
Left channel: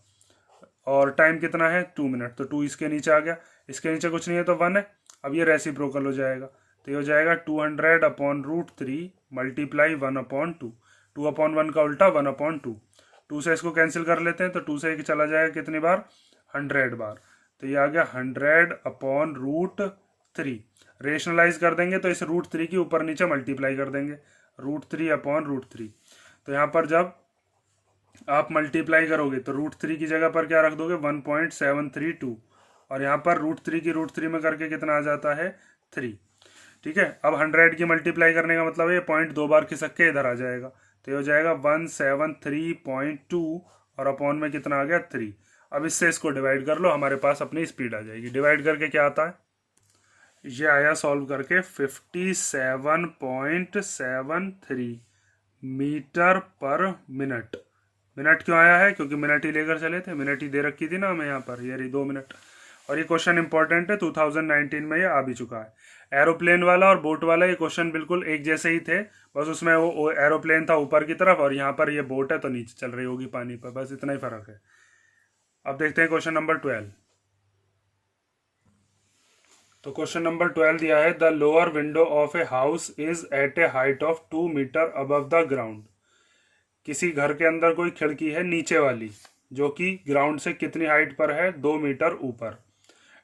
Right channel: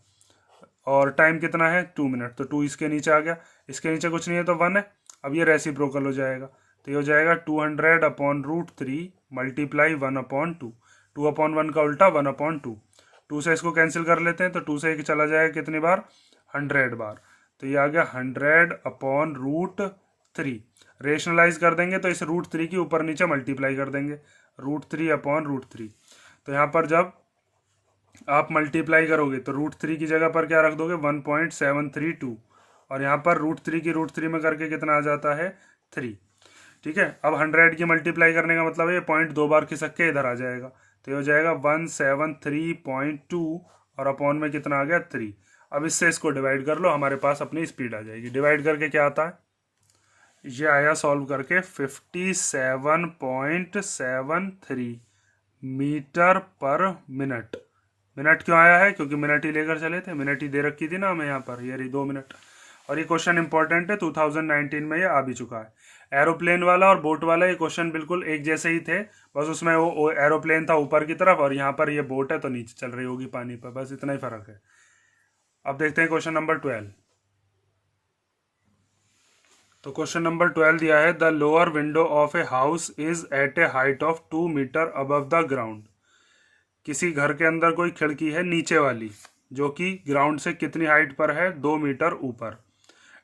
और टाइम कितना है, 2 मिनट, तो 2 इसके नीचे आ गया, इसके नीचे कुछ नहीं है तो 1 है। अब ये रेसिप्रोकल हो जाएगा, तो ये हो जाएगा 200 अपॉन रूट थ्री मल्टीप्लाई 1/2। 2/1 का उल्टा 1/2। 2 से इसको कैंसिल कर लेते हैं, तो 2 से एक चला जाएगा कितनी बार, 100 बार। तो ये आ गया 100 अपॉन रूट थ्री। रेशनलाइज कर देंगे तो इस रूट थ्री की ऊपर नीचे मल्टीप्लाई कर देंगे, root three upon root three. तो यहाँ पर जब आप मल्टीप्लाई करोगे तो रूट थ्री की जगह पर क्या रख दोगे, 1.732, और यहाँ पर रूट थ्री में करके कितना आ जाता है, 3। ठीक है, अब 100 की मल्टीप्लाई करने का मतलब ये पॉइंट 2 बार खिसक के इधर आ जाएगा, तो ये हो जाएगा 173.2, और अपॉन में कितना आ गया, 3। अब इससे इसको डिवाइड कर लो, हमारे पास अपनी स्पीड आ जाएगी। डिवाइड करके क्या आता है, ये आया सॉल्व करके 57.73 मीटर पर मिनट। मिनट क्यों आया है, क्योंकि मिनट ही लेकर चले थे, मिनट ही दे रखी थी ना हमें यहाँ पर, ये रही 2 मिनट। और ये क्वेश्चन इंपॉर्टेंट है, 2019 में ये आ भी चुका है। एरोप्लेन वाला और बोट वाला ये क्वेश्चन बिल्कुल एक जैसे ही थे, बस उसमें वो एरोप्लेन था ऊपर की तरफ और यहाँ पर ये बोट है तो नीचे चल रही होगी पानी पर, बस इतना ही फर्क है। अब देखते हैं क्वेश्चन नंबर 12। तो क्वेश्चन नंबर 12 दिया है, the lower window of a house is at a height of 2 metre above the ground. किसी घर के अंदर कोई खिड़की है नीचे वाली, जो कि ग्राउंड से कितनी हाइट पर है, 2 मीटर ऊपर।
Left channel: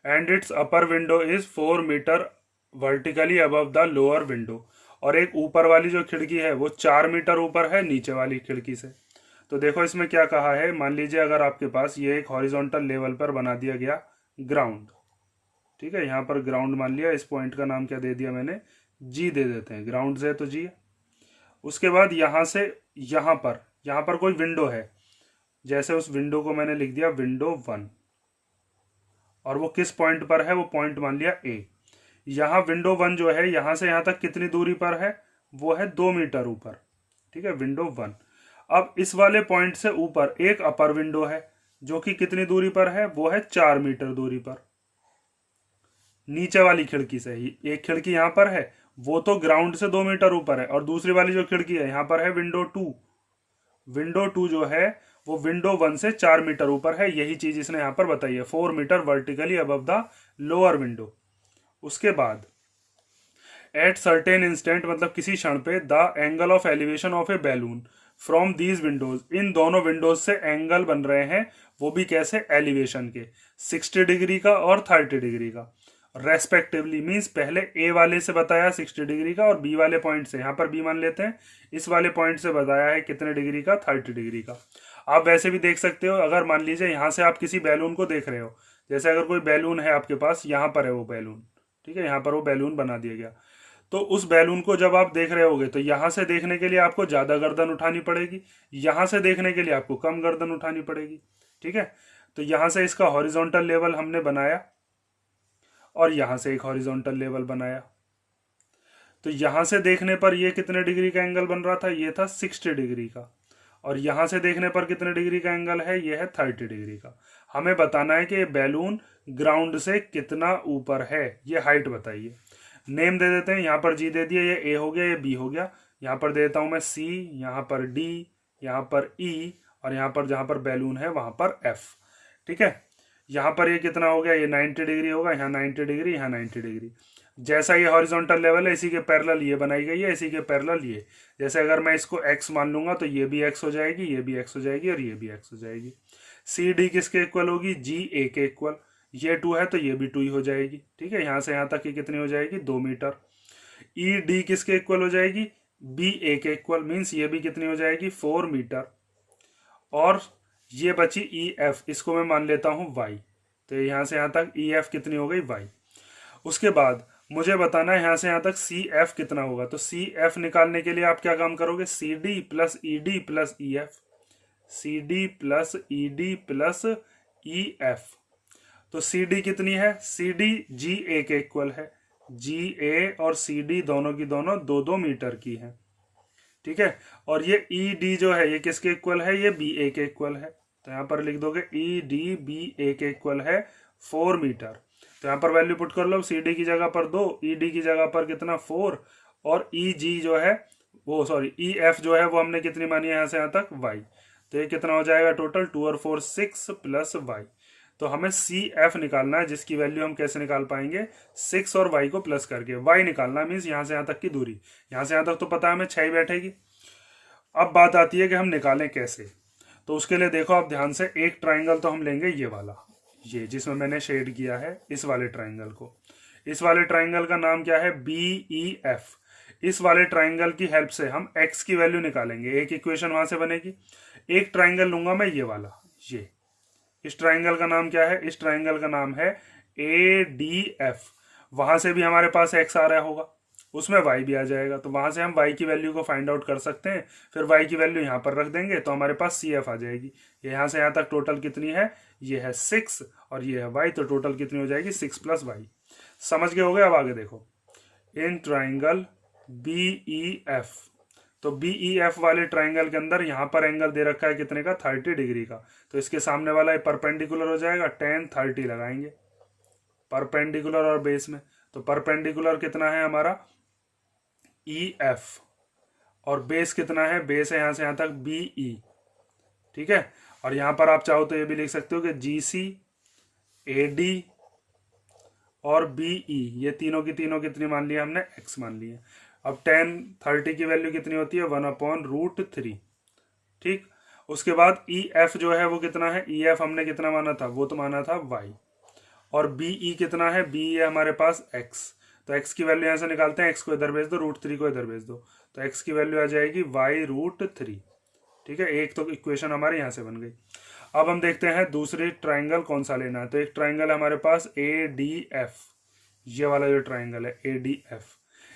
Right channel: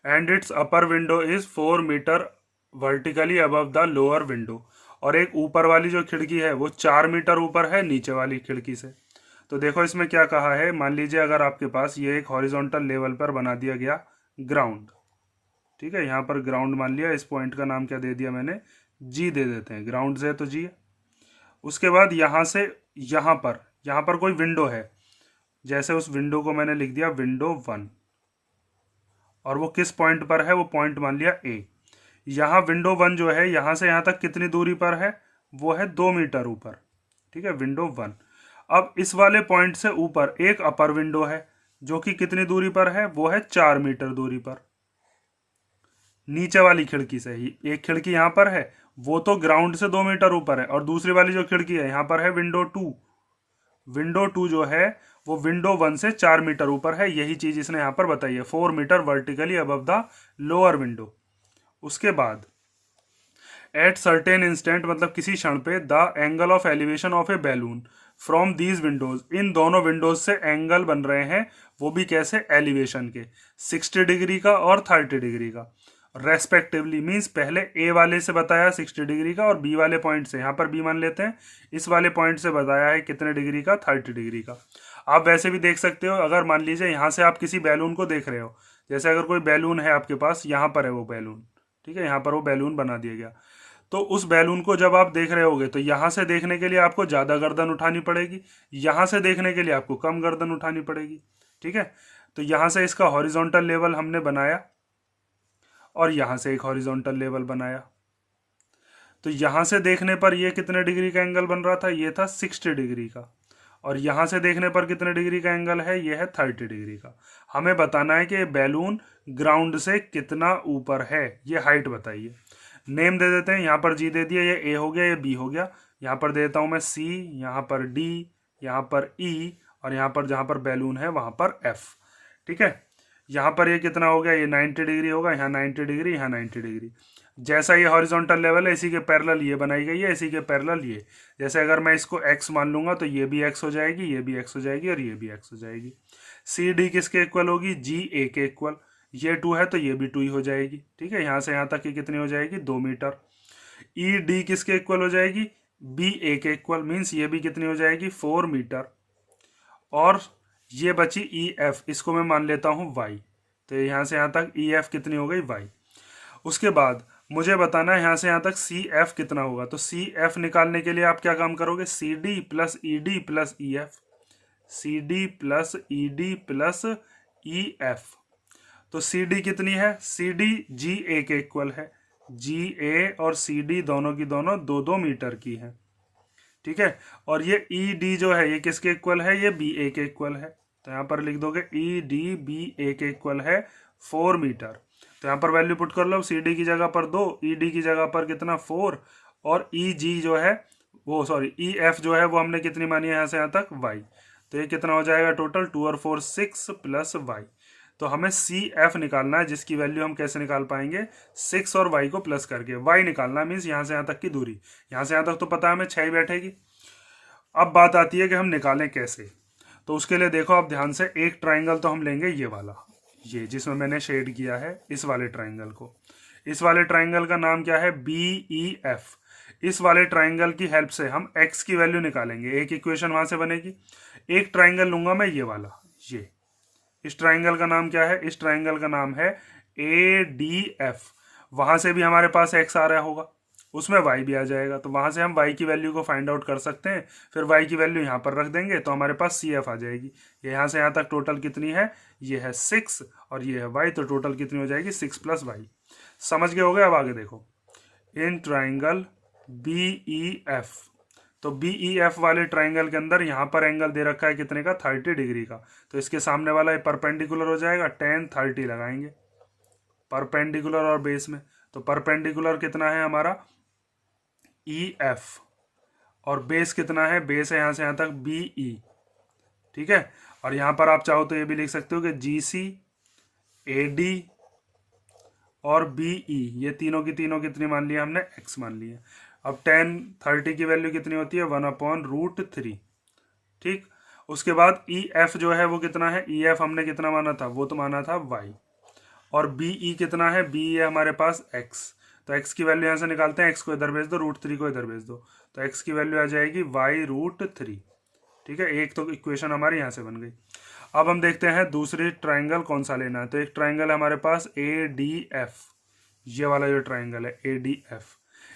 And its upper window is 4 metre vertically above the lower window. और एक ऊपर वाली जो खिड़की है वो 4 मीटर ऊपर है नीचे वाली खिड़की से। तो देखो इसमें क्या कहा है, मान लीजिए अगर आपके पास ये एक हॉरिजॉन्टल लेवल पर बना दिया गया ग्राउंड, ठीक है, यहाँ पर ग्राउंड मान लिया, इस पॉइंट का नाम क्या दे दिया मैंने, जी दे देते हैं, ग्राउंड से तो जी। उसके बाद यहाँ से यहाँ पर कोई विंडो है, जैसे उस विंडो को मैंने लिख दिया विंडो 1, और वो किस पॉइंट पर है, वो पॉइंट मान लिया ए। यहाँ विंडो 1 जो है यहाँ से यहाँ तक कितनी दूरी पर है, वो है 2 मीटर ऊपर। ठीक है, विंडो 1। अब इस वाले पॉइंट से ऊपर एक अपर विंडो है जो कि कितनी दूरी पर है, वो है 4 मीटर दूरी पर नीचे वाली खिड़की से ही। एक खिड़की यहाँ पर है, वो तो ग्राउंड से 2 मीटर ऊपर है, और दूसरी वाली जो खिड़की है यहाँ पर है विंडो 2। विंडो 2 जो है वो विंडो 1 से 4 मीटर ऊपर है, यही चीज इसने यहाँ पर बताई है, 4 metre vertically above the lower window. उसके बाद एट सर्टेन इंस्टेंट, मतलब किसी क्षण पे, the angle of elevation of a balloon from these windows, इन दोनों विंडोज से एंगल बन रहे हैं, वो भी कैसे, एलिवेशन के, 60 डिग्री का और 30 डिग्री का रेस्पेक्टिवली। मीन्स पहले ए वाले से बताया 60 डिग्री का, और बी वाले पॉइंट से, यहाँ पर बी मान लेते हैं, इस वाले पॉइंट से बताया है कितने डिग्री का, 30 डिग्री का। आप वैसे भी देख सकते हो, अगर मान लीजिए यहाँ से आप किसी बैलून को देख रहे हो, जैसे अगर कोई बैलून है आपके पास, यहाँ पर है वो बैलून, ठीक है, यहाँ पर वो बैलून बना दिया गया, तो उस बैलून को जब आप देख रहे होगे तो यहाँ से देखने के लिए आपको ज़्यादा गर्दन उठानी पड़ेगी, यहाँ से देखने के लिए आपको कम गर्दन उठानी पड़ेगी। ठीक है, तो यहाँ से इसका हॉरिजॉन्टल लेवल हमने बनाया, और यहाँ से एक हॉरिजॉन्टल लेवल बनाया। तो यहाँ से देखने पर ये कितने डिग्री का एंगल बन रहा था, ये था 60 डिग्री का, और यहाँ से देखने पर कितने डिग्री का एंगल है, ये है 30 डिग्री का। हमें बताना है कि बैलून ग्राउंड से कितना ऊपर है, ये हाइट बताइए। नेम दे देते हैं, यहाँ पर जी दे दिया, ये ए हो गया, ये बी हो गया, यहाँ पर देता हूँ मैं सी, यहाँ पर डी, यहाँ पर ई, और यहाँ पर जहाँ पर बैलून है वहाँ पर एफ। ठीक है, यहाँ पर ये कितना हो गया, ये 90 डिग्री होगा, यहाँ 90 डिग्री, यहाँ 90 डिग्री। जैसा ये हॉरिजॉन्टल लेवल है, इसी के पैरेलल ये बनाई गई है, इसी के पैरेलल ये। जैसे अगर मैं इसको x मान लूंगा तो ये भी x हो जाएगी, ये भी x हो जाएगी, और ये भी x हो जाएगी। सी डी किसके इक्वल होगी, जी ए के इक्वल। ये 2 है तो ये भी 2 ही हो जाएगी। ठीक है, यहाँ से यहाँ तक की कितनी हो जाएगी, 2 मीटर। ई डी किसके इक्वल हो जाएगी, बी ए के इक्वल, मीन्स ये भी कितनी हो जाएगी, 4 मीटर। और ये बची ई एफ, इसको मैं मान लेता हूँ y, तो यहाँ से यहाँ तक ई एफ कितनी हो गई, y। उसके बाद मुझे बताना है यहाँ से यहाँ तक सी एफ कितना होगा, तो सी एफ निकालने के लिए आप क्या काम करोगे, C D plus E D plus E F, C D plus E D plus E F. तो सी डी कितनी है, सी डी जी ए के इक्वल है, जी ए और सी डी दोनों की दोनों 2-2 मीटर की है, ठीक है। और ये ई डी जो है ये किसके इक्वल है, ये बी ए के इक्वल है। तो यहाँ पर लिख दोगे ई डी बी ए के इक्वल है 4 मीटर। तो यहाँ पर वैल्यू पुट कर लो, सी डी की जगह पर 2, ई डी की जगह पर कितना 4, और ई जी जो है वो सॉरी ई एफ जो है वो हमने कितनी मानी है यहाँ से यहाँ तक वाई। तो ये कितना हो जाएगा टोटल 2 और 4 6 प्लस वाई। तो हमें सी एफ निकालना है, जिसकी वैल्यू हम कैसे निकाल पाएंगे, 6 और वाई को प्लस करके। वाई निकालना मीन्स यहाँ से यहाँ तक की दूरी, यहाँ से यहाँ तक तो पता है हमें 6 ही बैठेगी। अब बात आती है कि हम निकालें कैसे। तो उसके लिए देखो आप ध्यान से, एक ट्राइंगल तो हम लेंगे ये वाला, ये जिसमें मैंने शेड किया है इस वाले ट्राइंगल को। इस वाले ट्राइंगल का नाम क्या है, बी ई एफ। इस वाले ट्राइंगल की हेल्प से हम x की वैल्यू निकालेंगे, एक इक्वेशन वहां से बनेगी। एक ट्राइंगल लूंगा मैं ये वाला, ये इस ट्राइंगल का नाम क्या है, इस ट्राइंगल का नाम है ए डी एफ। वहां से भी हमारे पास x आ रहा होगा, उसमें y भी आ जाएगा, तो वहां से हम y की वैल्यू को फाइंड आउट कर सकते हैं। फिर y की वैल्यू यहाँ पर रख देंगे तो हमारे पास सी एफ आ जाएगी। यहाँ से यहाँ तक टोटल कितनी है, ये है 6 और ये है y, तो टोटल कितनी हो जाएगी 6 प्लस वाई। समझ गए हो गए। अब आगे देखो, in triangle B E F. तो बी ई एफ वाले ट्राइंगल के अंदर यहाँ पर एंगल दे रखा है कितने का, 30 डिग्री का। तो इसके सामने वाला ये परपेंडिकुलर हो जाएगा, tan 30 लगाएंगे परपेंडिकुलर और बेस में। तो परपेंडिकुलर कितना है हमारा ई एफ, और बेस कितना है, बेस है यहाँ से यहाँ तक बी ई, ठीक है। और यहाँ पर आप चाहो तो ये भी लिख सकते हो कि जी सी ए डी और बी ई, ये तीनों की तीनों कितनी मान लिया हमने, x मान लिया। अब tan 30 की वैल्यू कितनी होती है, 1/√3, ठीक। उसके बाद ई एफ जो है वो कितना है, ई एफ हमने कितना माना था, वो तो माना था y। और बी ई कितना है, बी है हमारे पास x। तो x की वैल्यू यहाँ से निकालते हैं, x को इधर भेज दो, √3 को इधर भेज दो, तो x की वैल्यू आ जाएगी y√3, ठीक है। एक तो इक्वेशन हमारी यहाँ से बन गई। अब हम देखते हैं दूसरी ट्राइंगल कौन सा लेना है। तो एक ट्राइंगल है हमारे पास ए डी एफ, ये वाला जो ट्राइंगल है ए डी एफ।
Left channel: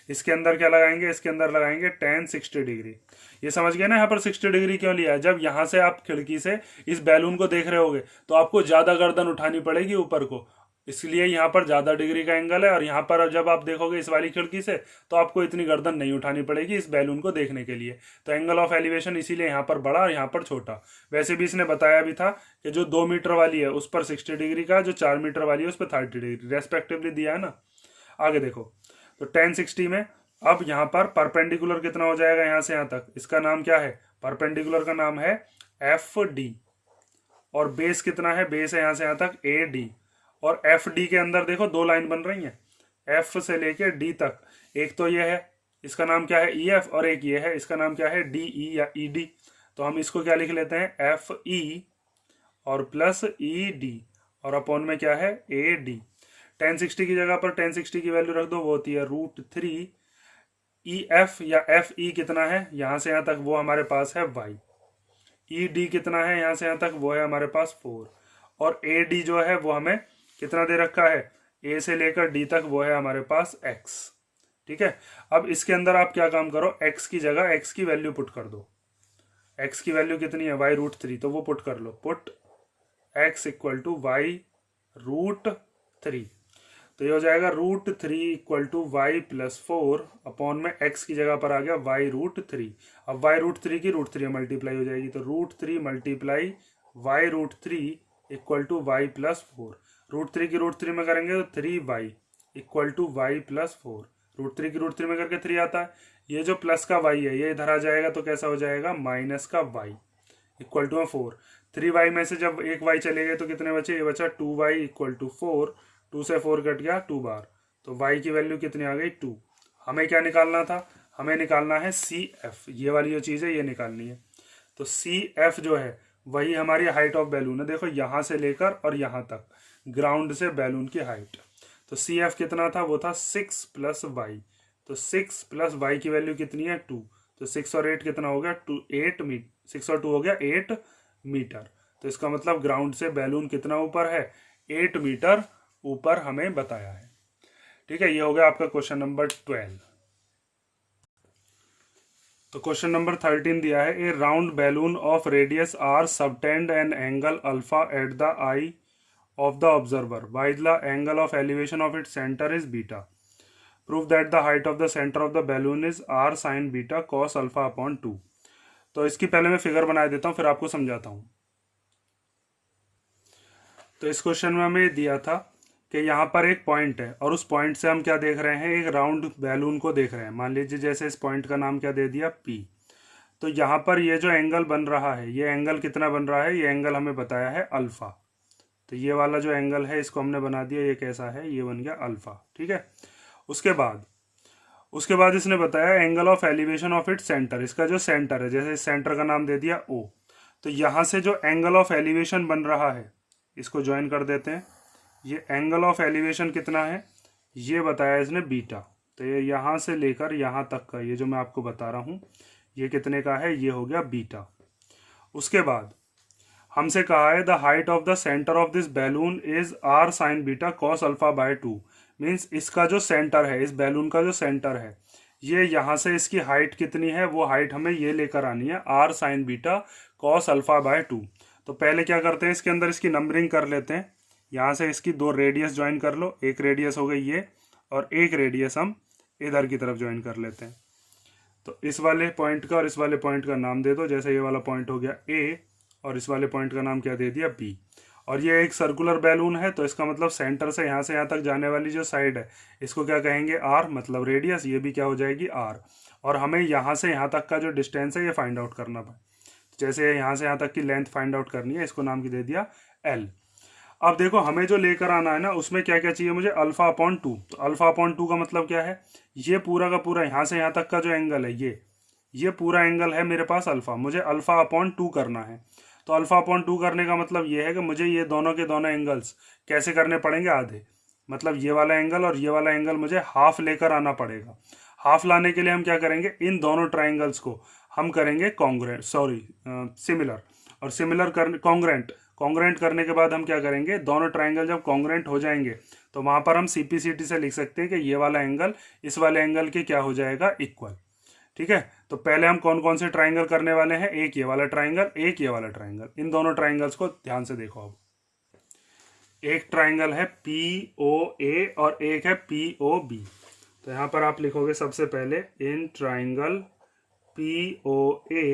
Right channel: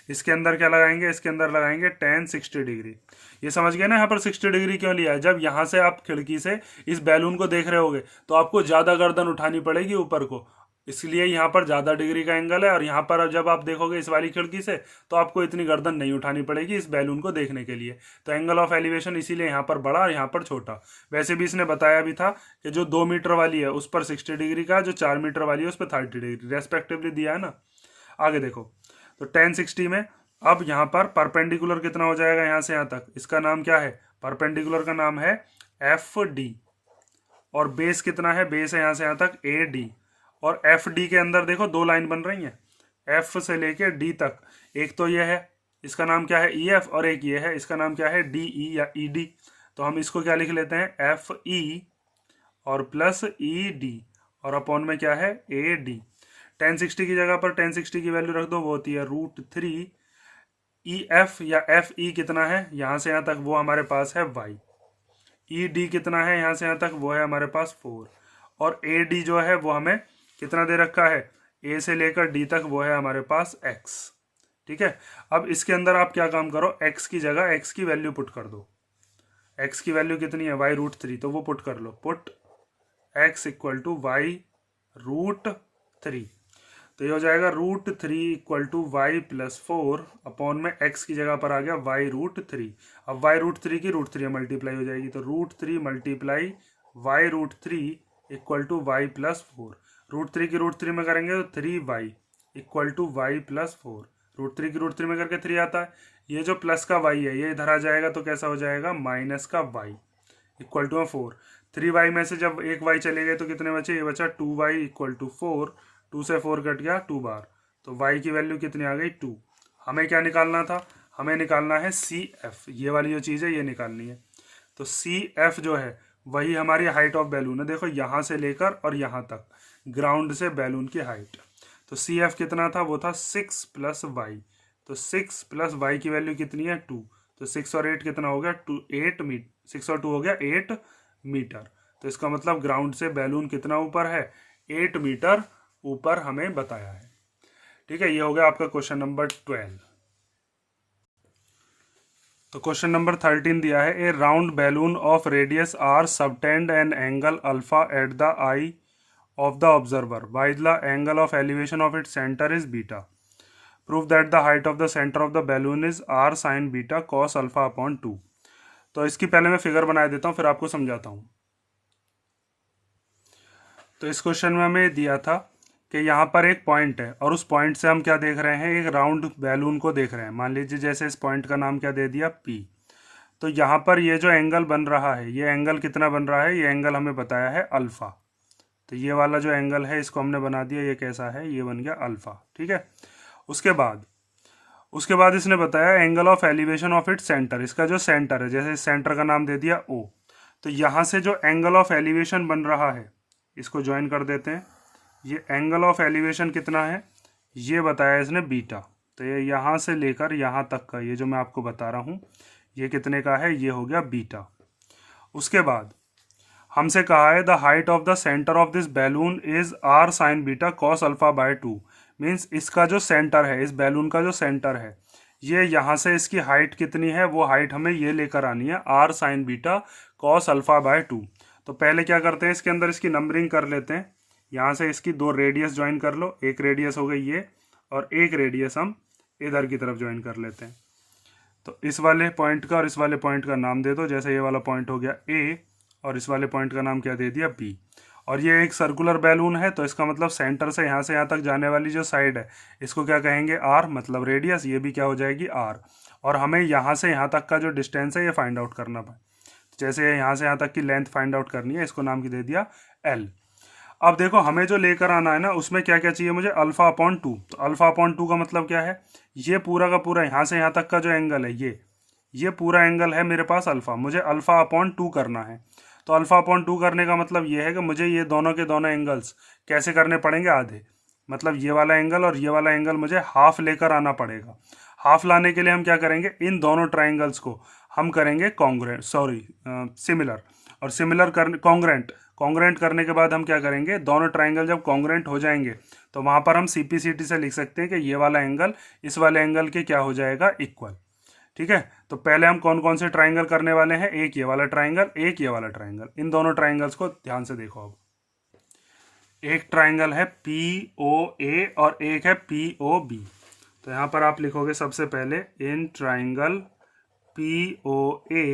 इसके अंदर क्या लगाएंगे, इसके अंदर लगाएंगे tan 60 डिग्री। ये समझ गए ना यहाँ पर 60 डिग्री क्यों लिया है। जब यहाँ से आप खिड़की से इस बैलून को देख रहे होगे तो आपको ज्यादा गर्दन उठानी पड़ेगी ऊपर को, इसलिए यहाँ पर ज्यादा डिग्री का एंगल है। और यहाँ पर जब आप देखोगे इस वाली खिड़की से तो आपको इतनी गर्दन नहीं उठानी पड़ेगी इस बैलून को देखने के लिए। तो एंगल ऑफ एलिवेशन इसीलिए यहाँ पर बड़ा और यहाँ पर छोटा। वैसे भी इसने बताया भी था कि जो 2 मीटर वाली है उस पर 60 डिग्री का, जो 4 मीटर वाली है उस पर 30 डिग्री रेस्पेक्टिवली दिया है ना। आगे देखो, तो tan 60 में अब यहाँ पर परपेंडिकुलर कितना हो जाएगा यहाँ से यहाँ तक, इसका नाम क्या है, परपेंडिकुलर का नाम है एफ डी। और बेस कितना है, बेस है यहाँ से यहाँ तक ए डी। और एफ डी के अंदर देखो 2 लाइन बन रही हैं, एफ से लेके डी तक। एक तो ये है, इसका नाम क्या है ई एफ, और एक ये है, इसका नाम क्या है डी ई या ई डी। तो हम इसको क्या लिख लेते हैं, एफ ई और प्लस ई डी, और अपॉन में क्या है ए डी। tan 60 की जगह पर tan 60 की वैल्यू रख दो, वो होती है √3। ई एफ या एफ ई कितना है, यहाँ से यहाँ तक वो हमारे पास है y। ई डी कितना है, यहाँ से यहाँ तक वो है हमारे पास 4। और ए डी जो है वो हमें कितना दे रखा है, ए से लेकर डी तक वो है हमारे पास x, ठीक है। अब इसके अंदर आप क्या काम करो, x की जगह x की वैल्यू पुट कर दो। x की वैल्यू कितनी है, y√3, तो वो पुट कर लो, put x equal to y√3। तो ये हो जाएगा √3 equal to y plus 4 upon में x की जगह पर आ गया y√3। अब y√3 की √3 मल्टीप्लाई हो जाएगी, तो √3 multiply y√3 equal to y plus 4। √3 की √3 में करेंगे तो 3y equal to y plus 4। √3 की √3 में करके 3 आता है, ये जो प्लस का y है ये इधर आ जाएगा, तो कैसा हो जाएगा माइनस का y इक्वल टू 4। 3y में से जब एक y चले गए तो कितने बचे, ये बचा 2y इक्वल टू 4। 2 से 4 कट गया 2 बार, तो y की वैल्यू कितनी आ गई 2। हमें क्या निकालना था, हमें निकालना है सी एफ, ये वाली जो चीज़ है ये निकालनी है। तो सी एफ जो है वही हमारी हाइट ऑफ बैलून है, देखो यहाँ से लेकर और यहाँ तक ग्राउंड से बैलून की हाइट। तो सी एफ कितना था, वो था 6 प्लस वाई। तो 6 प्लस वाई की वैल्यू कितनी है 2। तो 6 और 8 कितना हो गया 8 मीटर, 6 और 2 हो गया 8 मीटर। तो इसका मतलब ग्राउंड से बैलून कितना ऊपर है, 8 मीटर ऊपर हमें बताया है, ठीक है। ये हो गया आपका क्वेश्चन नंबर 12। तो क्वेश्चन नंबर 13 दिया है, a round balloon of radius R subtends an angle alpha at the eye of the observer while the angle of elevation of its center is beta. Prove that the height of the center of the balloon is r sin beta cos alpha upon 2. तो इसकी पहले मैं figure बना देता हूँ, फिर आपको समझाता हूँ। तो इस क्वेश्चन में हमें दिया था कि यहाँ पर एक पॉइंट है और उस पॉइंट से हम क्या देख रहे हैं, एक राउंड बैलून को देख रहे हैं। मान लीजिए जैसे इस पॉइंट का नाम क्या दे दिया, P। तो यहाँ पर ये जो एंगल बन रहा है, ये एंगल कितना बन रहा है, ये एंगल हमें बताया है अल्फा। तो ये वाला जो एंगल है इसको हमने बना दिया, ये कैसा है, ये बन गया अल्फा। ठीक है। उसके बाद इसने बताया angle of elevation of it centre, इसका जो सेंटर है, जैसे इस सेंटर का नाम दे दिया O। तो यहाँ से जो एंगल ऑफ एलिवेशन बन रहा है इसको ज्वाइन कर देते हैं। ये एंगल ऑफ एलिवेशन कितना है, ये बताया इसने बीटा। तो ये यहाँ से लेकर यहाँ तक का, ये जो मैं आपको बता रहा हूँ, ये कितने का है, ये हो गया बीटा। उसके बाद हमसे कहा है the height of the centre of this balloon is R sine beta cos alpha by 2। Means इसका जो सेंटर है, इस बैलून का जो सेंटर है, ये यहाँ से इसकी हाइट कितनी है, वो हाइट हमें ये लेकर आनी है R sine beta cos alpha by 2। तो पहले क्या करते हैं, इसके अंदर इसकी नंबरिंग कर लेते हैं। यहाँ से इसकी दो रेडियस ज्वाइन कर लो, एक रेडियस हो गई ये और एक रेडियस हम इधर की तरफ ज्वाइन कर लेते हैं। तो इस वाले पॉइंट का और इस वाले पॉइंट का नाम दे दो, जैसे ये वाला पॉइंट हो गया A और इस वाले पॉइंट का नाम क्या दे दिया, B। और ये एक सर्कुलर बैलून है, तो इसका मतलब सेंटर से यहाँ से यहाँ तक जाने वाली जो साइड है इसको क्या कहेंगे, R, मतलब रेडियस। ये भी क्या हो जाएगी, R। और हमें यहाँ से यहाँ तक का जो डिस्टेंस है ये फाइंड आउट करना पड़े। जैसे यहाँ से यहाँ तक की लेंथ फाइंड आउट करनी है, इसको नाम की दे दिया L। अब देखो हमें जो लेकर आना है ना, उसमें क्या क्या चाहिए मुझे, अल्फा अपॉन 2। तो अल्फा अपॉन 2 का मतलब क्या है, ये पूरा का पूरा यहाँ से यहाँ तक का जो एंगल है, ये पूरा एंगल है मेरे पास अल्फा, मुझे अल्फा अपॉन 2 करना है। तो अल्फा अपॉन 2 करने का मतलब ये है कि मुझे ये दोनों के दोनों एंगल्स कैसे करने पड़ेंगे, आधे। मतलब ये वाला एंगल और ये वाला एंगल मुझे हाफ लेकर आना पड़ेगा। हाफ लाने के लिए हम क्या करेंगे, इन दोनों ट्राइंगल्स को हम करेंगे सिमिलर। और सिमिलर कर कॉन्ग्रेंट करने के बाद हम क्या करेंगे, दोनों ट्राइंगल जब कॉन्ग्रेंट हो जाएंगे तो वहां पर हम CPCT से लिख सकते हैं कि ये वाला एंगल इस वाले एंगल के क्या हो जाएगा, इक्वल। ठीक है। तो पहले हम कौन कौन से ट्राइंगल करने वाले हैं, एक ये वाला ट्राइंगल, एक ये वाला ट्राइंगल। इन दोनों ट्राइंगल्स को ध्यान से देखो। अब एक ट्राइंगल है POA और एक है POB। तो यहां पर आप लिखोगे सबसे पहले in triangle POA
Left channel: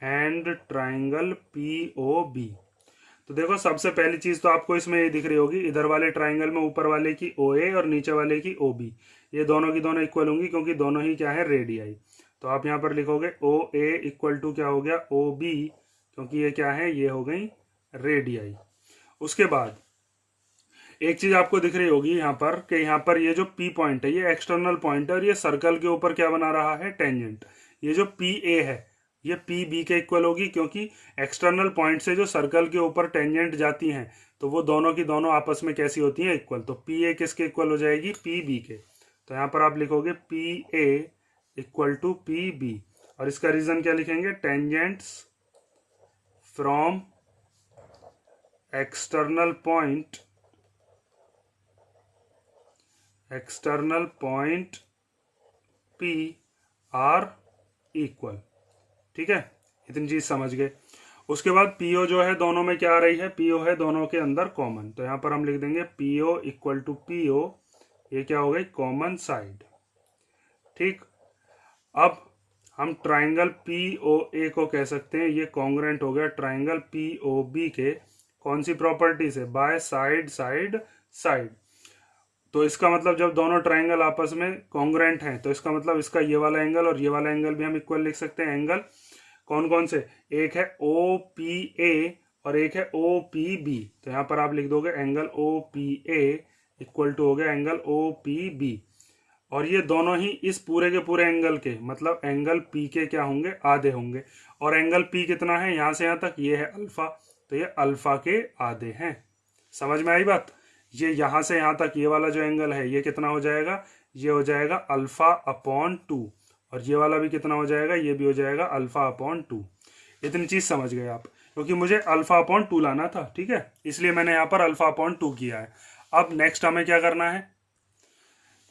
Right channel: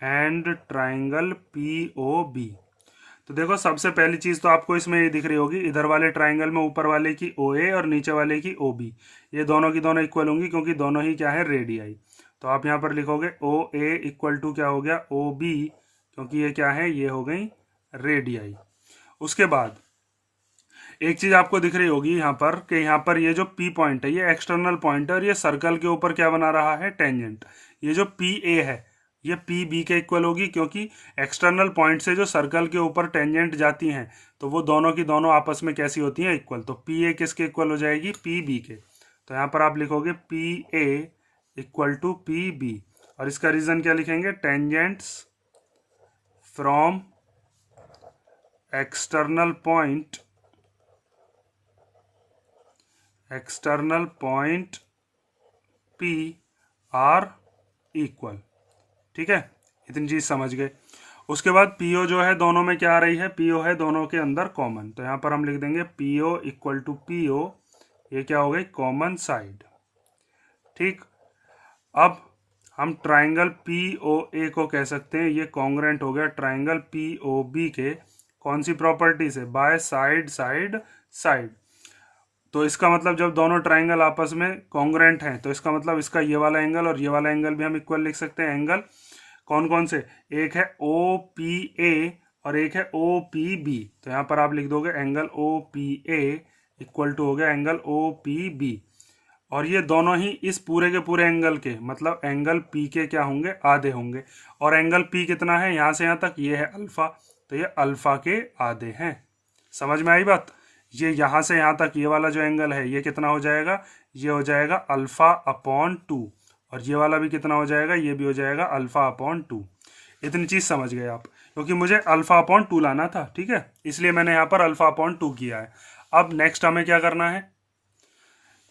and triangle POB। तो देखो सबसे पहली चीज तो आपको इसमें ये दिख रही होगी, इधर वाले ट्राइंगल में ऊपर वाले की OA और नीचे वाले की OB, ये दोनों की दोनों इक्वल होंगी क्योंकि दोनों ही क्या है, रेडियाई। तो आप यहाँ पर लिखोगे OA इक्वल टू क्या हो गया, OB, क्योंकि ये क्या है, ये हो गई रेडियाई। उसके बाद एक चीज आपको दिख रही होगी यहाँ पर कि यहाँ पर ये जो P पॉइंट है ये एक्सटर्नल पॉइंट है और ये सर्कल के ऊपर क्या बना रहा है, टेंजेंट। ये जो PA है ये PB के इक्वल होगी, क्योंकि एक्सटर्नल पॉइंट से जो सर्कल के ऊपर टेंजेंट जाती हैं तो वो दोनों की दोनों आपस में कैसी होती हैं, इक्वल। तो PA किसके इक्वल हो जाएगी, PB के। तो यहाँ पर आप लिखोगे PA इक्वल टू PB और इसका रीजन क्या लिखेंगे, tangents from external point P are equal. ठीक है, इतनी चीज समझ गए। उसके बाद PO जो है दोनों में क्या आ रही है, PO है दोनों के अंदर कॉमन। तो यहां पर हम लिख देंगे PO इक्वल टू PO, ये क्या हो गई, कॉमन साइड। ठीक। अब हम ट्राइंगल POA को कह सकते हैं ये कॉन्ग्रेंट हो गया ट्राइंगल POB के, कौन सी प्रॉपर्टी से, बाय साइड। तो इसका मतलब जब दोनों ट्राइंगल आपस में कॉन्ग्रेंट हैं तो इसका मतलब इसका ये वाला एंगल और ये वाला एंगल भी हम इक्वल लिख सकते हैं। एंगल कौन कौन से, एक है OPA और एक है OPB। तो यहाँ पर आप लिख दोगे एंगल OPA इक्वल टू हो गया एंगल OPB। और ये दोनों ही इस पूरे के पूरे एंगल के, मतलब एंगल P के क्या होंगे, आधे होंगे। और एंगल P कितना है, यहाँ से यहाँ तक ये है अल्फा, तो ये अल्फा के आधे हैं। समझ में आई बात। ये यहाँ से यहाँ तक ये वाला जो एंगल है ये कितना हो जाएगा, ये हो जाएगा अल्फा अपॉन 2। और ये वाला भी कितना हो जाएगा, ये भी हो जाएगा अल्फा अपॉन 2। इतनी चीज समझ गए आप, क्योंकि मुझे अल्फा अपॉन 2 लाना था। ठीक है, इसलिए मैंने यहाँ पर अल्फा अपॉन 2 किया है। अब नेक्स्ट हमें क्या करना है,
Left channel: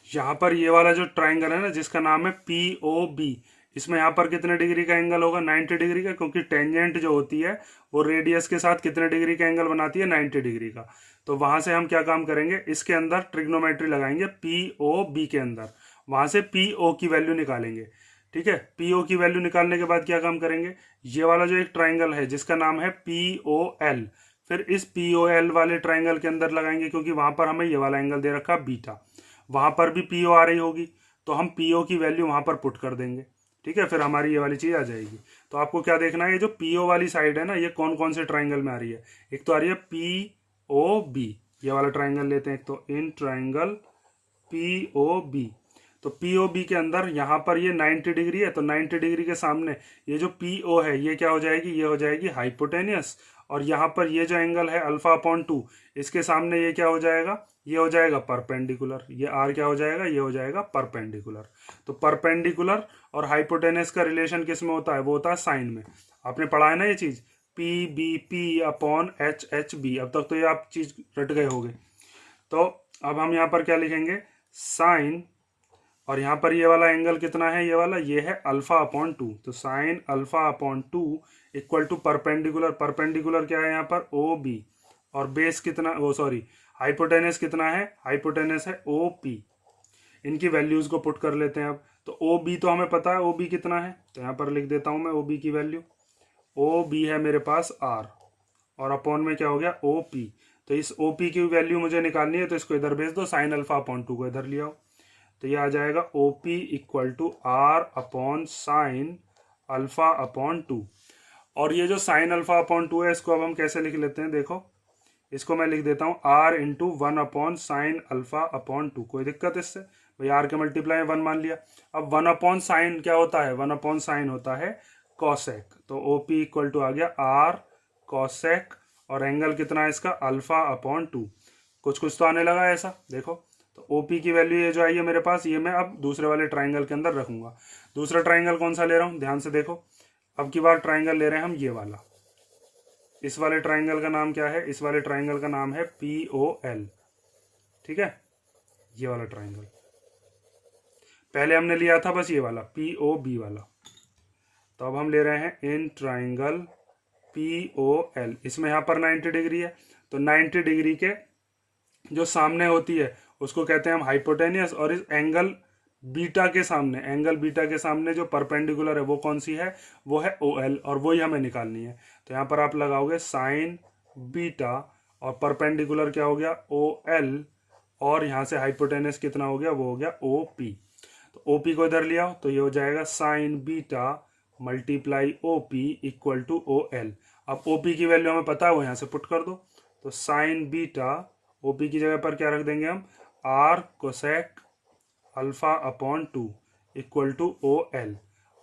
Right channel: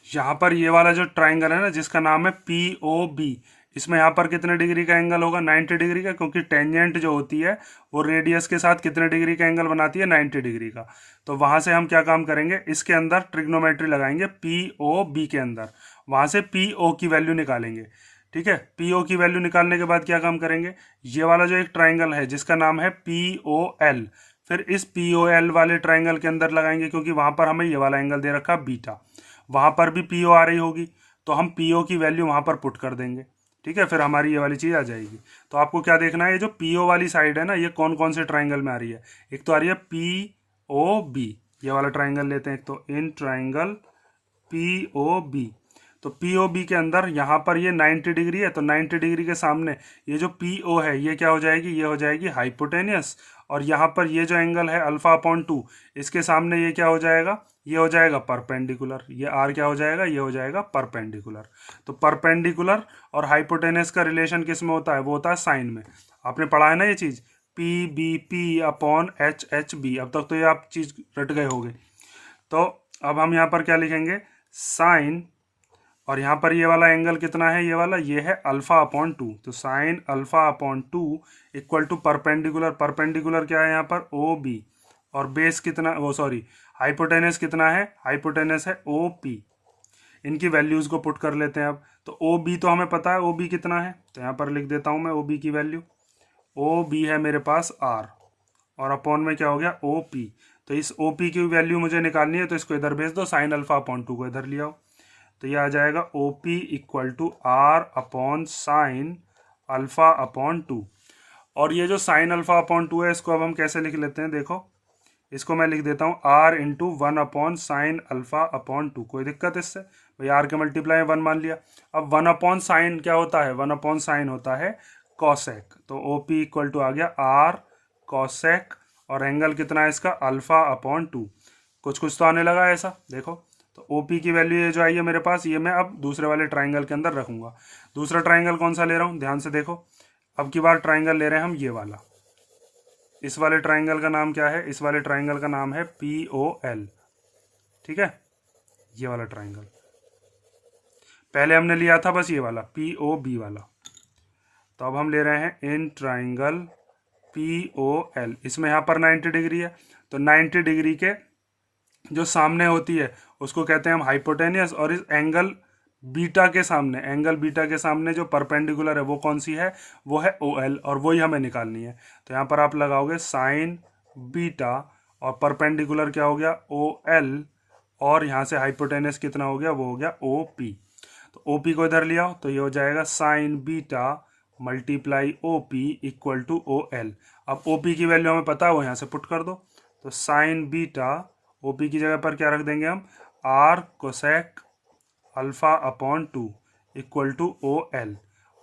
यहाँ पर ये वाला जो ट्राइंगल है ना जिसका नाम है POB, इसमें यहाँ पर कितने डिग्री का एंगल होगा, 90 डिग्री का, क्योंकि टेंजेंट जो होती है वो रेडियस के साथ कितने डिग्री का एंगल बनाती है, 90 डिग्री का। तो वहां से हम क्या काम करेंगे, इसके अंदर ट्रिग्नोमेट्री लगाएंगे पी ओ बी के अंदर, वहां से पी ओ की वैल्यू निकालेंगे। ठीक है, पी ओ की वैल्यू निकालने के बाद क्या काम करेंगे, ये वाला जो एक ट्राइंगल है जिसका नाम है पी ओ एल, फिर इस पी ओ एल वाले ट्राइंगल के अंदर लगाएंगे, क्योंकि वहां पर हमें ये वाला एंगल दे रखा बीटा, वहां पर भी पी ओ आ रही होगी, तो हम पी ओ की वैल्यू वहां पर पुट कर देंगे। ठीक है, फिर हमारी ये वाली चीज आ जाएगी। तो आपको क्या देखना है, ये जो पी ओ वाली साइड है ना, ये कौन कौन से ट्राइंगल में आ रही है। एक तो आ रही है पी ओ बी, ये वाला ट्राइंगल लेते हैं, एक तो in triangle P O B. तो पी ओ बी के अंदर यहाँ पर ये 90 डिग्री है, तो 90 डिग्री के सामने ये जो पी ओ है ये क्या हो जाएगी, ये हो जाएगी हाइपोटेनियस। और यहाँ पर ये जो एंगल है अल्फा अपॉन 2, इसके सामने ये क्या हो जाएगा, ये हो जाएगा परपेंडिकुलर। ये आर क्या हो जाएगा, ये हो जाएगा परपेंडिकुलर। तो परपेंडिकुलर और हाइपोटेनियस का रिलेशन किस में होता है, वो होता है साइन में। आपने पढ़ा है ना ये चीज, P B P upon H H B. अब तक तो ये आप चीज रट गए होगे। तो अब हम यहाँ पर क्या लिखेंगे, साइन, और यहाँ पर ये वाला एंगल कितना है, ये वाला ये है अल्फा अपॉन 2, तो sine alpha upon 2 equal to perpendicular, perpendicular क्या है यहाँ पर ओ बी, और बेस कितना, वो सॉरी हाइपोटेनस कितना है, हाइपोटेनस है ओ पी। इनकी वैल्यूज को पुट कर लेते हैं अब। तो ओ बी तो हमें पता है ओ बी कितना है, तो यहाँ पर लिख देता हूँ मैं ओ बी की वैल्यू। ओ बी है मेरे पास आर, और अपॉन में क्या हो गया ओ पी। तो इस ओ पी की वैल्यू मुझे निकालनी है, तो इसको इधर भेज दो, साइन अल्फा अपॉन 2 को इधर ले आओ। तो ये आ जाएगा O P equal to R upon sine alpha upon 2। और ये जो साइन अल्फा अपॉन 2 है, इसको अब हम कैसे लिख लेते हैं, देखो इसको मैं लिख देता हूँ R into 1 upon sine alpha upon 2। कोई दिक्कत इससे, भाई आर के मल्टीप्लाई 1 मान लिया। अब 1 अपॉन साइन क्या होता है, 1 अपॉन साइन होता है कॉसेक। तो ओ पी इक्वल टू आ गया आर कॉसेक, और एंगल कितना है इसका, अल्फा अपॉन 2। कुछ कुछ तो आने लगा है ऐसा, देखो। तो ओ पी की वैल्यू ये जो आई है मेरे पास, ये मैं अब दूसरे वाले ट्राइंगल के अंदर रखूंगा। दूसरा ट्राइंगल कौन सा ले रहा हूँ, ध्यान से देखो। अब की बार ट्राइंगल ले रहे हैं हम ये वाला। इस वाले ट्राइंगल का नाम क्या है, इस वाले ट्राइंगल का नाम है पी ओ एल। ठीक है, ये वाला ट्राइंगल पहले हमने लिया था बस ये वाला पी ओ बी वाला। तो अब हम ले रहे हैं in triangle P O L. इसमें यहाँ पर 90 डिग्री है, तो 90 डिग्री के जो सामने होती है उसको कहते हैं हम हाइपोटेनियस, और इस एंगल बीटा के सामने, एंगल बीटा के सामने जो परपेंडिकुलर है वो कौन सी है, वो है ओ एल, और वही हमें निकालनी है। तो यहाँ पर आप लगाओगे साइन बीटा, और परपेंडिकुलर क्या हो गया ओ एल, और यहाँ से हाइपोटेनियस कितना हो गया, वो हो गया ओ पी। तो ओ पी को इधर लिया, तो ये हो जाएगा sine beta multiply O P equal to O L. अब ओ पी की वैल्यू हमें पता है, वो यहाँ से पुट कर दो। तो साइन बीटा ओ पी की जगह पर क्या रख देंगे हम, R cosec alpha upon 2 equal to O L.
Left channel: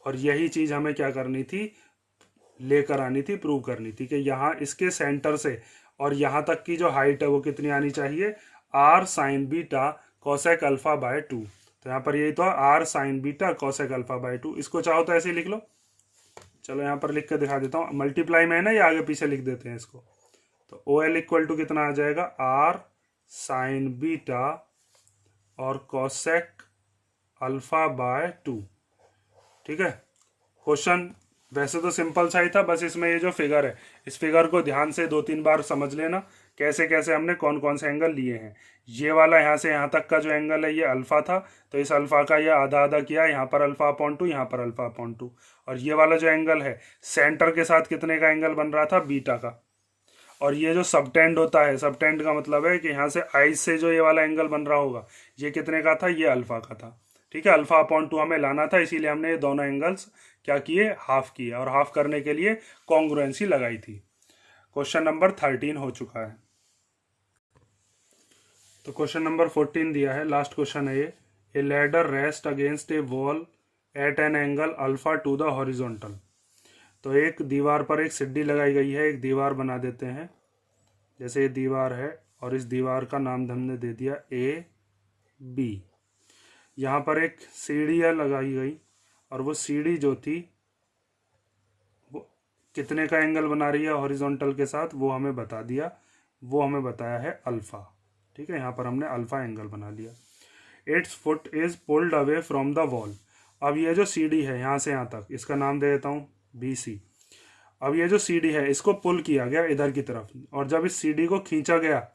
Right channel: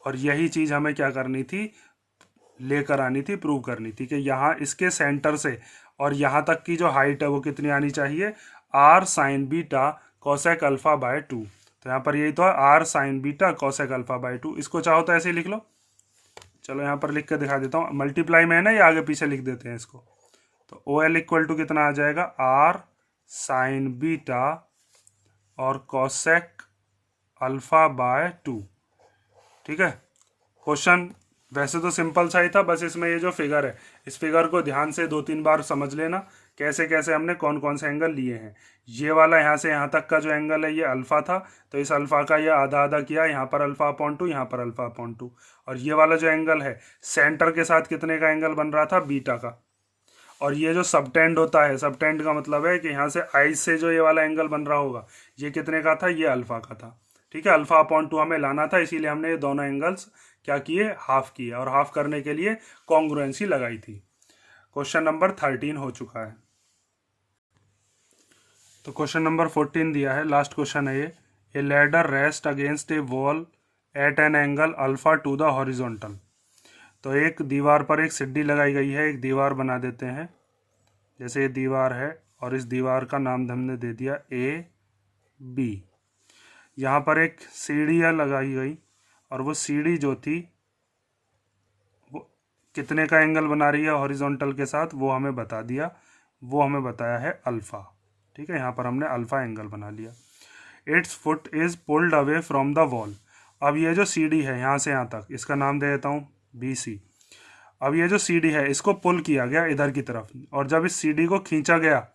और यही चीज हमें क्या करनी थी, लेकर आनी थी, प्रूव करनी थी कि यहाँ इसके सेंटर से और यहाँ तक की जो हाइट है वो कितनी आनी चाहिए, R sine beta cosec alpha by 2। तो यहाँ पर यही तो है, R sine beta cosec alpha by 2। इसको चाहो तो ऐसे ही लिख लो। चलो यहाँ पर लिख कर दिखा देता हूँ, मल्टीप्लाई में है ना, ये आगे पीछे लिख देते हैं इसको। तो ओ एल इक्वल टू कितना आ जाएगा, आर साइन बीटा और कोसेक अल्फा बाय 2। ठीक है, क्वेश्चन वैसे तो सिंपल सा ही था, बस इसमें ये जो फिगर है, इस फिगर को ध्यान से 2-3 बार समझ लेना, कैसे कैसे हमने कौन कौन से एंगल लिए हैं। ये वाला यहाँ से यहाँ तक का जो एंगल है ये अल्फा था, तो इस अल्फा का ये आधा आधा किया, यहाँ पर अल्फा अपॉन 2, यहाँ पर अल्फा अपॉन 2। और ये वाला जो एंगल है सेंटर के साथ कितने का एंगल बन रहा था, बीटा का। और ये जो सबटेंड होता है, सबटेंड का मतलब है कि यहाँ से आई से जो ये वाला एंगल बन रहा होगा, ये कितने का था, ये अल्फा का था। ठीक है, अल्फा अपॉन 2 हमें लाना था, इसीलिए हमने ये दोनों एंगल्स क्या किए, हाफ किए, और हाफ करने के लिए कॉन्ग्रुएंसी लगाई थी। क्वेश्चन नंबर 13 हो चुका है। तो क्वेश्चन नंबर 14 दिया है, लास्ट क्वेश्चन है ये। ए ladder rest against A wall at N angle alpha two the horizontal. तो एक दीवार पर एक सीढ़ी लगाई गई है, एक दीवार बना देते हैं, जैसे ये दीवार है, और इस दीवार का नाम हमने दे दिया ए बी। यहाँ पर एक सीढ़ियाँ लगाई गई, और वो सीढ़ी जो थी वो कितने का एंगल बना रही है हॉरिजॉन्टल के साथ, वो हमें बता दिया, वो हमें बताया है अल्फा। ठीक है, यहाँ पर हमने अल्फा एंगल बना लिया। It's foot is pulled away from the wall, अब ये जो सी डी है यहाँ से यहाँ तक, इसका नाम दे देता हूँ बी सी। अब ये जो सी डी है इसको पुल किया गया इधर की तरफ, और जब इस सी डी को खींचा गया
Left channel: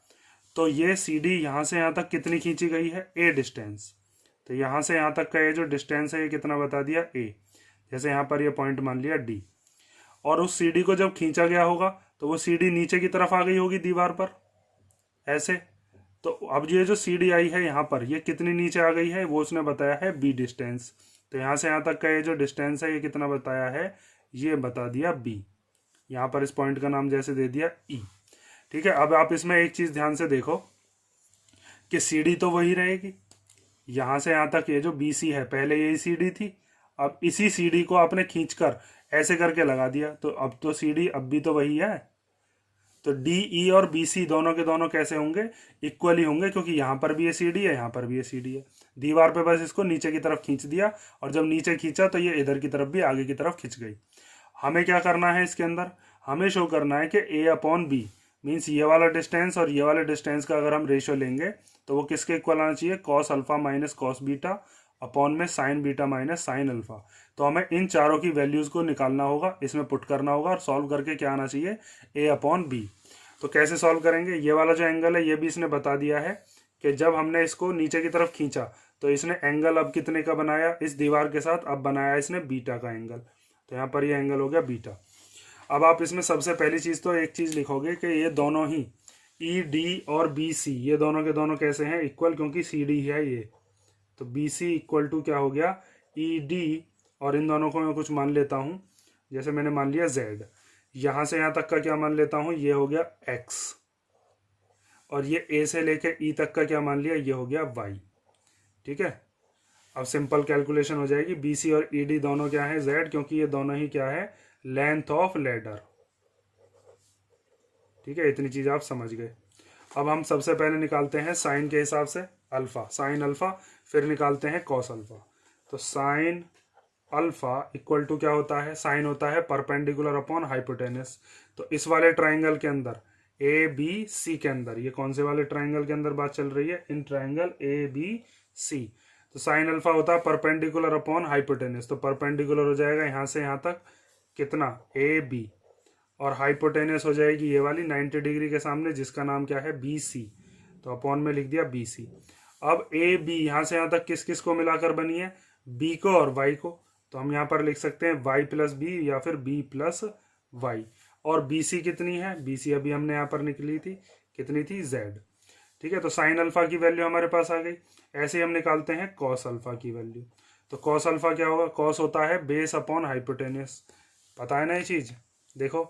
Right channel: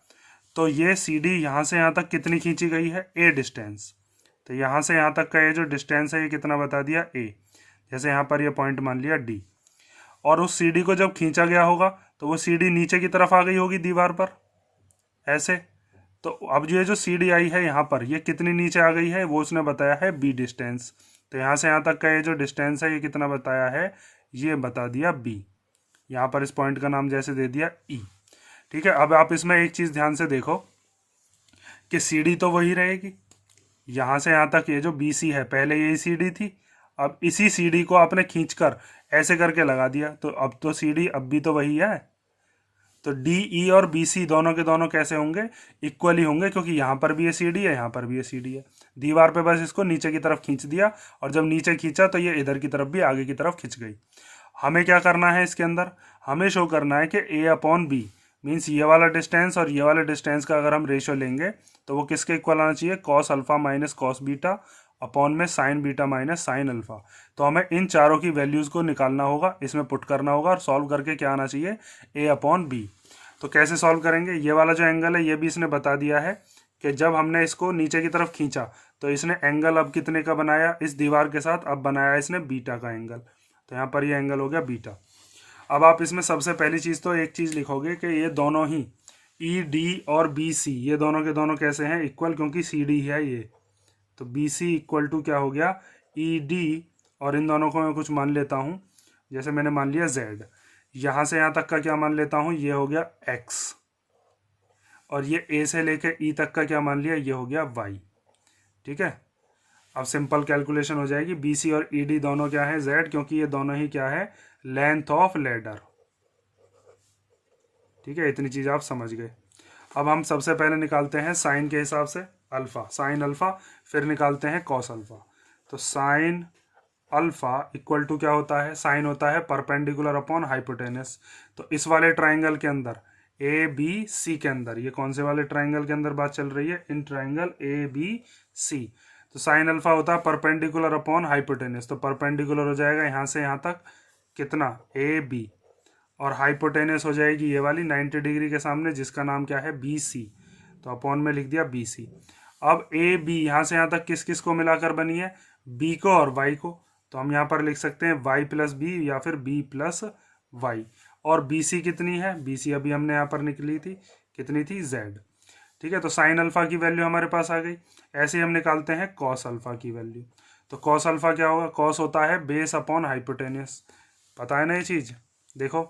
तो ये सी डी यहाँ से यहाँ तक कितनी खींची गई है, ए डिस्टेंस। तो यहाँ से यहाँ तक का ये जो डिस्टेंस है ये कितना बता दिया, ए। जैसे यहाँ पर ये पॉइंट मान लिया डी, और उस सी डी को जब खींचा गया होगा तो वो सी डी नीचे की तरफ आ गई होगी दीवार पर ऐसे। तो अब ये जो सी डी आई है यहाँ पर, ये कितनी नीचे आ गई है, वो उसने बताया है बी डिस्टेंस। तो यहाँ से यहाँ तक का ये जो डिस्टेंस है ये कितना बताया है, ये बता दिया बी। यहाँ पर इस पॉइंट का नाम जैसे दे दिया ई। ठीक है, अब आप इसमें एक चीज़ ध्यान से देखो कि सी डी तो वही रहेगी, यहाँ से यहाँ तक ये जो बी सी है पहले यही सी डी थी, अब इसी सी डी को आपने खींचकर ऐसे करके लगा दिया, तो अब तो सी डी अब भी तो वही है। तो डी ई और बी सी दोनों के दोनों कैसे होंगे, इक्वली होंगे, क्योंकि यहाँ पर भी ये सी डी है, यहाँ पर भी ये सी डी है। दीवार पे बस इसको नीचे की तरफ खींच दिया, और जब नीचे खींचा तो ये इधर की तरफ भी आगे की तरफ खींच गई। हमें क्या करना है इसके अंदर, हमें शो करना है कि ए अपॉन बी मीन्स ये वाला डिस्टेंस और ये वाला डिस्टेंस का अगर हम रेशियो लेंगे तो वो किसके इक्वल आना चाहिए, cos alpha minus cos beta upon में sine beta minus sine alpha. तो हमें इन चारों की वैल्यूज़ को निकालना होगा, इसमें पुट करना होगा, और सॉल्व करके क्या आना चाहिए, ए अपॉन बी। तो कैसे सॉल्व करेंगे, ये वाला जो एंगल है ये भी इसने बता दिया है कि जब हमने इसको नीचे की तरफ खींचा तो इसने एंगल अब कितने का बनाया, इस दीवार के साथ अब बनाया इसने बीटा का एंगल। तो यहाँ पर ये एंगल हो गया बीटा। अब आप इसमें सबसे पहली चीज़ तो एक चीज़ लिखोगे कि ये दोनों ही ई डी और बी सी ये दोनों के दोनों कैसे हैं, इक्वल, क्योंकि सी डी है ये। तो बी सी इक्वल टू क्या हो गया, ई डी, और इन दोनों को मैं कुछ मान लेता हूँ, जैसे मैंने मान लिया जेड। यहाँ से यहाँ तक का क्या मान लेता हूँ, ये हो गया एक्स, और ये ए से लेके ई तक का क्या मान लिया, ये हो गया वाई। ठीक है, अब सिंपल कैलकुलेशन हो जाएगी। बी सी और ई डी दोनों क्या है, जेड, क्योंकि ये दोनों ही क्या है, लेंथ ऑफ लेडर। ठीक है, इतनी चीज़ आप समझ गए। अब हम सबसे पहले निकालते हैं साइन के हिसाब से अल्फा, साइन अल्फा, फिर निकालते हैं कॉस अल्फा। तो साइन अल्फा इक्वल टू क्या होता है, साइन होता है परपेंडिकुलर अपॉन हाइपोटेनस। तो इस वाले ट्राइंगल के अंदर ए बी सी के अंदर, ये कौन से वाले ट्राइंगल के अंदर बात चल रही है, इन ट्राइंगल ए बी सी। तो साइन अल्फा होता है परपेंडिकुलर अपॉन हाइपोटेनस, तो परपेंडिकुलर हो जाएगा यहाँ से यहाँ तक कितना, ए बी, और हाइपोटेनस हो जाएगी ये वाली 90 डिग्री के सामने, जिसका नाम क्या है, बी सी। तो अपॉन में लिख दिया बी सी। अब ए बी यहाँ से यहाँ तक किस किस को मिलाकर बनी है, बी को और वाई को। तो हम यहाँ पर लिख सकते हैं वाई प्लस बी या फिर बी प्लस वाई। और बी सी कितनी है, बी सी अभी हमने यहाँ पर निकली थी, कितनी थी, जेड। ठीक है, तो साइन अल्फा की वैल्यू हमारे पास आ गई। ऐसे ही हम निकालते हैं कॉस अल्फा की वैल्यू। तो कॉस अल्फा क्या होगा, कॉस होता है बेस अपॉन हाइपोटेनस, पता है ना ये चीज़। देखो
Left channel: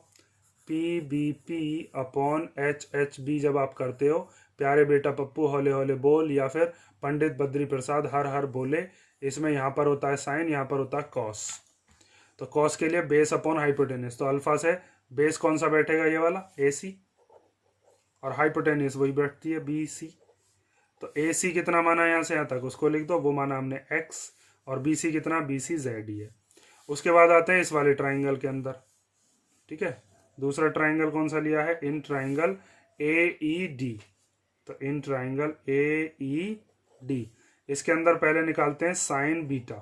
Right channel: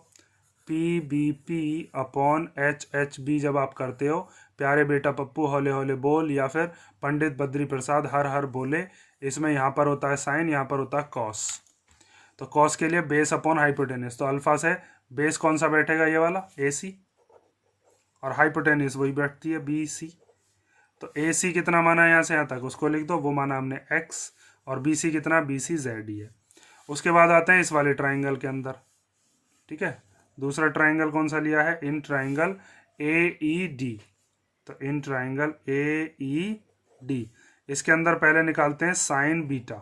P B P upon H H B जब आप करते हो, प्यारे बेटा पप्पू होले होले बोल, या फिर पंडित बद्री प्रसाद हर हर बोले, इसमें यहाँ पर होता है साइन, यहाँ पर होता है कॉस। तो कॉस के लिए बेस अपॉन हाइपोटेनस, तो अल्फा से बेस कौन सा बैठेगा, ये वाला ए सी, और हाइपोटेनस वही बैठती है बी सी। तो ए सी कितना माना है यहाँ से यहाँ तक, उसको लिख दो, वो माना हमने एक्स, और बी सी कितना, बी सी जेड ही है। उसके बाद आते हैं इस वाले ट्राइंगल के अंदर। ठीक है, दूसरा ट्राइंगल कौन सा लिया है, इन ट्राइंगल ए ई डी। तो in triangle A E D, इसके अंदर पहले निकालते हैं साइन बीटा।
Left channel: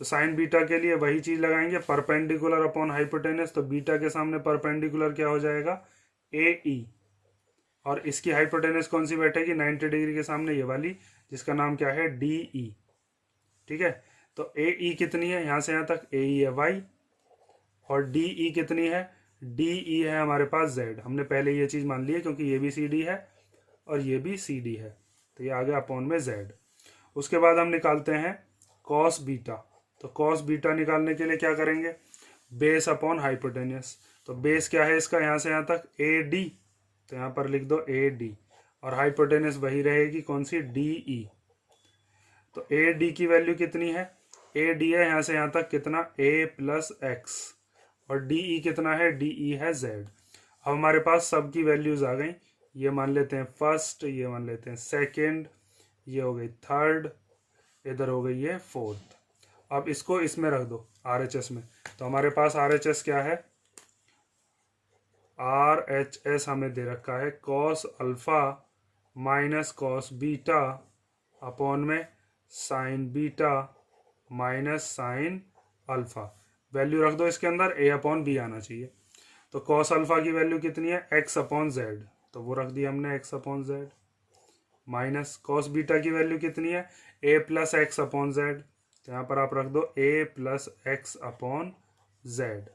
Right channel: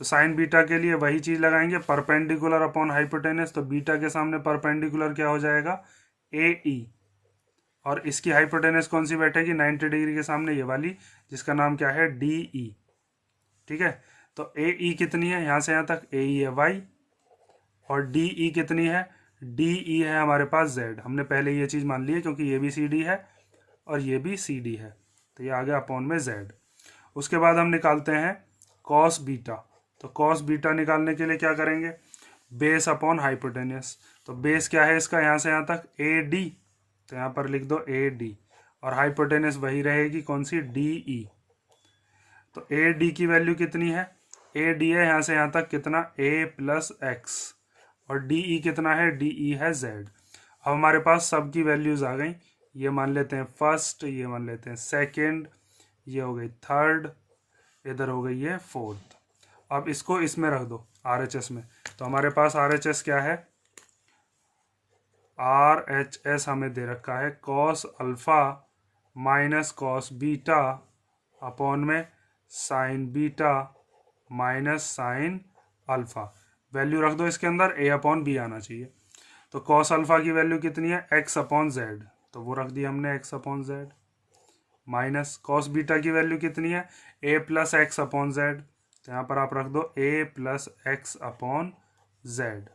तो साइन बीटा के लिए वही चीज लगाएंगे, परपेंडिकुलर अपॉन हाइपोटेनस। तो बीटा के सामने परपेंडिकुलर क्या हो जाएगा, ए ई, और इसकी हाइपोटेनस कौन सी बैठेगी, 90 डिग्री के सामने ये वाली, जिसका नाम क्या है, डी ई। ठीक है, तो ए ई कितनी है, यहाँ से यहाँ तक ए ई है वाई, और डी ई कितनी है, डी ई है हमारे पास जेड। हमने पहले ये चीज़ मान ली है, क्योंकि ये भी सी डी है और ये भी सी डी है, तो ये आ गया अपॉन में जेड। उसके बाद हम निकालते हैं कॉस बीटा। तो कॉस बीटा निकालने के लिए क्या करेंगे, बेस अपॉन हाइपोटेनस। तो बेस क्या है इसका, यहाँ से यहाँ तक ए डी, तो यहाँ पर लिख दो ए डी, और हाइपोटेनस वही रहेगी कौन सी, डी ई। तो ए डी की वैल्यू कितनी है, ए डी है यहाँ से यहाँ तक कितना, ए प्लस एक्स, और डी ई कितना है, डी ई है जेड। अब हमारे पास सब की वैल्यूज आ गई, ये मान लेते हैं फर्स्ट, ये मान लेते हैं सेकंड, ये हो गई थर्ड, इधर हो गई ये फोर्थ। अब इसको इसमें रख दो आर एच एस में। तो हमारे पास आर एच एस क्या है, आर एच एस हमें दे रखा है cos alpha minus cos beta upon में sine beta minus sine alpha, value रख दो इसके अंदर, a अपॉन बी आना चाहिए। तो कॉस अल्फा की वैल्यू कितनी है, x अपॉन जेड, तो वो रख दिया हमने x upon Z, minus cos beta की वैल्यू कितनी है, a plus x upon Z, तो यहाँ पर आप रख दो a plus x upon Z,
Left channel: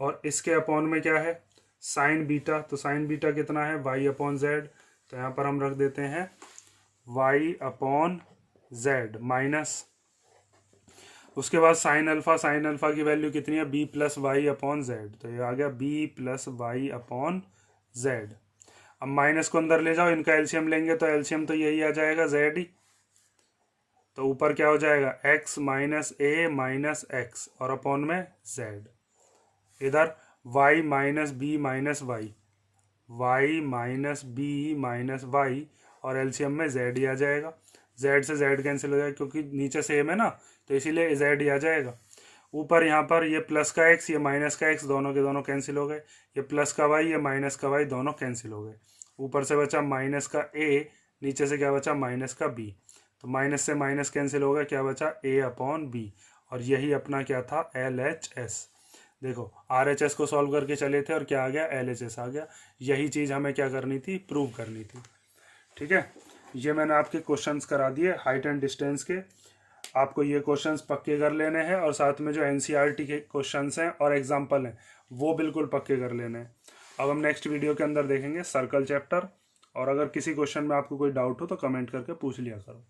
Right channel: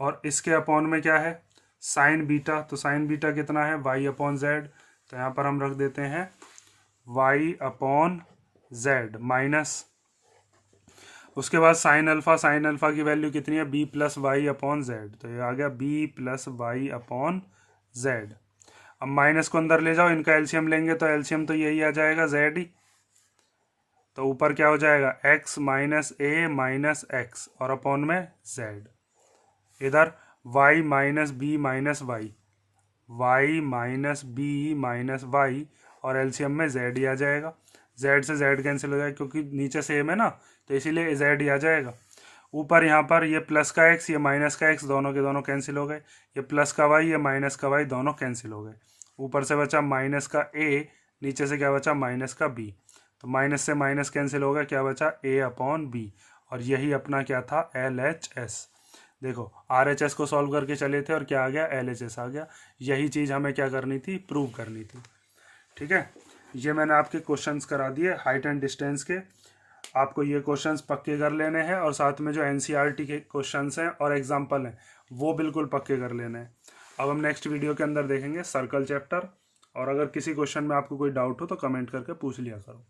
और इसके अपॉन में क्या है, साइन बीटा, तो साइन बीटा कितना है, y अपॉन जेड, तो यहाँ पर हम रख देते हैं y अपॉन जेड, माइनस उसके बाद साइन अल्फा की वैल्यू कितनी है, b plus Y upon Z, तो ये आ गया b plus Y upon Z. अब माइनस को अंदर ले जाओ, इनका एलसीएम लेंगे तो एलसीएम तो यही आ जाएगा जेड ही, तो ऊपर क्या हो जाएगा, x minus A minus X और अपॉन में जेड, इधर y minus B minus Y, y minus B minus Y, और एलसीएम में z ही आ जाएगा, z से z कैंसिल हो जाएगा क्योंकि नीचे सेम है ना, तो इसीलिए z ही आ जाएगा। ऊपर यहाँ पर ये प्लस का x ये माइनस का x दोनों के दोनों कैंसिल हो गए, ये प्लस का y ये माइनस का y दोनों कैंसिल हो गए, ऊपर से बचा माइनस का a, नीचे से क्या बचा, माइनस का b, तो माइनस से माइनस कैंसिल हो गया, क्या बचा, a अपॉन बी, और यही अपना क्या था, LHS। देखो RHS को सॉल्व करके चले थे और क्या आ गया, LHS आ गया, यही चीज़ हमें क्या करनी थी, प्रूव करनी थी। ठीक है, ये मैंने आपके क्वेश्चंस करा दिए हाइट एंड डिस्टेंस के, आपको ये क्वेश्चंस पक्के कर लेने हैं, और साथ में जो NCERT के क्वेश्चंस हैं और एग्जाम्पल हैं वो बिल्कुल पक्के कर लेने हैं। अब हम नेक्स्ट वीडियो के अंदर देखेंगे सर्कल चैप्टर, और अगर किसी क्वेश्चन में आपको कोई डाउट हो तो कमेंट करके पूछ लिया करो।